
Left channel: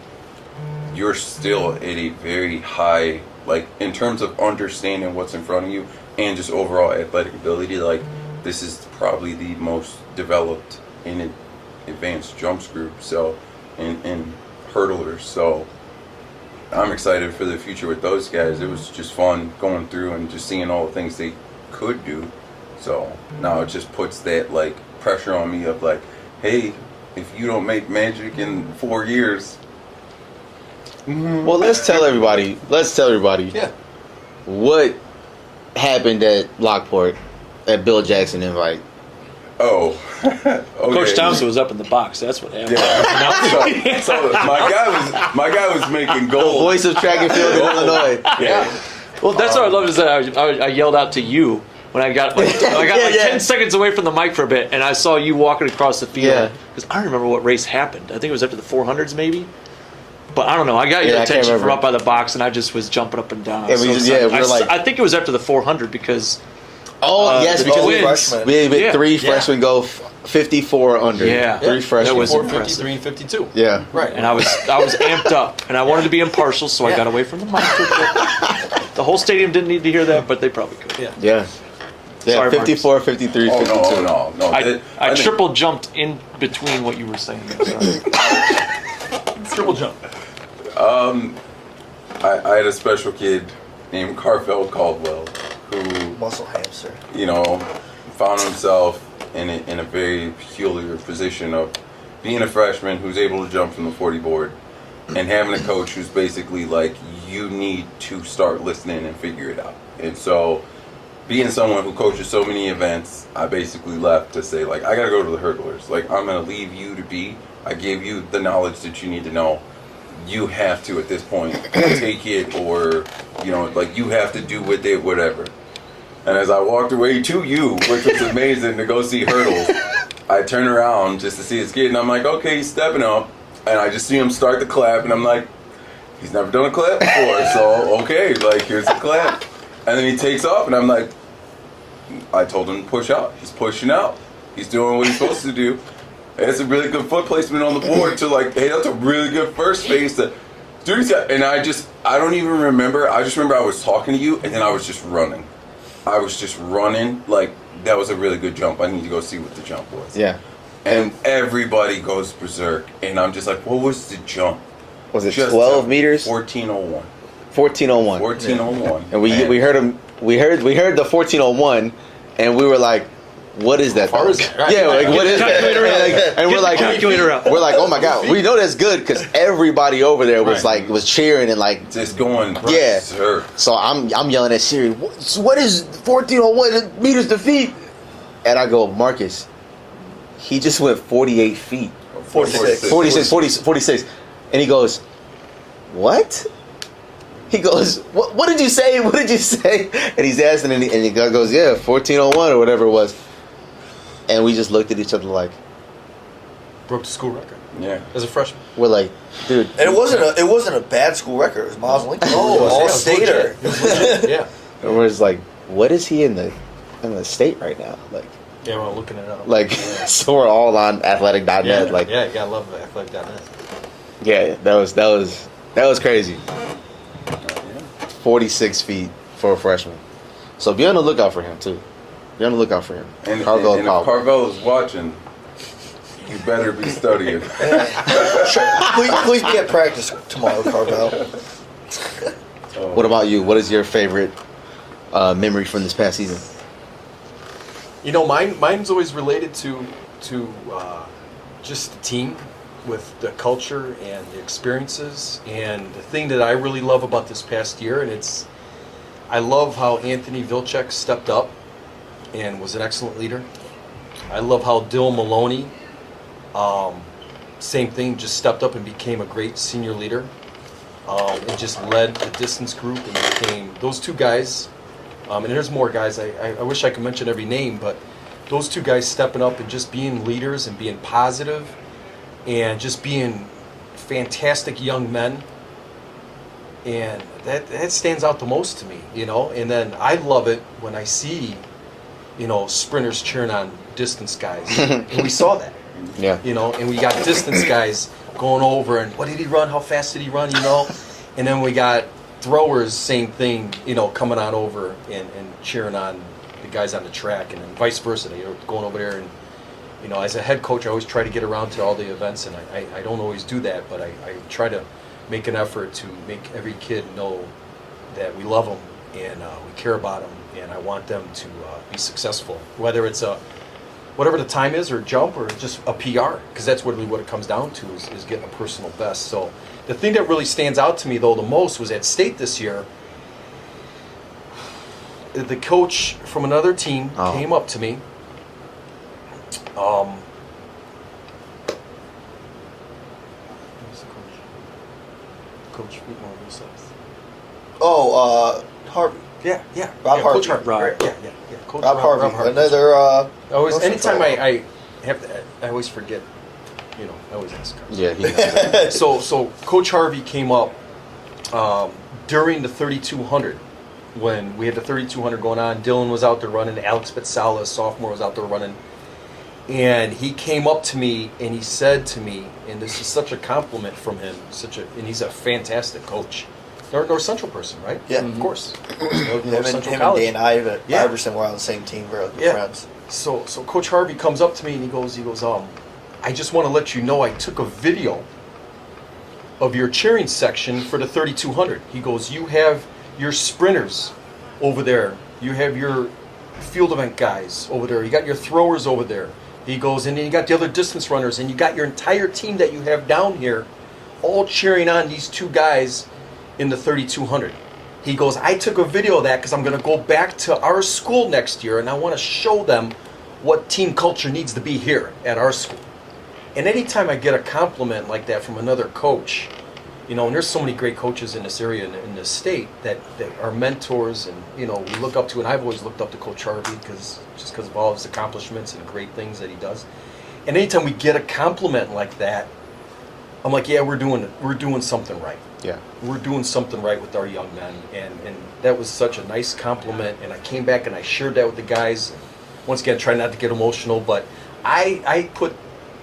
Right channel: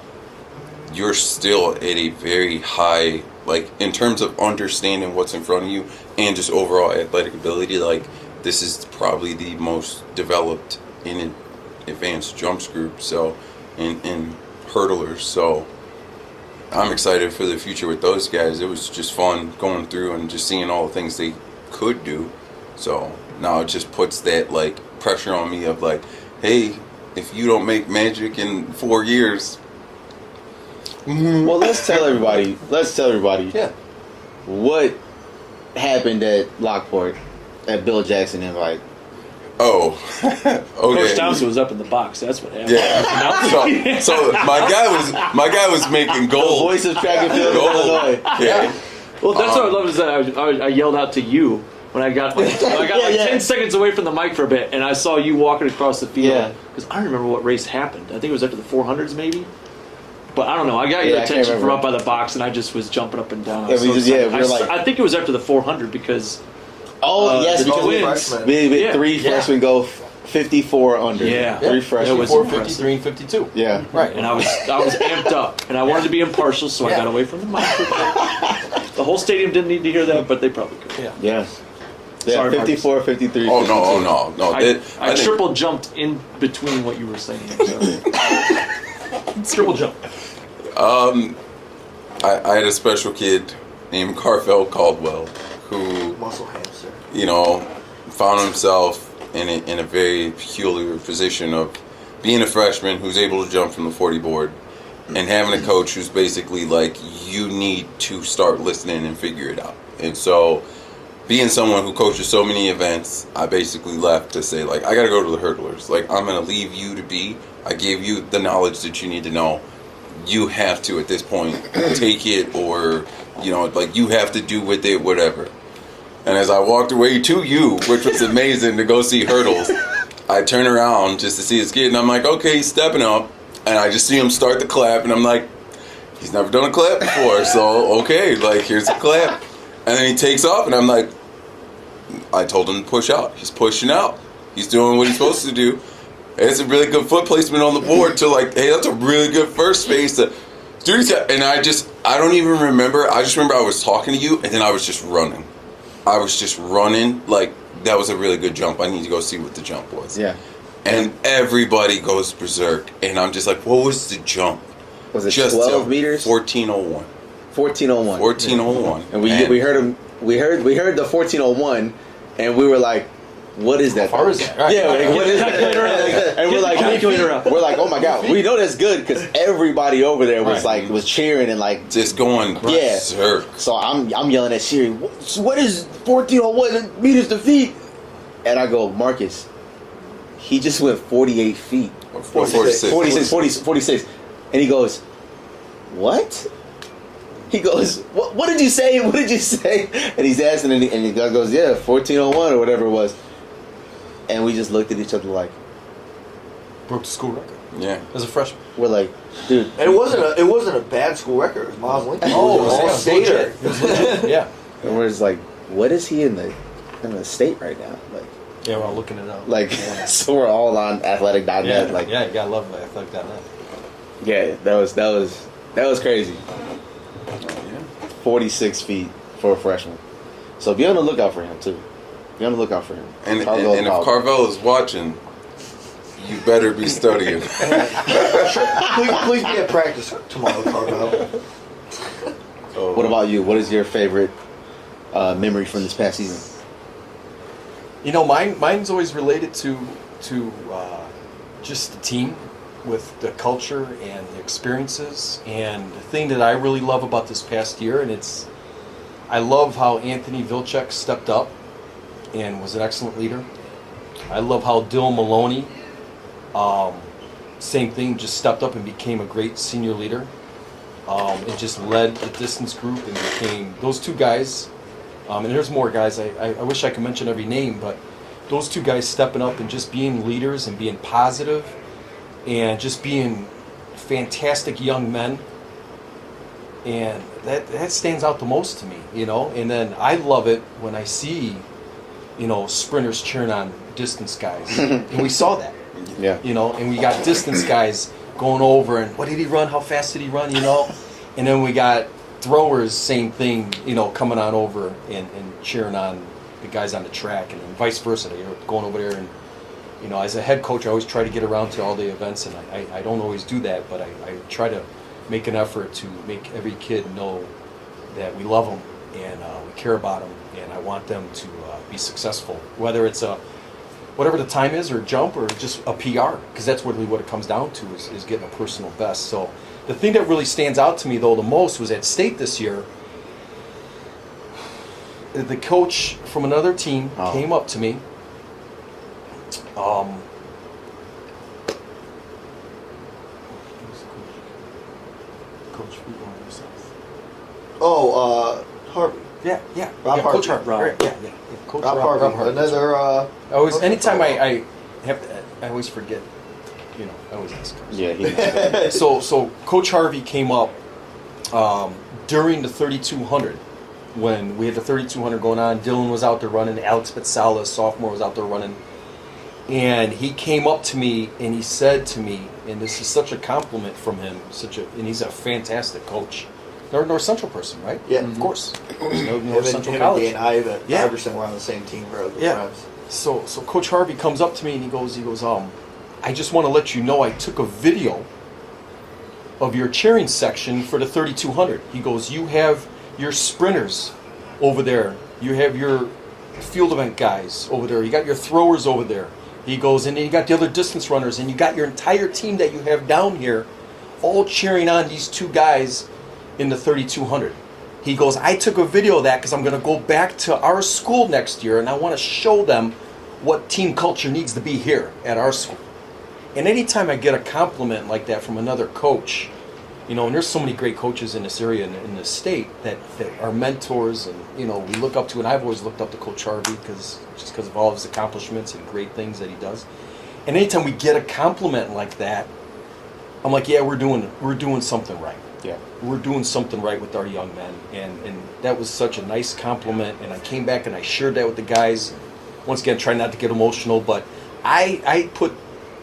you're still at a very high, like, in terms of understanding what's in front of you and just overall athletic ability. Like, this is probably the most developed in an advanced jumps group. So, in hurdlers. So, I'm excited for the future with those guys. It was just fun going through and just seeing all the things they could do. So now it just puts that, like, pressure on me of, like, hey, if you don't make magic in 4 years. Well, let's tell everybody. Yeah. What happened at Lockport at Bill Jackson invite. Oh, okay. Coach Thompsen was up in the box. That's what happened. Yeah. so my guy was making gold. Voice of track and field in Illinois. Yeah. Well, that's what I love is that I yelled out to you when I got like 10 seconds away from the mic for a bit, and I saw you walking across the field. Yeah. Because I don't remember what race happened. I think it was up to the 400s maybe. But I don't know. I got your Yeah, I can't attention for remember. up by the box, and I just was jumping up and down. I Yeah, was we so just- excited. yeah, we're like- I think it was after the 400 because Yes, because twins. Freshman. we had Yeah. 3 Yeah. freshmen go 54 under. Yeah. 3 freshmen. That was 54, impressive. 53, and 52. Yeah. Right. and I was amped up, and I wanted to be impartial, so I Yeah. got away from the mic. The whole stadium didn't need to hear that, but they probably could. Yeah. Yeah. Yeah, Sorry, 54, 53, Oh 52. no. I think- triple jumped in between what you were saying there. Sorry. Triple jump. I had a special kid named Carfell Caldwell who, Muscle hamster. you know, found himself in a very peculiar position of being a freshman who's able to jump from the 40 board and having a coach who's basically like, you need to start listening and figure it out. And so, being someone who coaches so many events, I basically left to say, like, I got to go to the hurdlers. Like, I'm going to leave you to be. I gave you the knowledge that you need to know. You have to, at this point, take it or, you know, like, you have to do with it, whatever. And as I walked away to you, which was amazing to go see hurdles, I turn around just to see his kid, and I'm like, okay, he's stepping up. And I just see him start to clap, and I'm like, he's never done a clap before, so, okay, like, here's a clap. And then he takes off, and I'm like, I told him to push out. He's pushing out. He's doing what he's supposed to do. And it's a really good foot placement on the board to like, hey, that's a really good first space. And I don't even remember. I just remember I was talking to you, and then I was just running. Like, that was a really good jump. I need to go see what the jump was. Yeah. And everybody goes berserk. And I'm just like, what was the jump? Was it Just 12 meters? 1401. 1401. 1401. And we heard him. We heard the 1401, and we were like, "What is that?" Far is that? Right. Yeah, like, what is that? And we're like, Calculator up. we're like, "Oh my god, we know that's good," because everybody over there was Right. was cheering and like. Just going Yeah. berserk. So I'm yelling at Siri, what is 1401 meters to feet? And I go, Marcus, he just went 48 feet. 46. 46. And he goes, what? He goes, what did you say? What did you say? And he's asking, and he goes, yeah, 1401 or whatever it was. And we just looked at each other like, Broke the school record Yeah. as a freshman. we're like, dude. And it wasn't a bad school record. It was Miles Lincoln. It was an all-stater. Yeah. And we're just like, what is he in the state right now? Yeah, we're looking it up. So we're all on athletic.net. yeah, Like, yeah, you gotta love that. Like that. yeah, that was crazy. 46 feet for a freshman. So be on the lookout for him too. Be on the lookout for him. And Carvel if Carvel is watching, you better be studying. Please be at practice tomorrow, Carvel. What about you? What is your favorite memory from this past season? You know, mine's always related to just the team, with the culture and the experiences. And the thing that I really love about this past year, and I love how Anthony Vilcek stepped up and was an excellent leader. I love how Dill Maloney, same thing, just stepped up and became a great senior leader. And just led the distance group and became those two guys. And there's more guys. I wish I could mention every name, but those two guys stepping up and just being leaders and being positive and just being fantastic young men. And that stands out the most to me, you know. And then I love it when I see, you know, sprinters cheering on distance guys. And we saw that, Yeah. you know, and we got distance guys going over and what did he run? How fast did he run? You know? And then we got throwers, same thing, you know, coming on over and cheering on the guys on the track, and then vice versa. They're going over there, and you know, as a head coach, I always try to get around to all the events, and I don't always do that, but I try to make an effort to make every kid know that we love them and we care about them, and I want them to be successful, whether it's whatever the time is, or jump, or just a PR, because that's really what it comes down to is getting a personal best. So the thing that really stands out to me, though, the most was at state this year. the coach from another team came up to me. Coach Football South. Oh, Harvey. Yeah. Rob Harvey. Coach Harvey. Rob. Right, yeah. Coach Rob Harvey. Another. I always, Coach anytime Crowe. I have to, I always forget. I always ask. Yeah, he So Coach Harvey came up during the 3200 when we had the 3200 going on. Dylan was out there running. Alex Pizzala, sophomore, was out there running. And he came up to me and he said to me, and this is such a compliment from him, and he's a fantastic coach. North Central person, right? Yeah, Of course. Him and Dan Iverson were on the same team. We're good friends. So Coach Harvey comes up to me and he goes, I just want to let you know I took a video of your cheering section for the 3200. He goes, you have your sprinters over there. You have your field event guys over there. You got your throwers over there. He goes, and then you got the other distance runners, and you got your entire team that you have down here all cheering on these two guys in the 3200. He goes, I took a video of that because I'm going to go back to our school next year, and I want to show them what team culture needs to be here at our school. And anytime I get a compliment like that from another coach, and there's so many great coaches in this area, in this state, that are mentors, and, we look up to, and I've always looked up to Coach Harvey because of all his accomplishments and great things that he does. And anytime we get a compliment like that, I'm like, yeah, we're doing something right. Yeah. We're doing something right with our young men. And that was such a nice compliment. And I came back and I shared that with the guys. Once again, try not to get emotional, but I put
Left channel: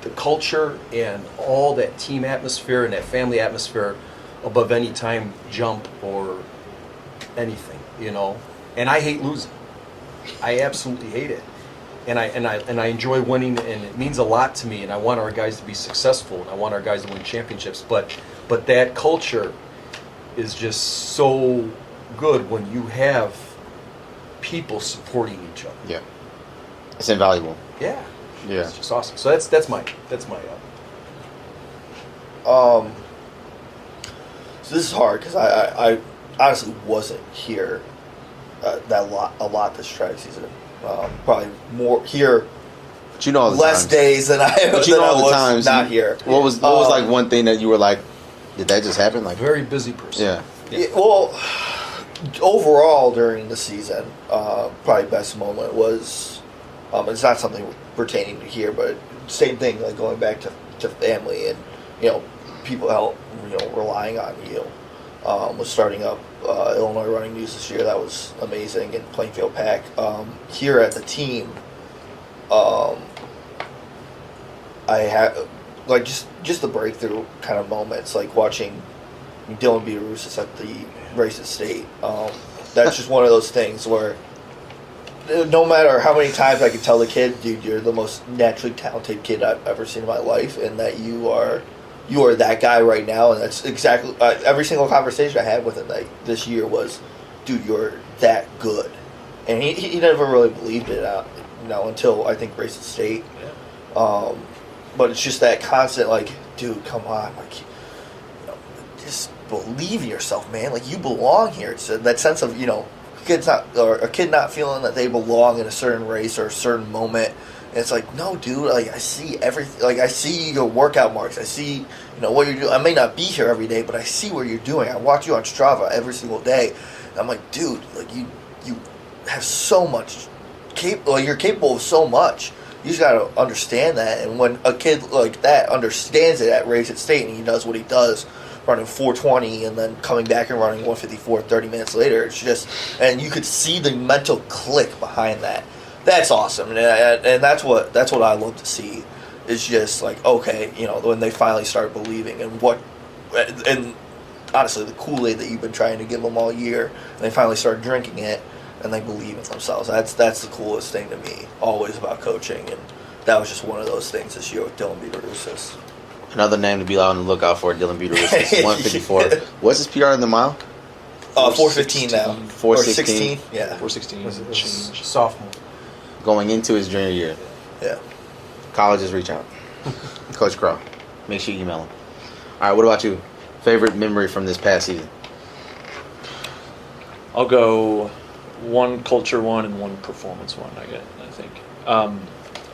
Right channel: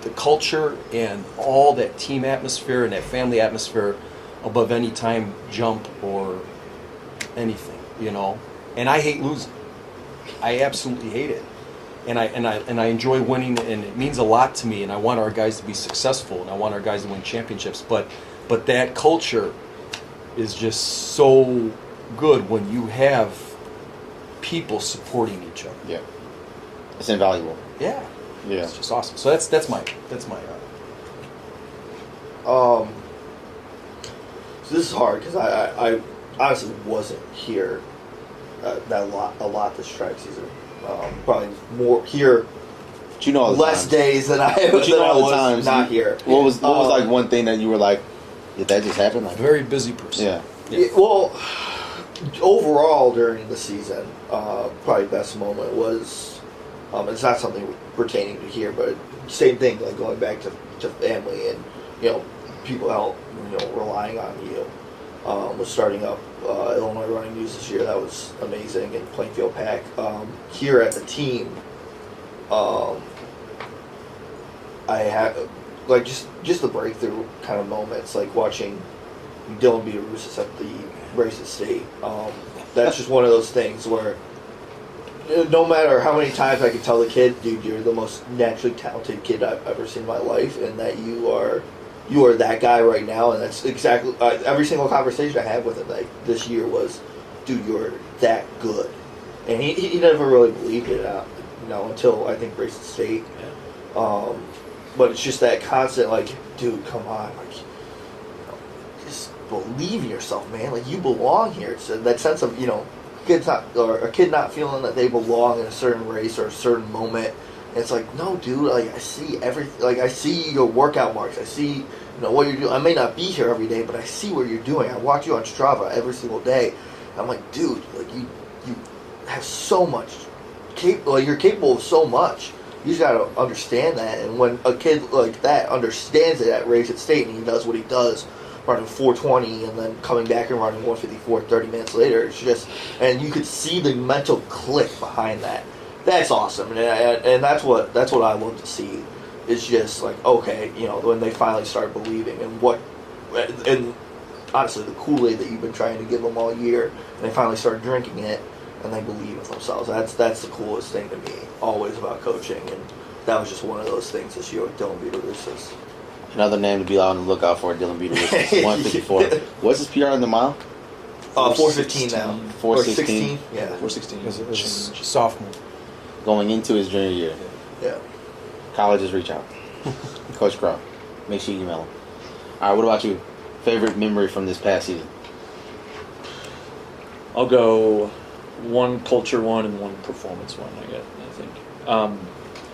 the culture and all that team atmosphere and that family atmosphere above any time jump or anything, And I hate losing. I absolutely hate it. And I enjoy winning, and it means a lot to me, and I want our guys to be successful, and I want our guys to win championships, but that culture is just so good when you have people supporting each other. Yeah. It's invaluable. Yeah. Yeah. It's just awesome. So that's my So this is hard because I honestly wasn't here a lot this track season. Probably more here. But you know all the less times. days than I But you know all the was times not here. What was like one thing that you were like, did that just happen? Like, very busy person. yeah. Yeah, well, overall during the season, probably best moment was, it's not something pertaining to here, but same thing, like going back to family and, people help, relying on you. Was starting up Illinois Running News this year. That was amazing. And Plainfield Pack. Here at the team, I had like just the breakthrough kind of moments, like watching Dylan Vittorio at the race at state. That's just one of those things where no matter how many times I can tell the kid, dude, you're the most naturally talented kid I've ever seen in my life, and that you are that guy right now. And that's exactly every single conversation I had with him this year was, dude, you're that good. And he never really believed it out, until I think race at state. But it's just that constant, like, dude, come on, like, just believe in yourself, man. Like, you belong here. It's that sense of, a kid not feeling that they belong in a certain race or a certain moment. And it's like, no, dude, like, I see everything. Like, I see your workout marks. I see, what you're doing. I may not be here every day, but I see what you're doing. I watch you on Strava every single day. And I'm like, dude, like, you have so much. You're capable of so much. You just got to understand that. And when a kid like that understands it at race at state and he does what he does, running 4:20 and then coming back and running 1:54 30 minutes later, it's just, and you could see the mental click behind that. That's awesome, and that's what I love to see. It's just like, okay, when they finally start believing and honestly the Kool-Aid that you've been trying to give them all year, and they finally start drinking it and they believe in themselves. That's the coolest thing to me, always about coaching, and that was just one of those things this year with Dylan Vittorio. Another name to be on the lookout for, Dylan Vittorio, 154. What's his PR in the mile? 4:15 now. 4:16. Or 16. Yeah. 4:16. Was it sophomore? Going into his junior year. Yeah. Colleges reach out. Coach Crowe. Make sure you email him. All right, what about you? Favorite memory from this past season? I'll go one culture one and one performance one, I think.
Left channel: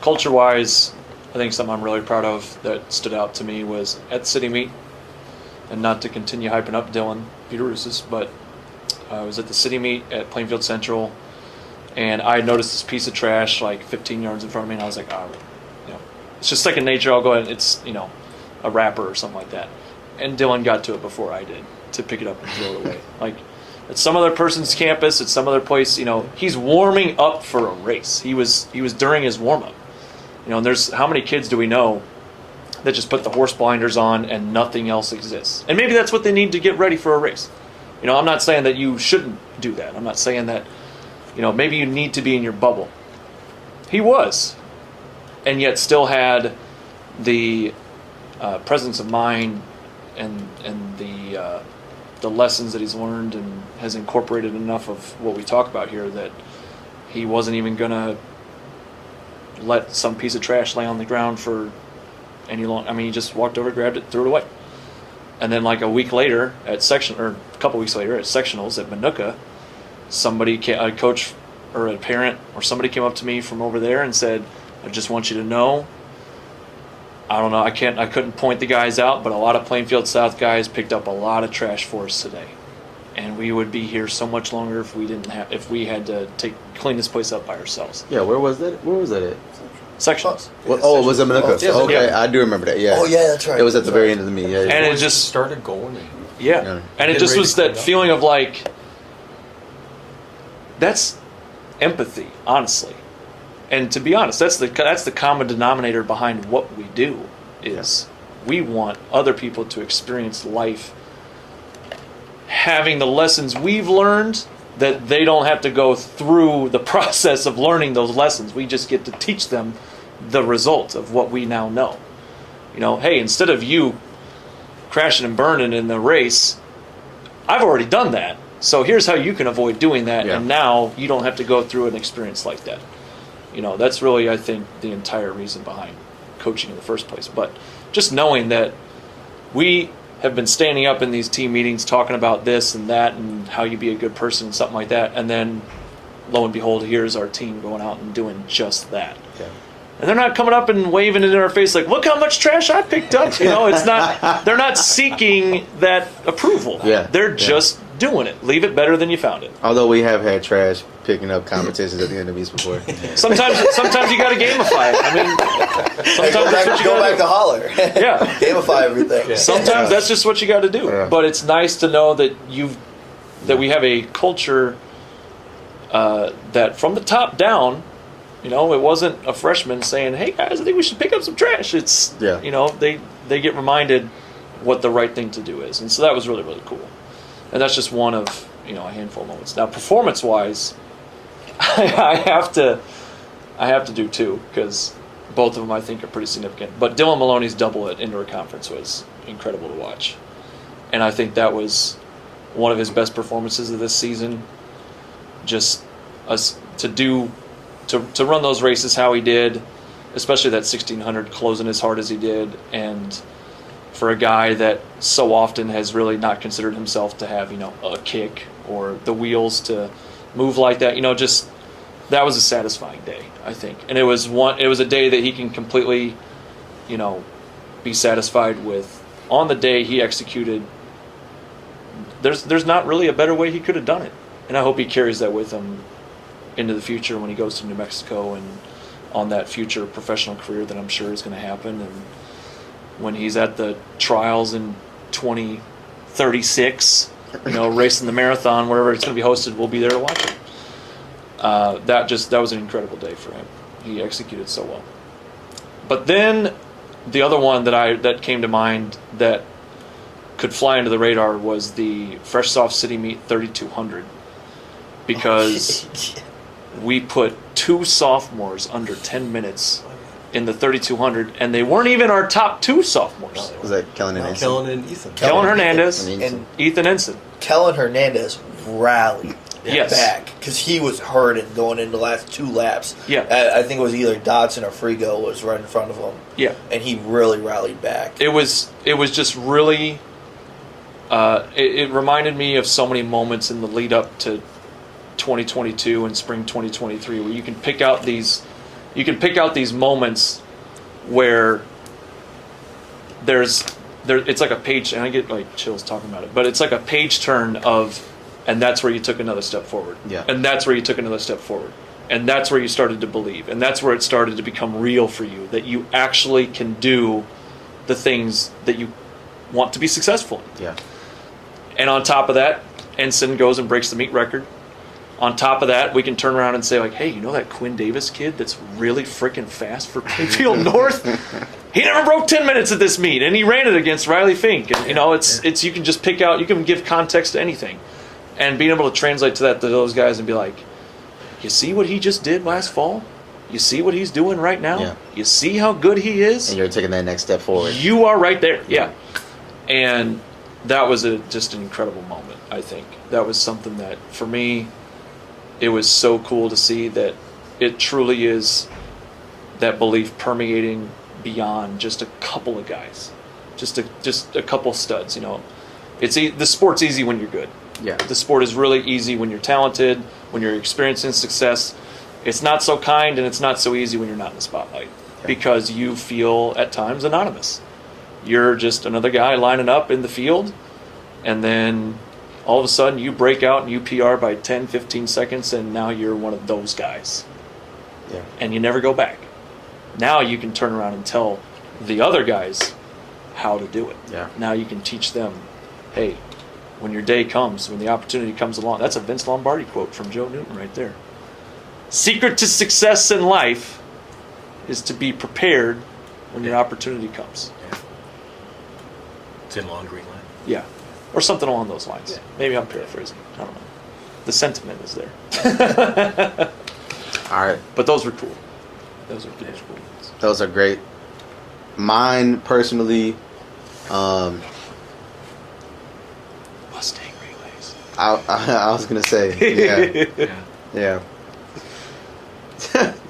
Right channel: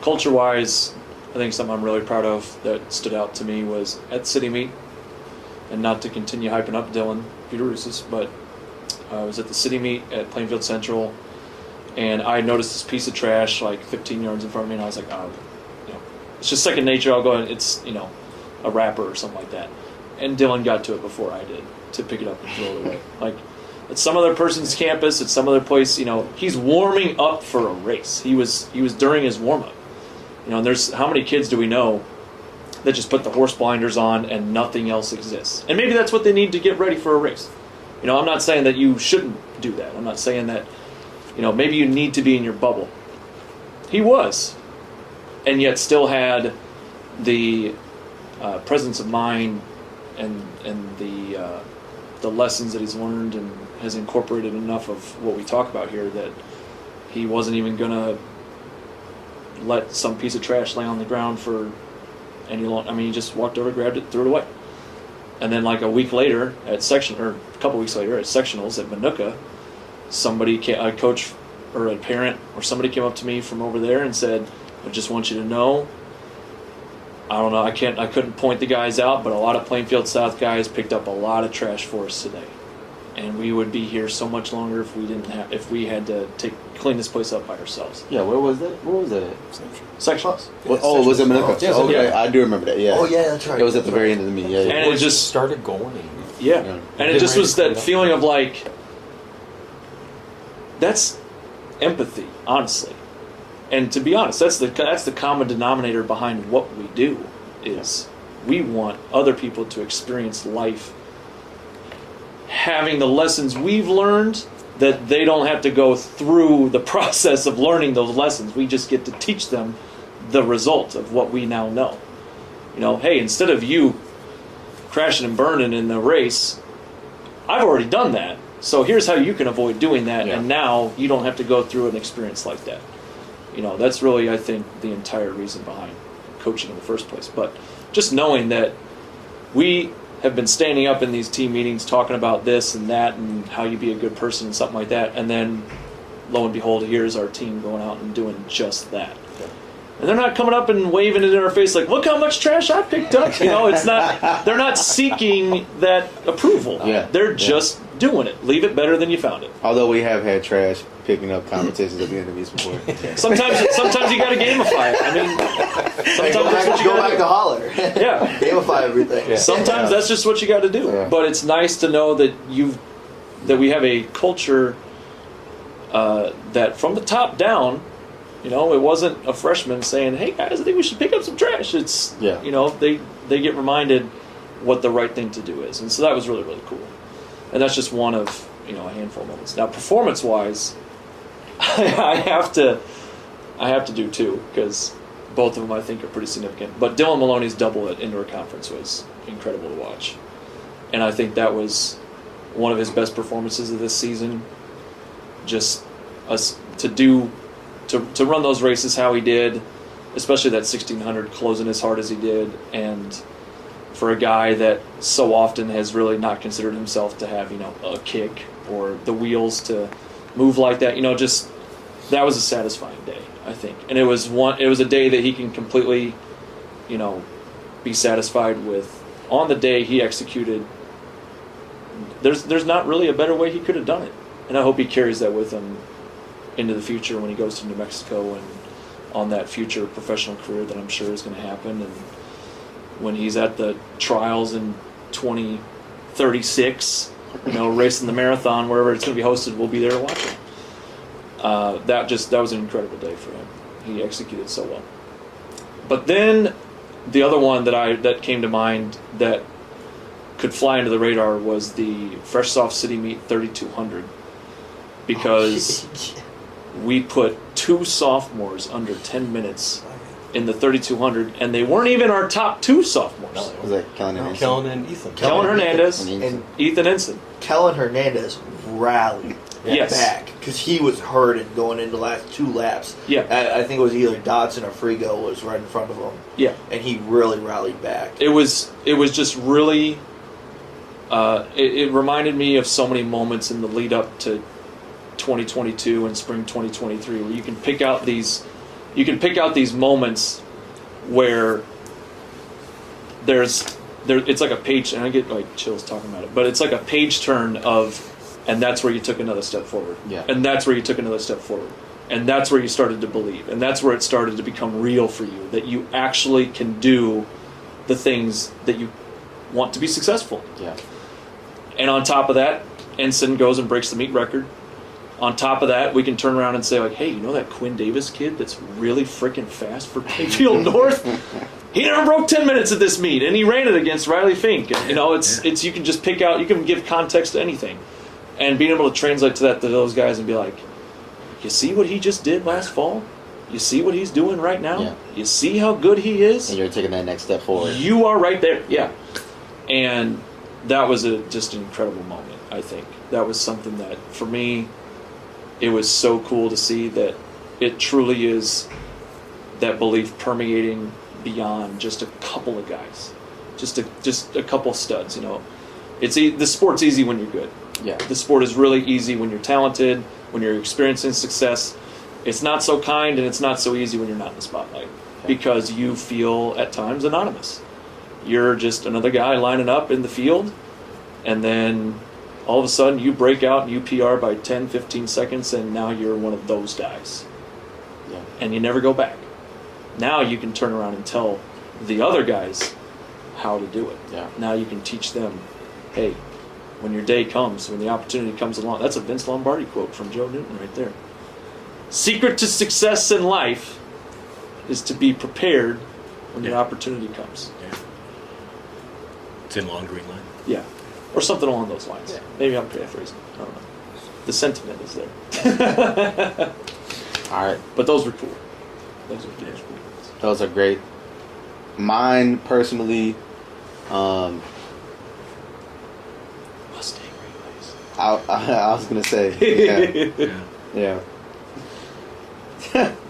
Culture-wise, I think something I'm really proud of that stood out to me was at City Meet, and not to continue hyping up Dylan Peterusis, but I was at the City Meet at Plainfield Central, and I noticed this piece of trash like 15 yards in front of me, and I was like, oh, it's just second nature. I'll go ahead. It's a wrapper or something like that. And Dylan got to it before I did to pick it up and throw it away. Like at some other person's campus, at some other place, he's warming up for a race. He was during his warm up. And there's how many kids do we know that just put the horse blinders on and nothing else exists? And maybe that's what they need to get ready for a race. I'm not saying that you shouldn't do that. I'm not saying that, maybe you need to be in your bubble. He was, and yet still had the presence of mind and the lessons that he's learned and has incorporated enough of what we talk about here that he wasn't even going to let some piece of trash lay on the ground for any long. I mean, he just walked over, grabbed it, threw it away. And then like a week later a couple weeks later at sectionals at Manuka, a coach or a parent or somebody came up to me from over there and said, I just want you to know, I don't know, I couldn't point the guys out, but a lot of Plainfield South guys picked up a lot of trash for us today. And we would be here so much longer if we had to clean this place up by ourselves. Yeah, where was that? Where was that at? Sectionals. Oh, it was at Manuka. Oh, okay, yeah. I do remember that. Yeah. Oh yeah, that's right. It was at the That's very right. end of the meet. Yeah. And it just started going. And yeah. And it just was that feeling of like, that's empathy, honestly. And to be honest, that's the common denominator behind what we do is we want other people to experience life having the lessons we've learned, that they don't have to go through the process of learning those lessons. We just get to teach them the result of what we now know. Hey, instead of you crashing and burning in the race, I've already done that. So here's how you can avoid doing that, and now you don't have to go through an experience like that. That's really, I think, the entire reason behind coaching in the first place. But just knowing that we have been standing up in these team meetings talking about this and that and how you be a good person and something like that, and then lo and behold, here's our team going out and doing just that. Yeah. And they're not coming up and waving it in our face like, look how much trash I picked up. It's not. They're not seeking that approval. Yeah. They're just doing it. Leave it better than you found it. Although we have had trash picking up competitions at the end of these before. Sometimes you got to gamify it. I mean, sometimes Go back to holler. Yeah. Gamify everything. Yeah. Sometimes that's just what you got to do. Yeah. But it's nice to know that we have a culture that from the top down, it wasn't a freshman saying, "Hey guys, I think we should pick up some trash." It's they get reminded what the right thing to do is, and so that was really, really cool. And that's just one of a handful of moments. Now, performance-wise, I have to do two because both of them I think are pretty significant. But Dylan Maloney's double at indoor conference was incredible to watch, and I think that was one of his best performances of this season. Just to run those races how he did, especially that 1600 closing as hard as he did, and for a guy that so often has really not considered himself to have a kick or the wheels to move like that, just that was a satisfying day, I think. And it was a day that he can completely be satisfied with. On the day he executed, there's not really a better way he could have done it, and I hope he carries that with him into the future when he goes to New Mexico and on that future professional career that I'm sure is going to happen. And when he's at the trials in 2036, racing the marathon wherever it's going to be hosted, we'll be there to watch him. That was an incredible day for him. He executed so well. But then the other one that came to mind that could fly under the radar was the Fresh Soft City Meet 3200, because we put two sophomores under 10 minutes in the 3200, and they weren't even our top two sophomores. Was that Kellen and Ensign? Kellen and Ethan. Kellen Hernandez And Ethan Ensign. Kellen Hernandez rallied Yes. back because he was hurting going into the last two laps. Yeah. I think it was either Dodson or Frigo was right in front of him. Yeah. And he really rallied back. It was just really. It reminded me of so many moments in the lead up to 2022 and spring 2023, where you can pick out these moments where it's like a page, and I get like chills talking about it, but it's like a page turn of, and that's where you took another step forward. Yeah. And that's where you took another step forward. And that's where you started to believe. And that's where it started to become real for you, that you actually can do the things that you want to be successful in. Yeah. And on top of that, Ensign goes and breaks the meet record. On top of that, we can turn around and say, like, hey, you know that Quinn Davis kid that's really freaking fast for Plainfield North? He never broke 10 minutes at this meet, and he ran it against Riley Fink. And, you know, it's you can just pick out, you can give context to anything. And being able to translate to those guys and be like, you see what he just did last fall? You see what he's doing right now? Yeah. You see how good he is? And you're taking that next step forward. You are right there, yeah. And that was just an incredible moment, I think. That was something that, for me, it was so cool to see that it truly is that belief permeating beyond just a couple of guys. Just a couple studs, you know. The sport's easy when you're good. Yeah. The sport is really easy when you're talented, when you're experiencing success. It's not so kind and it's not so easy when you're not in the spotlight, because you feel at times anonymous. You're just another guy lining up in the field, and then all of a sudden you break out and you PR by 10, 15 seconds, and now you're one of those guys. Yeah. And you never go back. Now you can turn around and tell the other guys how to do it. Yeah. Now you can teach them, hey, when your day comes, when the opportunity comes along. That's a Vince Lombardi quote from Joe Newton right there. Secret to success in life is to be prepared when your opportunity comes. Yeah. It's in Long Green Line. Yeah. Or something along those lines. Yeah. Maybe I'm paraphrasing. I don't know. The sentiment is there. All right. But those were cool. Those were cool. Those are great. Mine, personally, Mustang relays. I was going to say, yeah.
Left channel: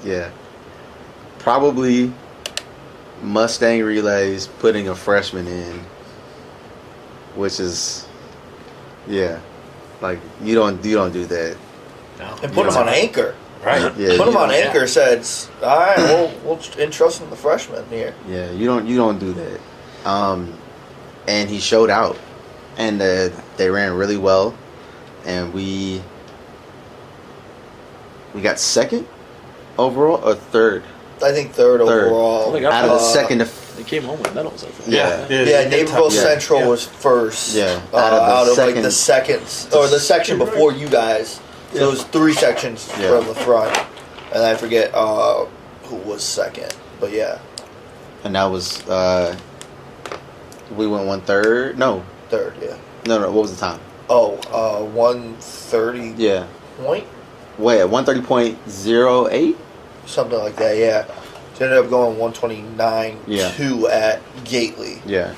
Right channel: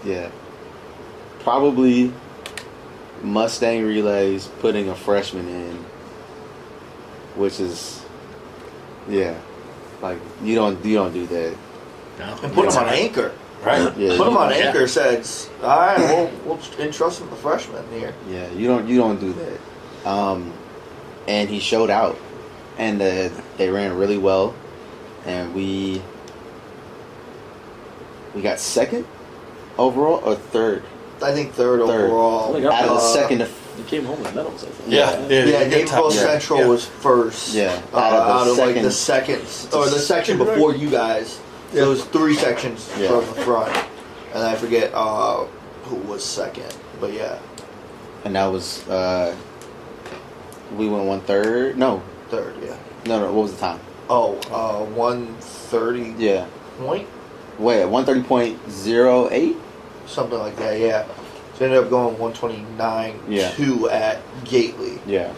Yeah. Probably Mustang relays, putting a freshman in, which is, like you don't do that. No. And put him on anchor. Right. Yeah. Put him on anchor. Says, all right, we'll entrust him the freshman here. Yeah, you don't do that. And he showed out, and they ran really well, and we got second overall or third. I think third overall. Oh my God. Out of the second to They came home with medals, I think. Yeah, Naperville Central Yeah. was first. Yeah. Out of like second- the seconds or the section before you guys. So it was 3 sections from the front, and I forget who was second. But yeah, and that was we went 1/3. No, third. Yeah. no. What was the time? 130 Yeah. point, Wait, 130.08. something like that. Yeah. So ended up going 129.2 at Gately. Yeah.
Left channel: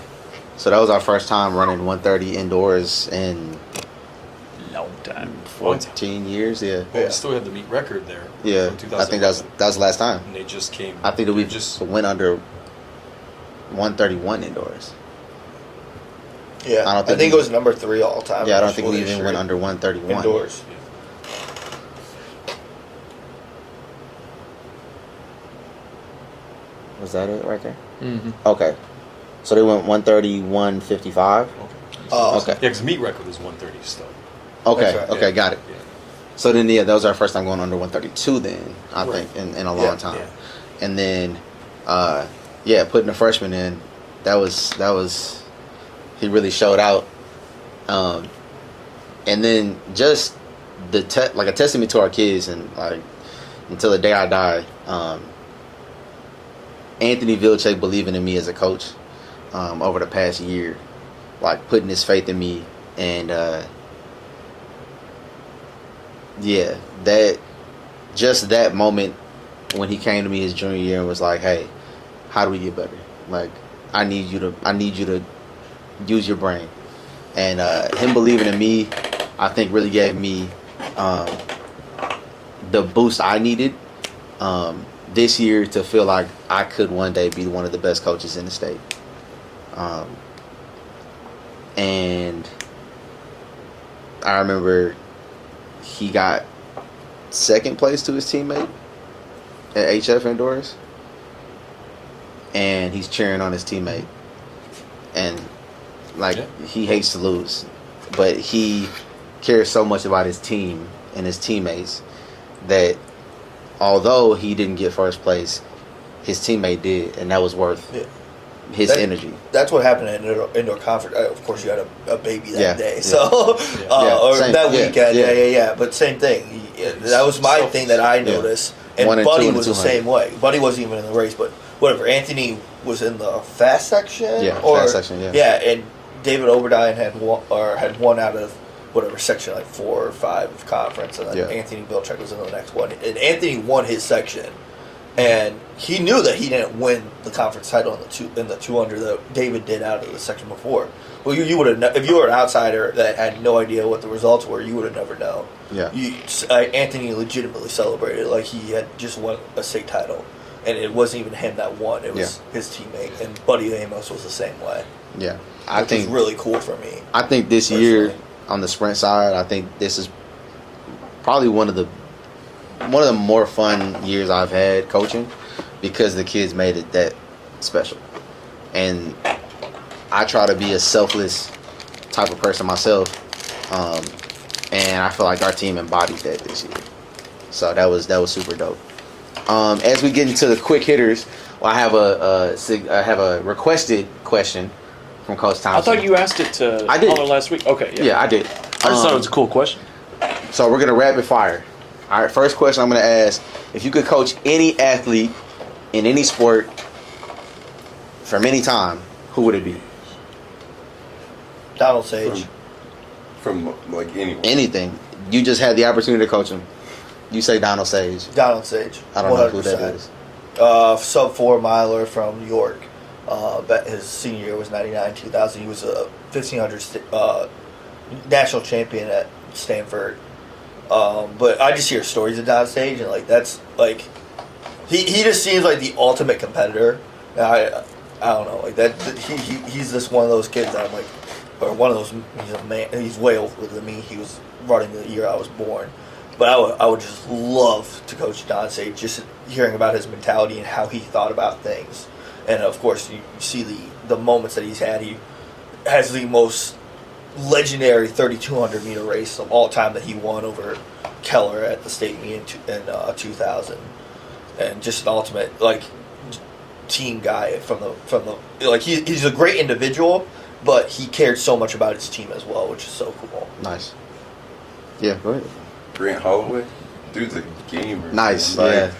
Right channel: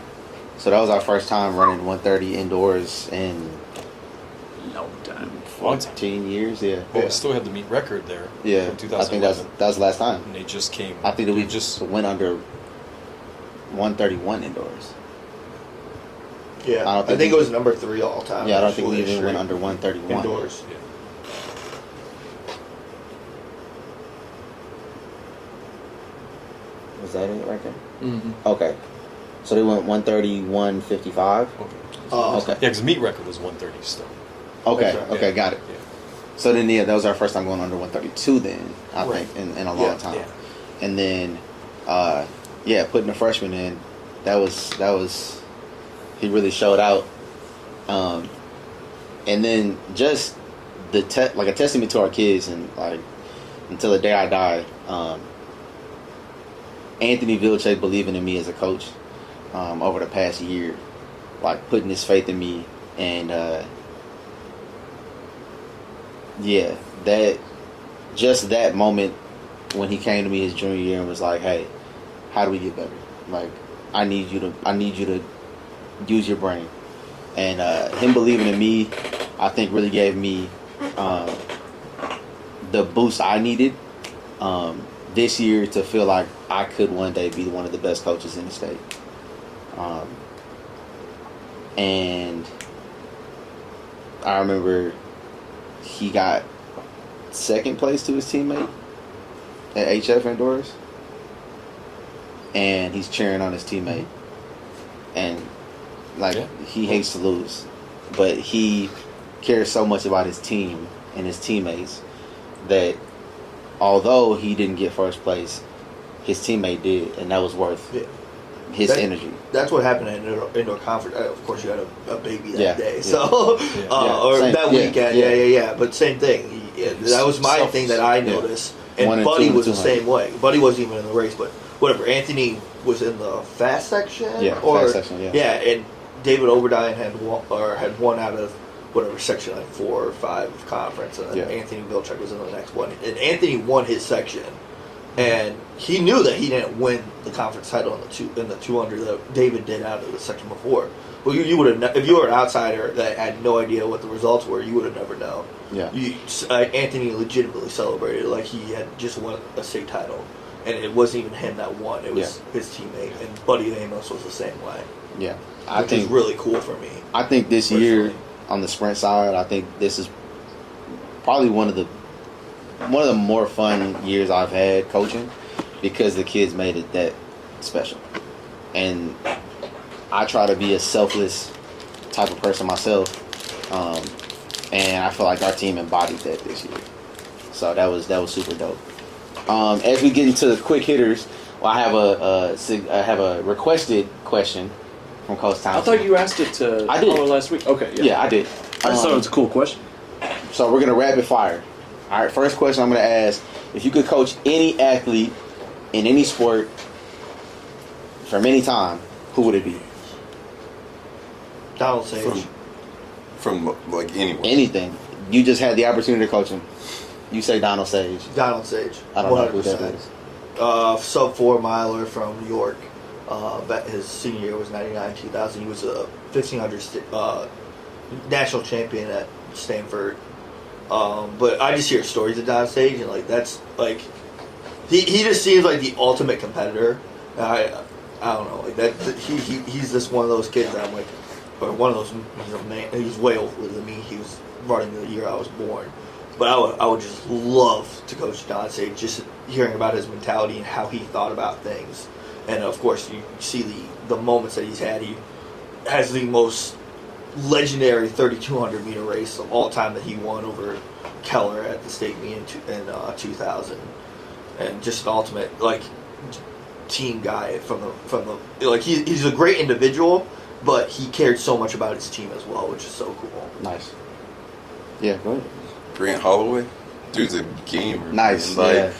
So that was our first time running 130 indoors in Long time. 14 years. Yeah. Well, Yeah. we still have the meet record there. Yeah. In I think that was the last time. And they just came. I think that we they just went under 131 indoors. Yeah. I don't think think we- it was number 3 all time. Yeah, I don't in think we Wooded even Street. went under 131. Indoors. Yeah. Was that it right there? Mm-hmm. Okay. So they went 131.55. Oh, Okay. Yeah, because meet record was 130 still. Okay. That's right. Okay. Got it. Yeah. So then, that was our first time going under 132. Then I Right. think in a long Yeah. time. Yeah. And then, putting the freshman in, that was he really showed out. And then just like a testament to our kids, and like until the day I die, Anthony Vilche believing in me as a coach over the past year, like putting his faith in me, and that moment when he came to me his junior year and was like, "Hey, how do we get better? Like, I need you to use your brain." And him believing in me, I think, really gave me the boost I needed this year to feel like I could one day be one of the best coaches in the state. And I remember he got second place to his teammate at HF indoors, and he's cheering on his teammate, and he hates to lose, but he cares so much about his team and his teammates that although he didn't get first place, his teammate did, and that was worth his energy. That's what happened at indoor conference. Of course, you had a baby that day, so or Same, that weekend. Yeah. But same thing. That was my thing that I noticed. And Buddy was the same way. Buddy wasn't even in the race, but whatever. Anthony was in the fast section. Fast section. Yeah, and David Oberdine had one out of whatever section, like 4 or 5 conference, and then Anthony Vilchek was in the next one. And Anthony won his section. And he knew that he didn't win the conference title in the 200 that David did out of the section before. Well, you would have, if you were an outsider that had no idea what the results were, you would have never known. Yeah. Anthony legitimately celebrated like he had just won a state title, and it wasn't even him that won; it was his teammate. And Buddy Amos was the same way. Yeah, which was really cool for me. I think this year on the sprint side, I think this is probably one of the more fun years I've had coaching, because the kids made it that special. And I try to be a selfless type of person myself, and I feel like our team embodied that this year. So that was super dope. As we get into the quick hitters, I have a requested question from Coach Thompsen. I thought you asked it to Holler last week. Okay, yeah, I did. I just thought it was a cool question. So we're gonna rapid fire. All right, first question I'm going to ask: if you could coach any athlete in any sport from any time, who would it be? Donald Sage. From like anywhere. Anything. You just had the opportunity to coach him. You say Donald Sage. Donald Sage. I don't know who that is. Sub 4 miler from New York. His senior year was 99, 2000. He was a 1500 national champion at Stanford. But I just hear stories of Don Sage, and like that's like he just seems like the ultimate competitor. I don't know, like that. He's just one of those kids that I'm like, or one of those. He's a man. He's way older than me. He was running the year I was born. But I would just love to coach Don Sage, just hearing about his mentality and how he thought about things. And of course, you see the moments that he's had. He has the most legendary 3,200 meter race of all time that he won over Keller at the state meet in 2000, and just an ultimate like team guy from the like he's a great individual, but he cared so much about his team as well, which is so cool. Nice. Yeah, go ahead. Grant Holloway, dude's a gamer. Nice. Like, yeah.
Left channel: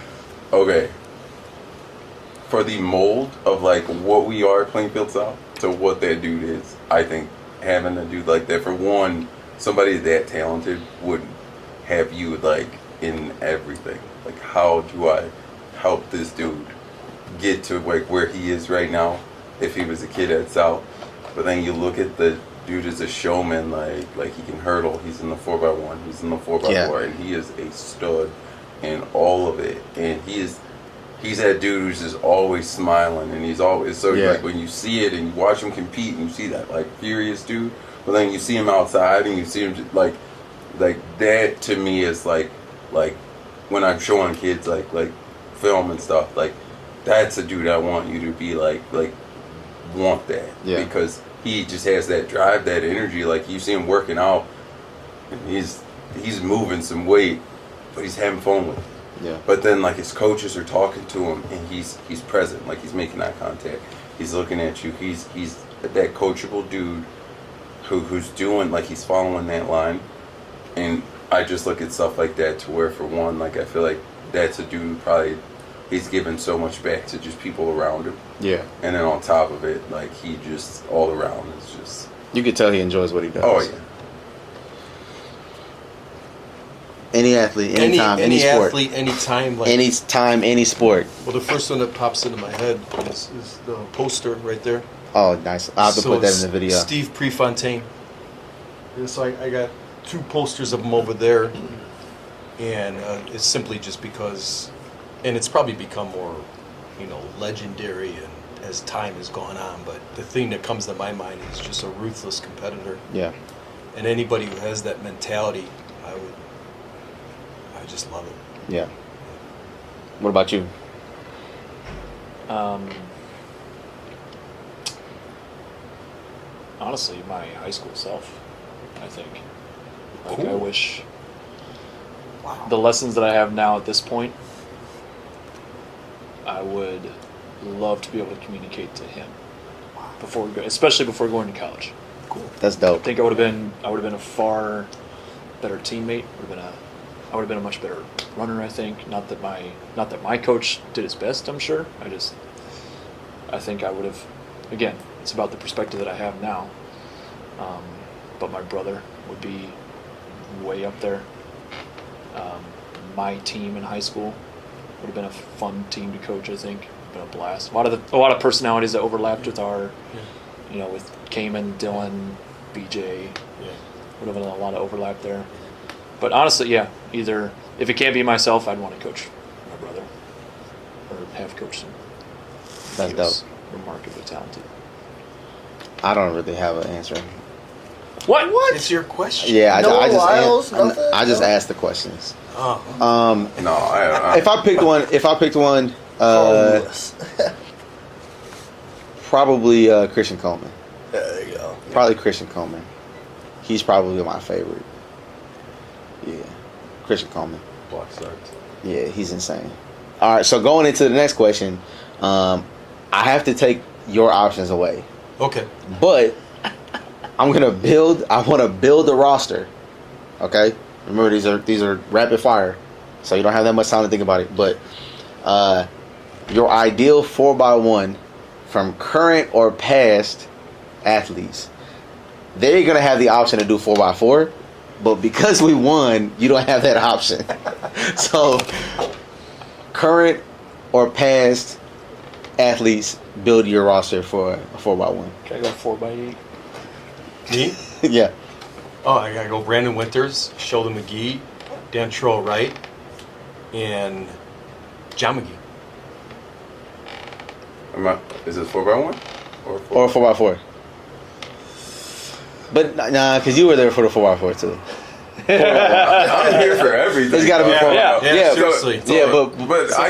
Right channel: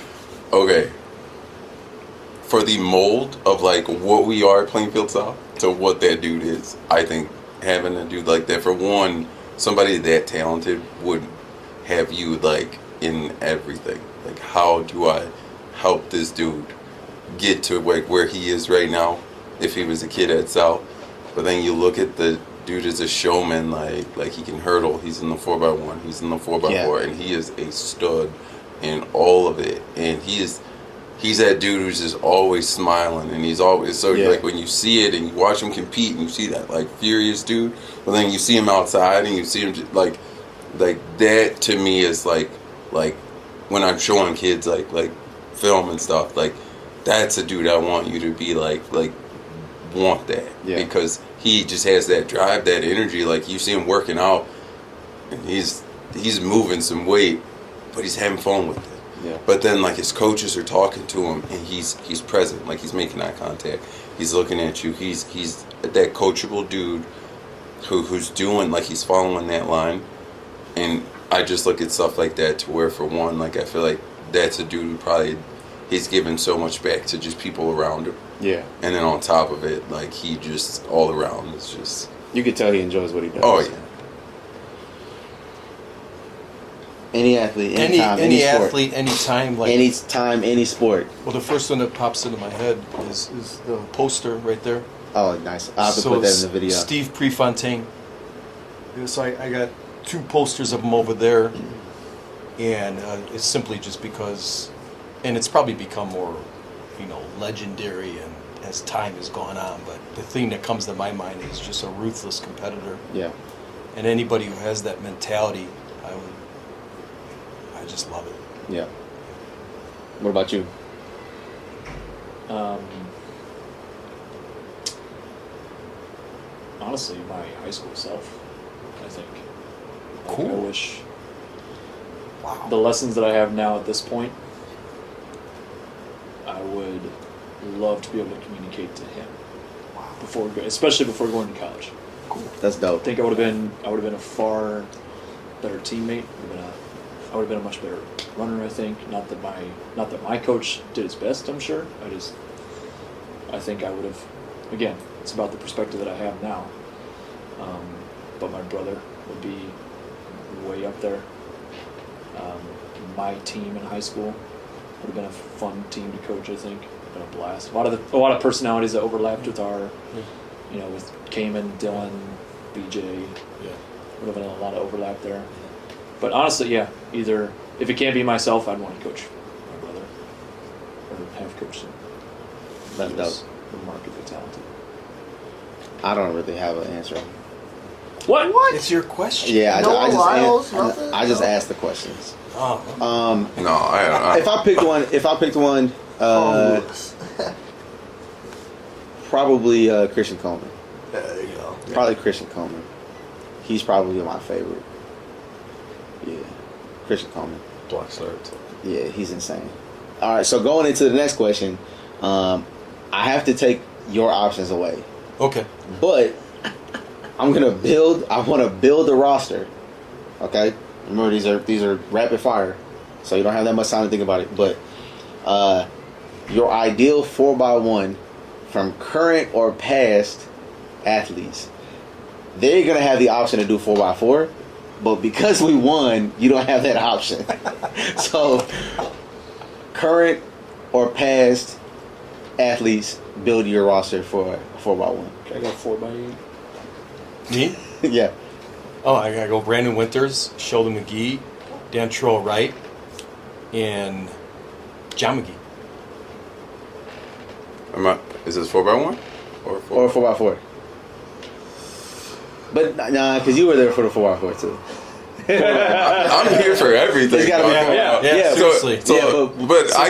Okay. For the mold of like what we are at Plainfield South to what that dude is, I think having a dude like that, for one, somebody that talented would have you like in everything. Like, how do I help this dude get to like where he is right now if he was a kid at South? But then you look at the dude as a showman, like he can hurdle, he's in the 4x1, he's in the 4x4, and he is a stud in all of it. And he's that dude who's just always smiling, and he's always like when you see it and you watch him compete and you see that like furious dude, but then you see him outside and you see him just, like that to me is like when I'm showing kids like film and stuff, like that's a dude I want you to be like want that, because he just has that drive, that energy. Like you see him working out and he's moving some weight, but he's having fun with it. Yeah. But then, like, his coaches are talking to him, and he's present. Like, he's making eye contact. He's looking at you. He's that coachable dude who's doing, like, he's following that line. And I just look at stuff like that to where, for one, like, I feel like that's a dude who probably, he's given so much back to just people around him. Yeah. And then on top of it, like, he just, all around is just... You can tell he enjoys what he does. Oh, yeah. Any athlete, anytime, any sport. Athlete, anytime. Like, any time, any sport. Well, the first one that pops into my head is the poster right there. Oh, nice. I'll have to put that in the video. Steve Prefontaine. So I got 2 posters of him over there, and it's simply just because, and it's probably become more, legendary and as time has gone on, but the thing that comes to my mind is just a ruthless competitor. Yeah. And anybody who has that mentality, I just love it. Yeah. What about you? Honestly, my high school self, I think. Like, I Cool. wish the lessons that I have now at this point, I would love to be able to communicate to him before, especially before going to college. That's I dope. think I would have been a far better teammate. I would have been a much better runner. I think not that my coach did his best. I'm sure. I think I would have. Again, it's about the perspective that I have now. But my brother would be way up there. My team in high school would have been a fun team to coach. I think would have been a blast. A lot of personalities that overlapped with our, with Cayman, Dylan, BJ. Yeah. Would have been a lot of overlap there. But honestly, yeah, either if it can't be myself, I'd want to coach my brother or have coached him. That's He was dope. remarkably talented. I don't really have an answer. What? It's your question. Yeah, No I just Lyles, nothing? I just No? asked the questions. Oh. No, I If I picked one, Carl Lewis. probably Christian Coleman. Yeah, there you go. Probably Christian Coleman. He's probably my favorite. Yeah, Christian Coleman. Block start. Yeah, he's insane. All right, so going into the next question, I have to take your options away, Okay. but I want to build a roster. Okay, remember these are rapid fire, so you don't have that much time to think about it. But your ideal 4x1 from current or past athletes, they're gonna have the option to do 4x4, but because we won, you don't have that option. So, current or past athletes, build your roster for a 4x1. Can I go 4x8? Me? Yeah. Oh, I gotta go Brandon Winters, Sheldon McGee, Dan Troll Wright, and John McGee. Is this 4x1 Or 4x4. But nah, because you were there for the 4x4 too. I'm here for everything. It's gotta be dog. 4x4. Yeah, So- seriously. Yeah, But I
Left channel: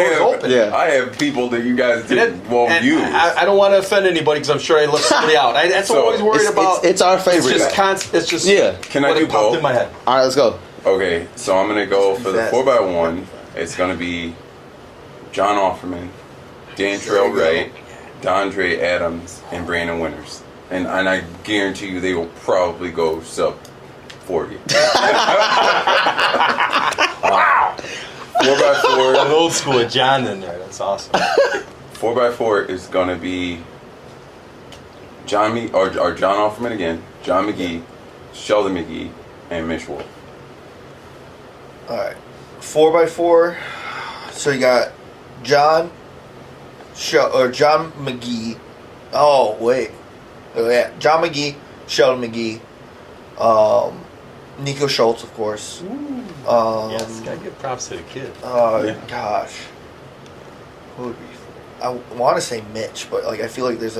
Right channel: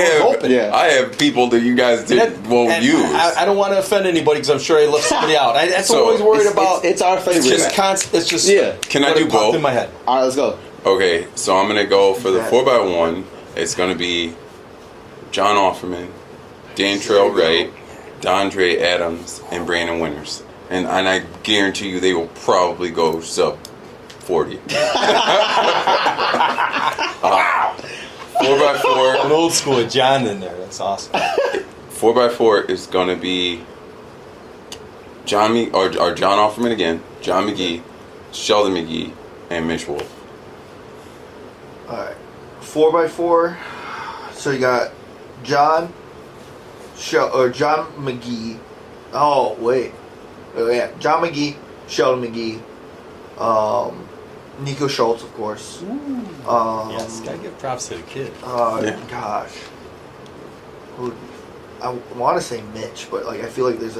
have open. Yeah. I have people that you guys won't use. I don't want to offend anybody because I'm sure I left somebody out. That's So, what I'm always worried it's, about. it's our favorite. It's just Yeah. Can I what do popped both? in my head. All right, let's go. Okay, so I'm gonna go for the 4x1. It's gonna be John Offerman, Dan Trail Wright, Dondre Adams, and Brandon Winters. And I guarantee you they will probably go sub 40. 4x4. I'm old school with John in there. That's awesome. 4x4 is gonna be John Offerman again, John McGee, Sheldon McGee, and Mitch Wolf. All right, 4x4. So you got John McGee. Oh wait, yeah, John McGee, Sheldon McGee, Nico Schultz, of course. Yes, gotta give props to the kid. Yeah. Gosh, who would be? I want to say Mitch, but like I feel like there's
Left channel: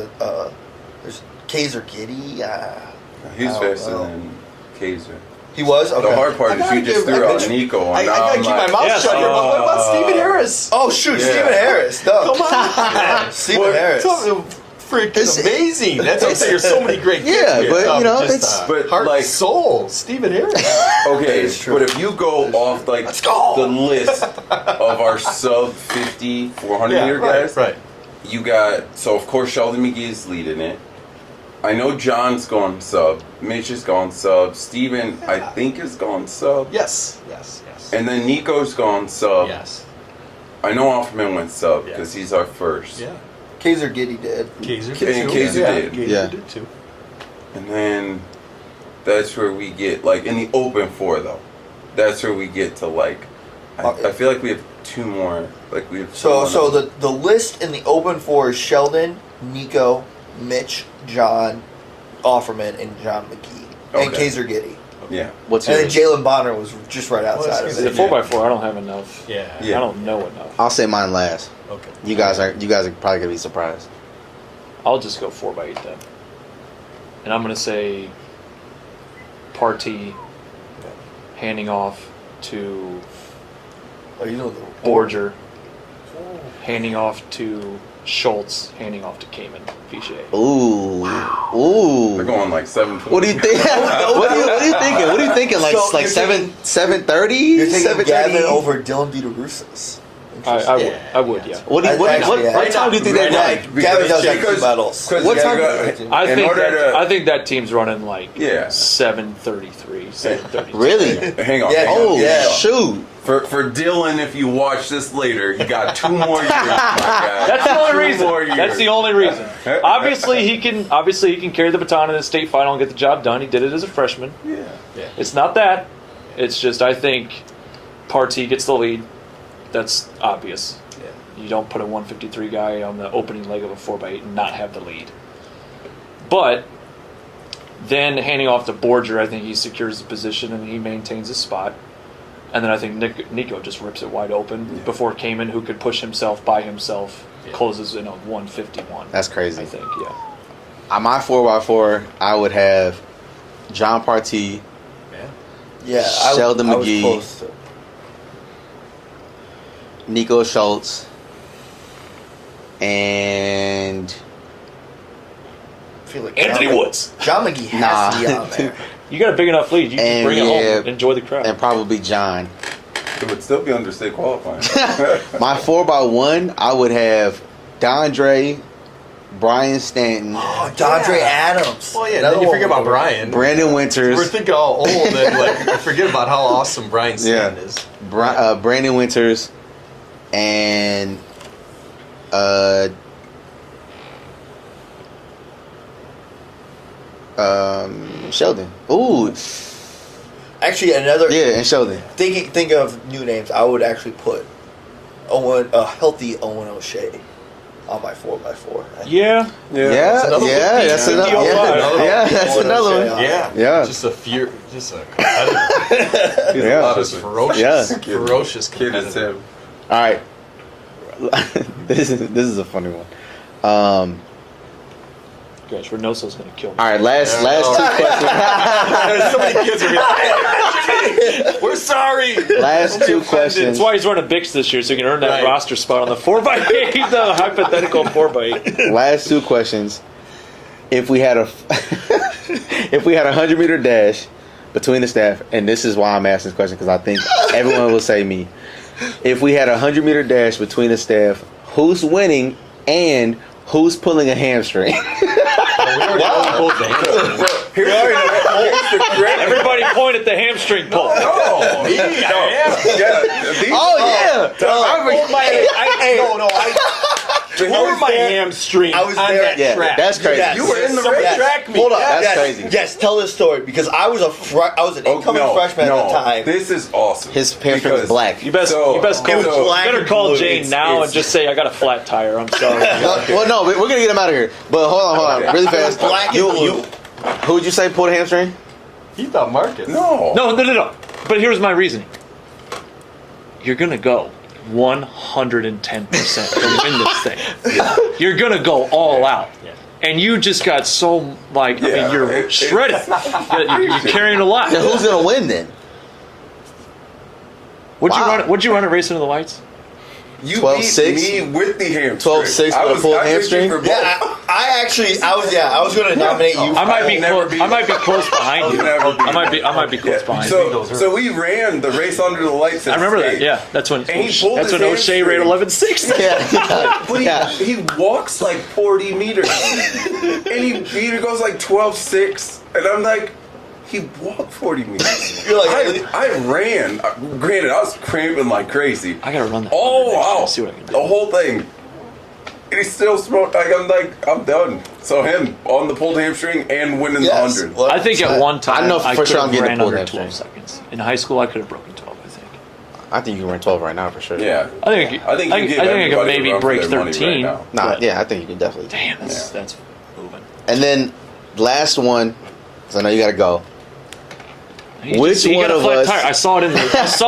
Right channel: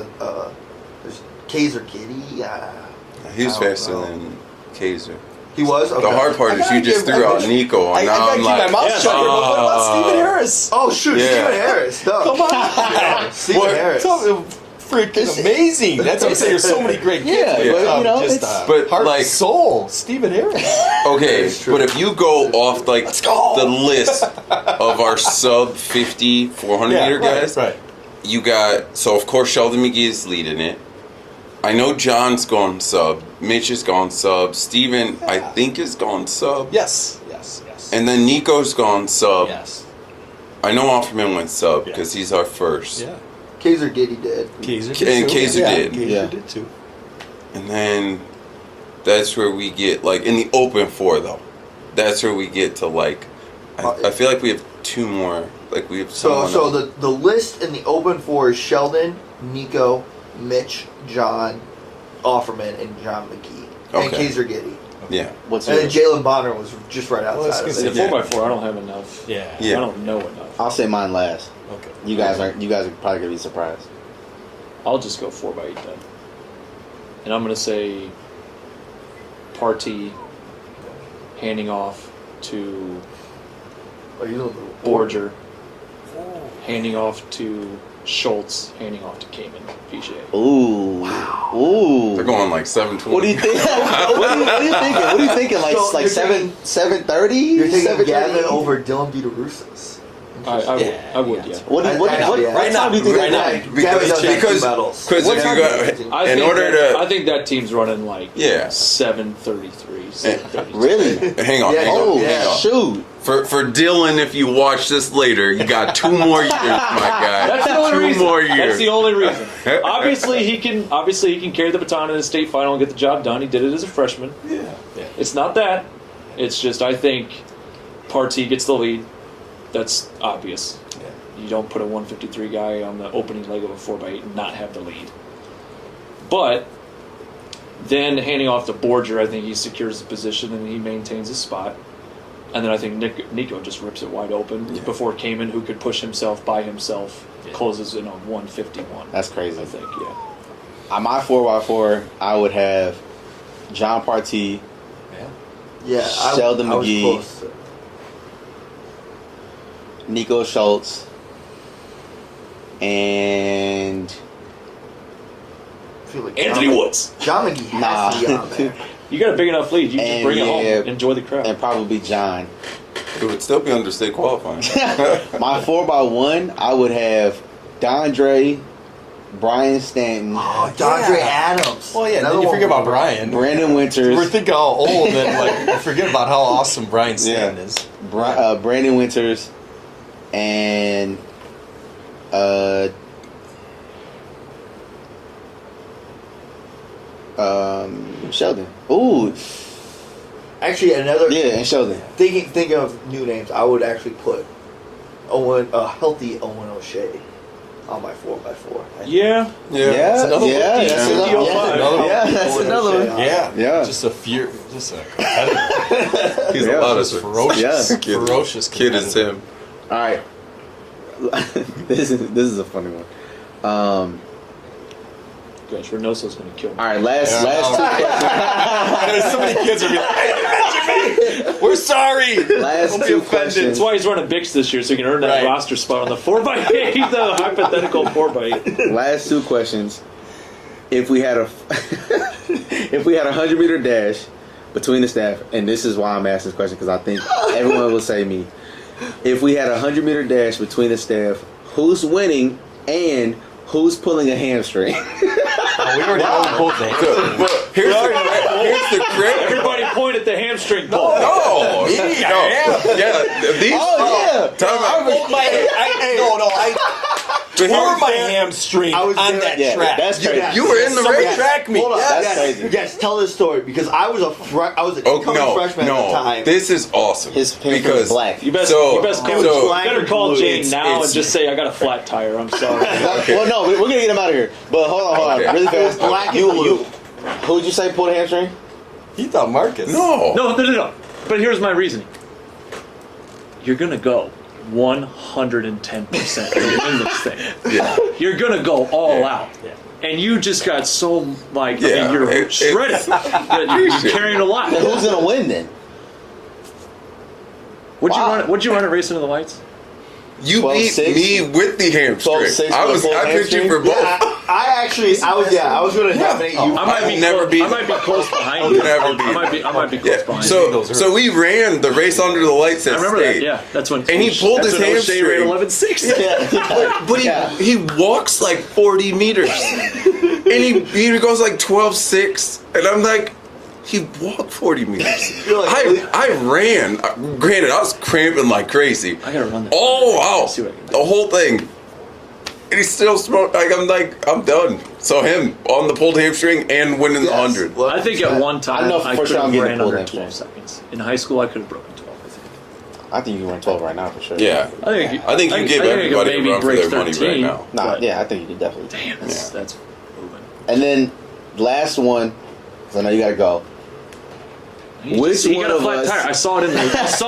Kaiser Giddy. He was I don't faster know. than Kaiser. He was okay. The hard part is you just threw out Nico, I and now gotta I'm keep my like, mouth shut here, but what about Stephen Harris? Oh shoot, Yeah. Stephen Harris. Duh. Come on. Stephen What? Harris. Freaking It's- amazing. That's what I'm saying. There's so many great kids. Yeah, here. but, you know, Just, it's- but, heart like- and soul. Stephen Harris. okay, It's true. but if you go off like the list of our sub 50 400 meter guys, Right. you got, so of course Sheldon McGee is leading it. I know John's gone sub, Mitch has gone sub, Steven I think has gone sub, Yes. and then Nico's gone sub. Yes. I know Offerman went sub Yeah. because he's our first. Yeah. Kaiser Giddy did. Kaiser did And too. Kaiser did. Kaiser Yeah. did too. And then that's where we get, like, in the open four, though. That's where we get to, like, I feel like we have two more. Like, we have So someone the list in the open four is Sheldon, Nico, Mitch, John, Offerman, and John McGee, and Okay. Kaiser Giddy. Yeah. What's And then yours? Jalen Bonner was just right outside It's of a it. Yeah. 4x4. I don't have enough. Yeah. Yeah. I don't know enough. I'll say mine last. Okay. You guys are probably gonna be surprised. I'll just go 4x8 then. And I'm gonna say Partee, handing off, to Oh, you know the Borger, handing off to Schultz, handing off to Kamen Fiche. Ooh. Ooh. They're going like 7:20. What do you think? What are you thinking? What are you thinking? Like So like you're 7:30? You're taking 7:30? Gavin over Dylan Vitorusis. I would, yeah. What time do you think they're like? Gavin does have Because- 2 medals. because What you time got- I in think order to- I think that team's running like Yeah. 7:33, 7:32. Really? Hang on. Yeah, hang on, Oh, hang on. shoot. For Dylan, if you watch this later, you got 2 more years, my guy. That's the only 2 reason. more years. That's the only reason. Obviously, he can carry the baton in the state final and get the job done. He did it as a freshman. Yeah. It's not that. It's just I think Partee gets the lead. That's obvious. You don't put a 153 guy on the opening leg of a 4x8 and not have the lead. But then handing off to Borger, I think he secures the position and he maintains his spot. And then I think Nico just rips it wide open before Kamen, who could push himself by himself, closes in on 151. That's crazy. I think, yeah. On my 4x4, I would have John Partee, Yeah, Sheldon I was McGee. close to. Nico Schultz, and I feel like Anthony John, Woods. John McGee has to be on there. You got a big enough lead. You And, can bring it yeah, home and enjoy the crowd. and probably John. It would still be under state qualifying. My 4x1, I would have Dondre, Brian Stanton, Oh, Dondre Adams. Well, yeah, Another then you one forget we about were- Brian. Brandon Winters. We're thinking all old, and like I forget about how awesome Brian Stanton is. Brandon Winters, and Sheldon. Ooh, Actually, another yeah, and Sheldon. think of new names. I would actually put a healthy Owen O'Shea on my 4x4. Yeah, Yeah. that's another that's one. another. Yeah. Yeah, that's Owen another O'Shea one. on Yeah, Yeah. just a competitor. He's Yeah. a lot of Just it. ferocious, Yeah. ferocious Kid is competitor. him. All right, this is a funny one. Gosh, Reynoso's going to kill me. All right, last There's so many kids are like, we're sorry. last Don't be two offended. questions. That's why he's running Bix this year, so he can earn that Right. roster spot on the 4x8, the hypothetical 4x8. Last two questions. If we had a 100-meter dash between the staff, and this is why I'm asking this question because I think everyone will say me. If we had a 100-meter dash between the staff, who's winning and who's pulling a hamstring? We already pulled the Here's the great. Everybody point at the hamstring pull. Oh, Me? no. Yeah. These, Oh, but Tore here's my the- hamstring I was on there. that Yeah, track. that's crazy. Yes. You were in the Someone race. track me. Hold on. Yeah. That's yes, crazy. yes, tell this story because I was an incoming freshman at the time. This is awesome. His parents Because- was black. You best So- call, so- better call Jane It's- now it's- and just say, I got a flat tire. I'm sorry. Well, no, we're gonna get him out of here. But hold on, Okay. really fast. Black and blue. Who would you say pulled a hamstring? He thought Marcus. No. No. But here's my reasoning. You're going to go 110% to win this thing. You're going to go all out. Yeah. And you just got so, like, Yeah. you're shredded. You're carrying a lot. Yeah, who's gonna win then? What'd you run at Racing to the Lights? You 12-6? beat me with the hamstring. 12-6 I was for a I picked hamstring? you for both. Yeah, I was going to nominate you. I might be never close. be- I might be close behind you. Never be- I might be close behind you. So we ran the race under the lights at I remember that. state. Yeah, that's when. And he pulled that's his when O'Shea ran hamstring. 11.6. Yeah. But Yeah. he walks like 40 meters. And he goes like 12.6. And I'm like, he walked 40 meters. You're like, I ran. Granted, I was cramping like crazy. I gotta run that. All out. See what I can do. The whole thing. And he still smoked. I'm done. So him on the pulled hamstring and winning Yes. the 100. Well, I think at one time I know for could sure I'm have getting ran the pulled under hamstring. 12 seconds. In high school, I could have broken 12. I think. I think you can run 12 right now for sure. Yeah. I think I think you give I everybody could maybe a run for break their money 13. right now. Nah, but- yeah, I think you can definitely. Damn, that's Yeah. moving. And then last one, because I know you gotta go. He Which got one a of flat us- tire. I saw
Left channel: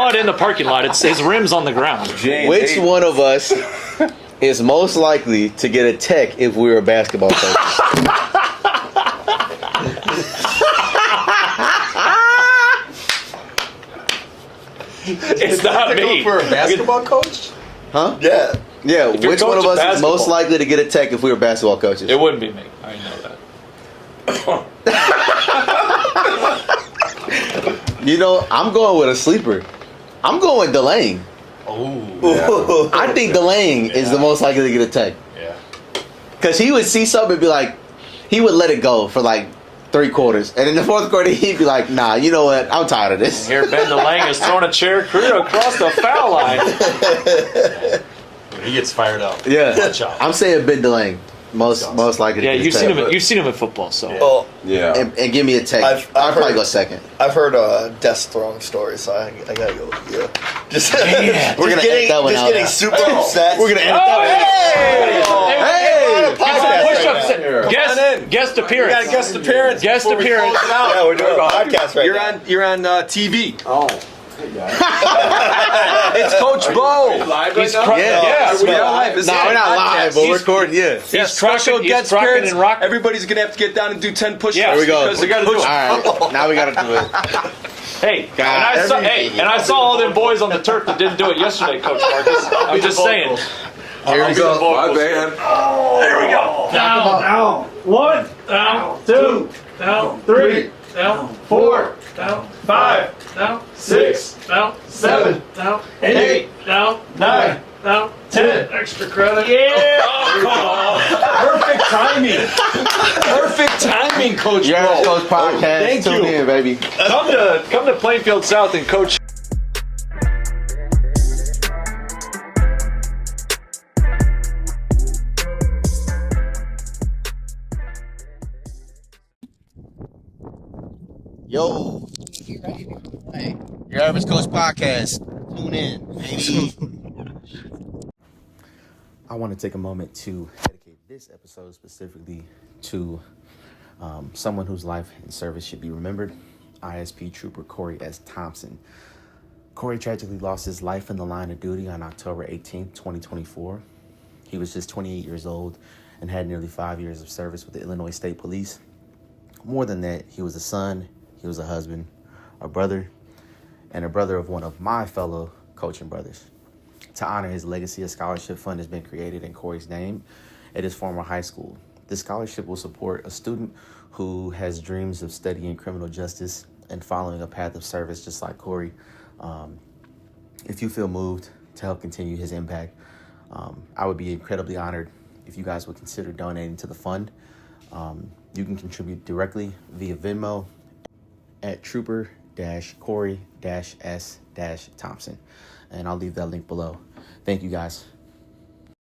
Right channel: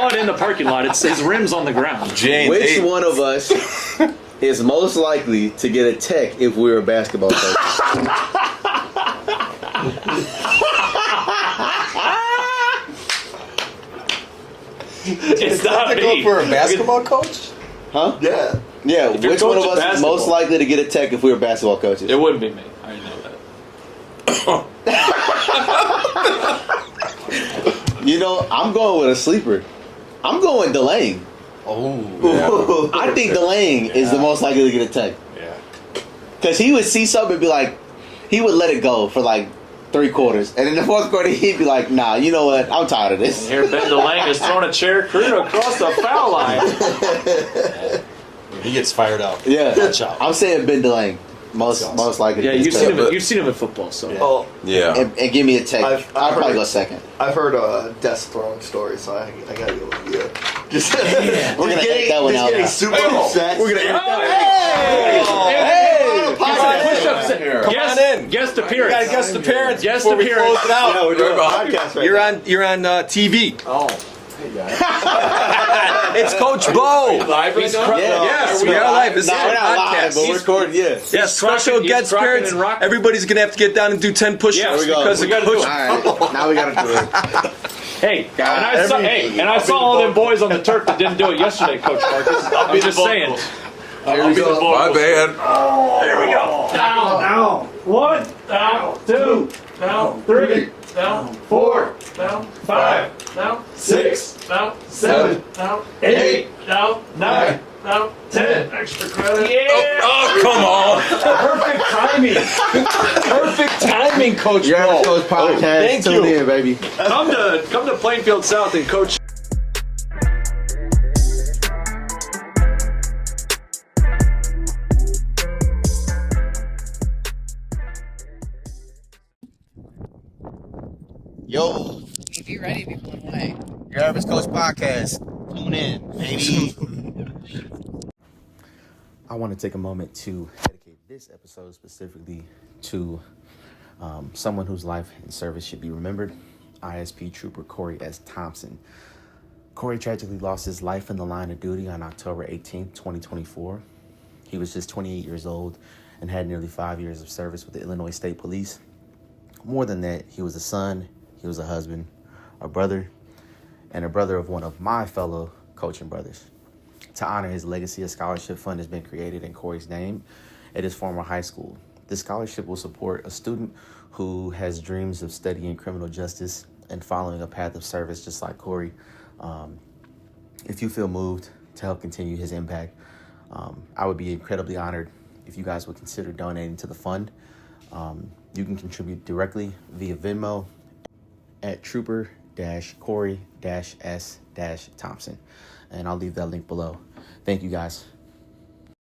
it in the parking lot. It's his rim's on the ground. Which one of us is most likely to get a tech if we were basketball coaches? It's not To go me. for a basketball coach? Huh? Yeah. Yeah, If you're which one of coaching us is most basketball. likely to get a tech if we were basketball coaches? It wouldn't be me. I know that. You know, I'm going with a sleeper. I'm going with Delane. Oh. I think Delane is the most likely to get a tech. Yeah. Because he would see something and be like, he would let it go for like 3 quarters. And in the 4th quarter, he'd be like, nah, you know what? I'm tired of this. Here, Ben DeLange is throwing a chair clear across the foul line. When he gets fired up. Yeah. Watch out. I'm saying Ben DeLange. Most likely to Yeah, get a you've tech. seen him in football, so. Well, Yeah. And give me a tech. I've I'll probably heard- go second. I've heard desk throwing stories, so I gotta go with you. Just, Yeah. We're gonna getting, edit that one just out. getting super upset. We're gonna edit Oh, that one. Hey! Podcast Push-ups. right now. Guest We appearance. got a guest appearance. Guest before we appearance. close it out. Yeah, we're doing a podcast right You're now. on TV. Oh. It's Coach Bo. Live right now? Yes, we are live. This is Nah, a we're not live, podcast. but we're recording, yeah. Yeah, special he's guest rocking appearance. and rocking. Everybody's gonna have to get down and do 10 push-ups. Yeah, Here we go. because We of gotta do Coach- it. All right, now we gotta do it. Hey, and I saw all them boys on the turf that didn't do it yesterday, Coach Marcus. I'm just saying. Here we go. My bad. There we go. Down. 1, down, 2, down, 3, down, 4, down, 5, down, 6, down, 7, down, 8, down, 9, down, 10. Extra credit. Yeah. Oh, Perfect timing. Perfect timing, Coach Bo. UrAvgCoach Podcast. Thank Tune you. in, baby. Come to Plainfield South and coach. Yo, If you're ready to be blown away. UrAvgCoach Podcast. Tune in, baby. I want to take a moment to dedicate this episode specifically to someone whose life and service should be remembered. ISP Trooper Corey S. Thompsen. Corey tragically lost his life in the line of duty on October 18, 2024. He was just 28 years old and had nearly 5 years of service with the Illinois State Police. More than that, he was a son, he was a husband, a brother, and a brother of one of my fellow coaching brothers. To honor his legacy, a scholarship fund has been created in Corey's name at his former high school. This scholarship will support a student who has dreams of studying criminal justice and following a path of service just like Corey. If you feel moved to help continue his impact, I would be incredibly honored if you guys would consider donating to the fund. You can contribute directly via Venmo at Trooper-Corey-S-Thompson. And I'll leave that link below. Thank you guys.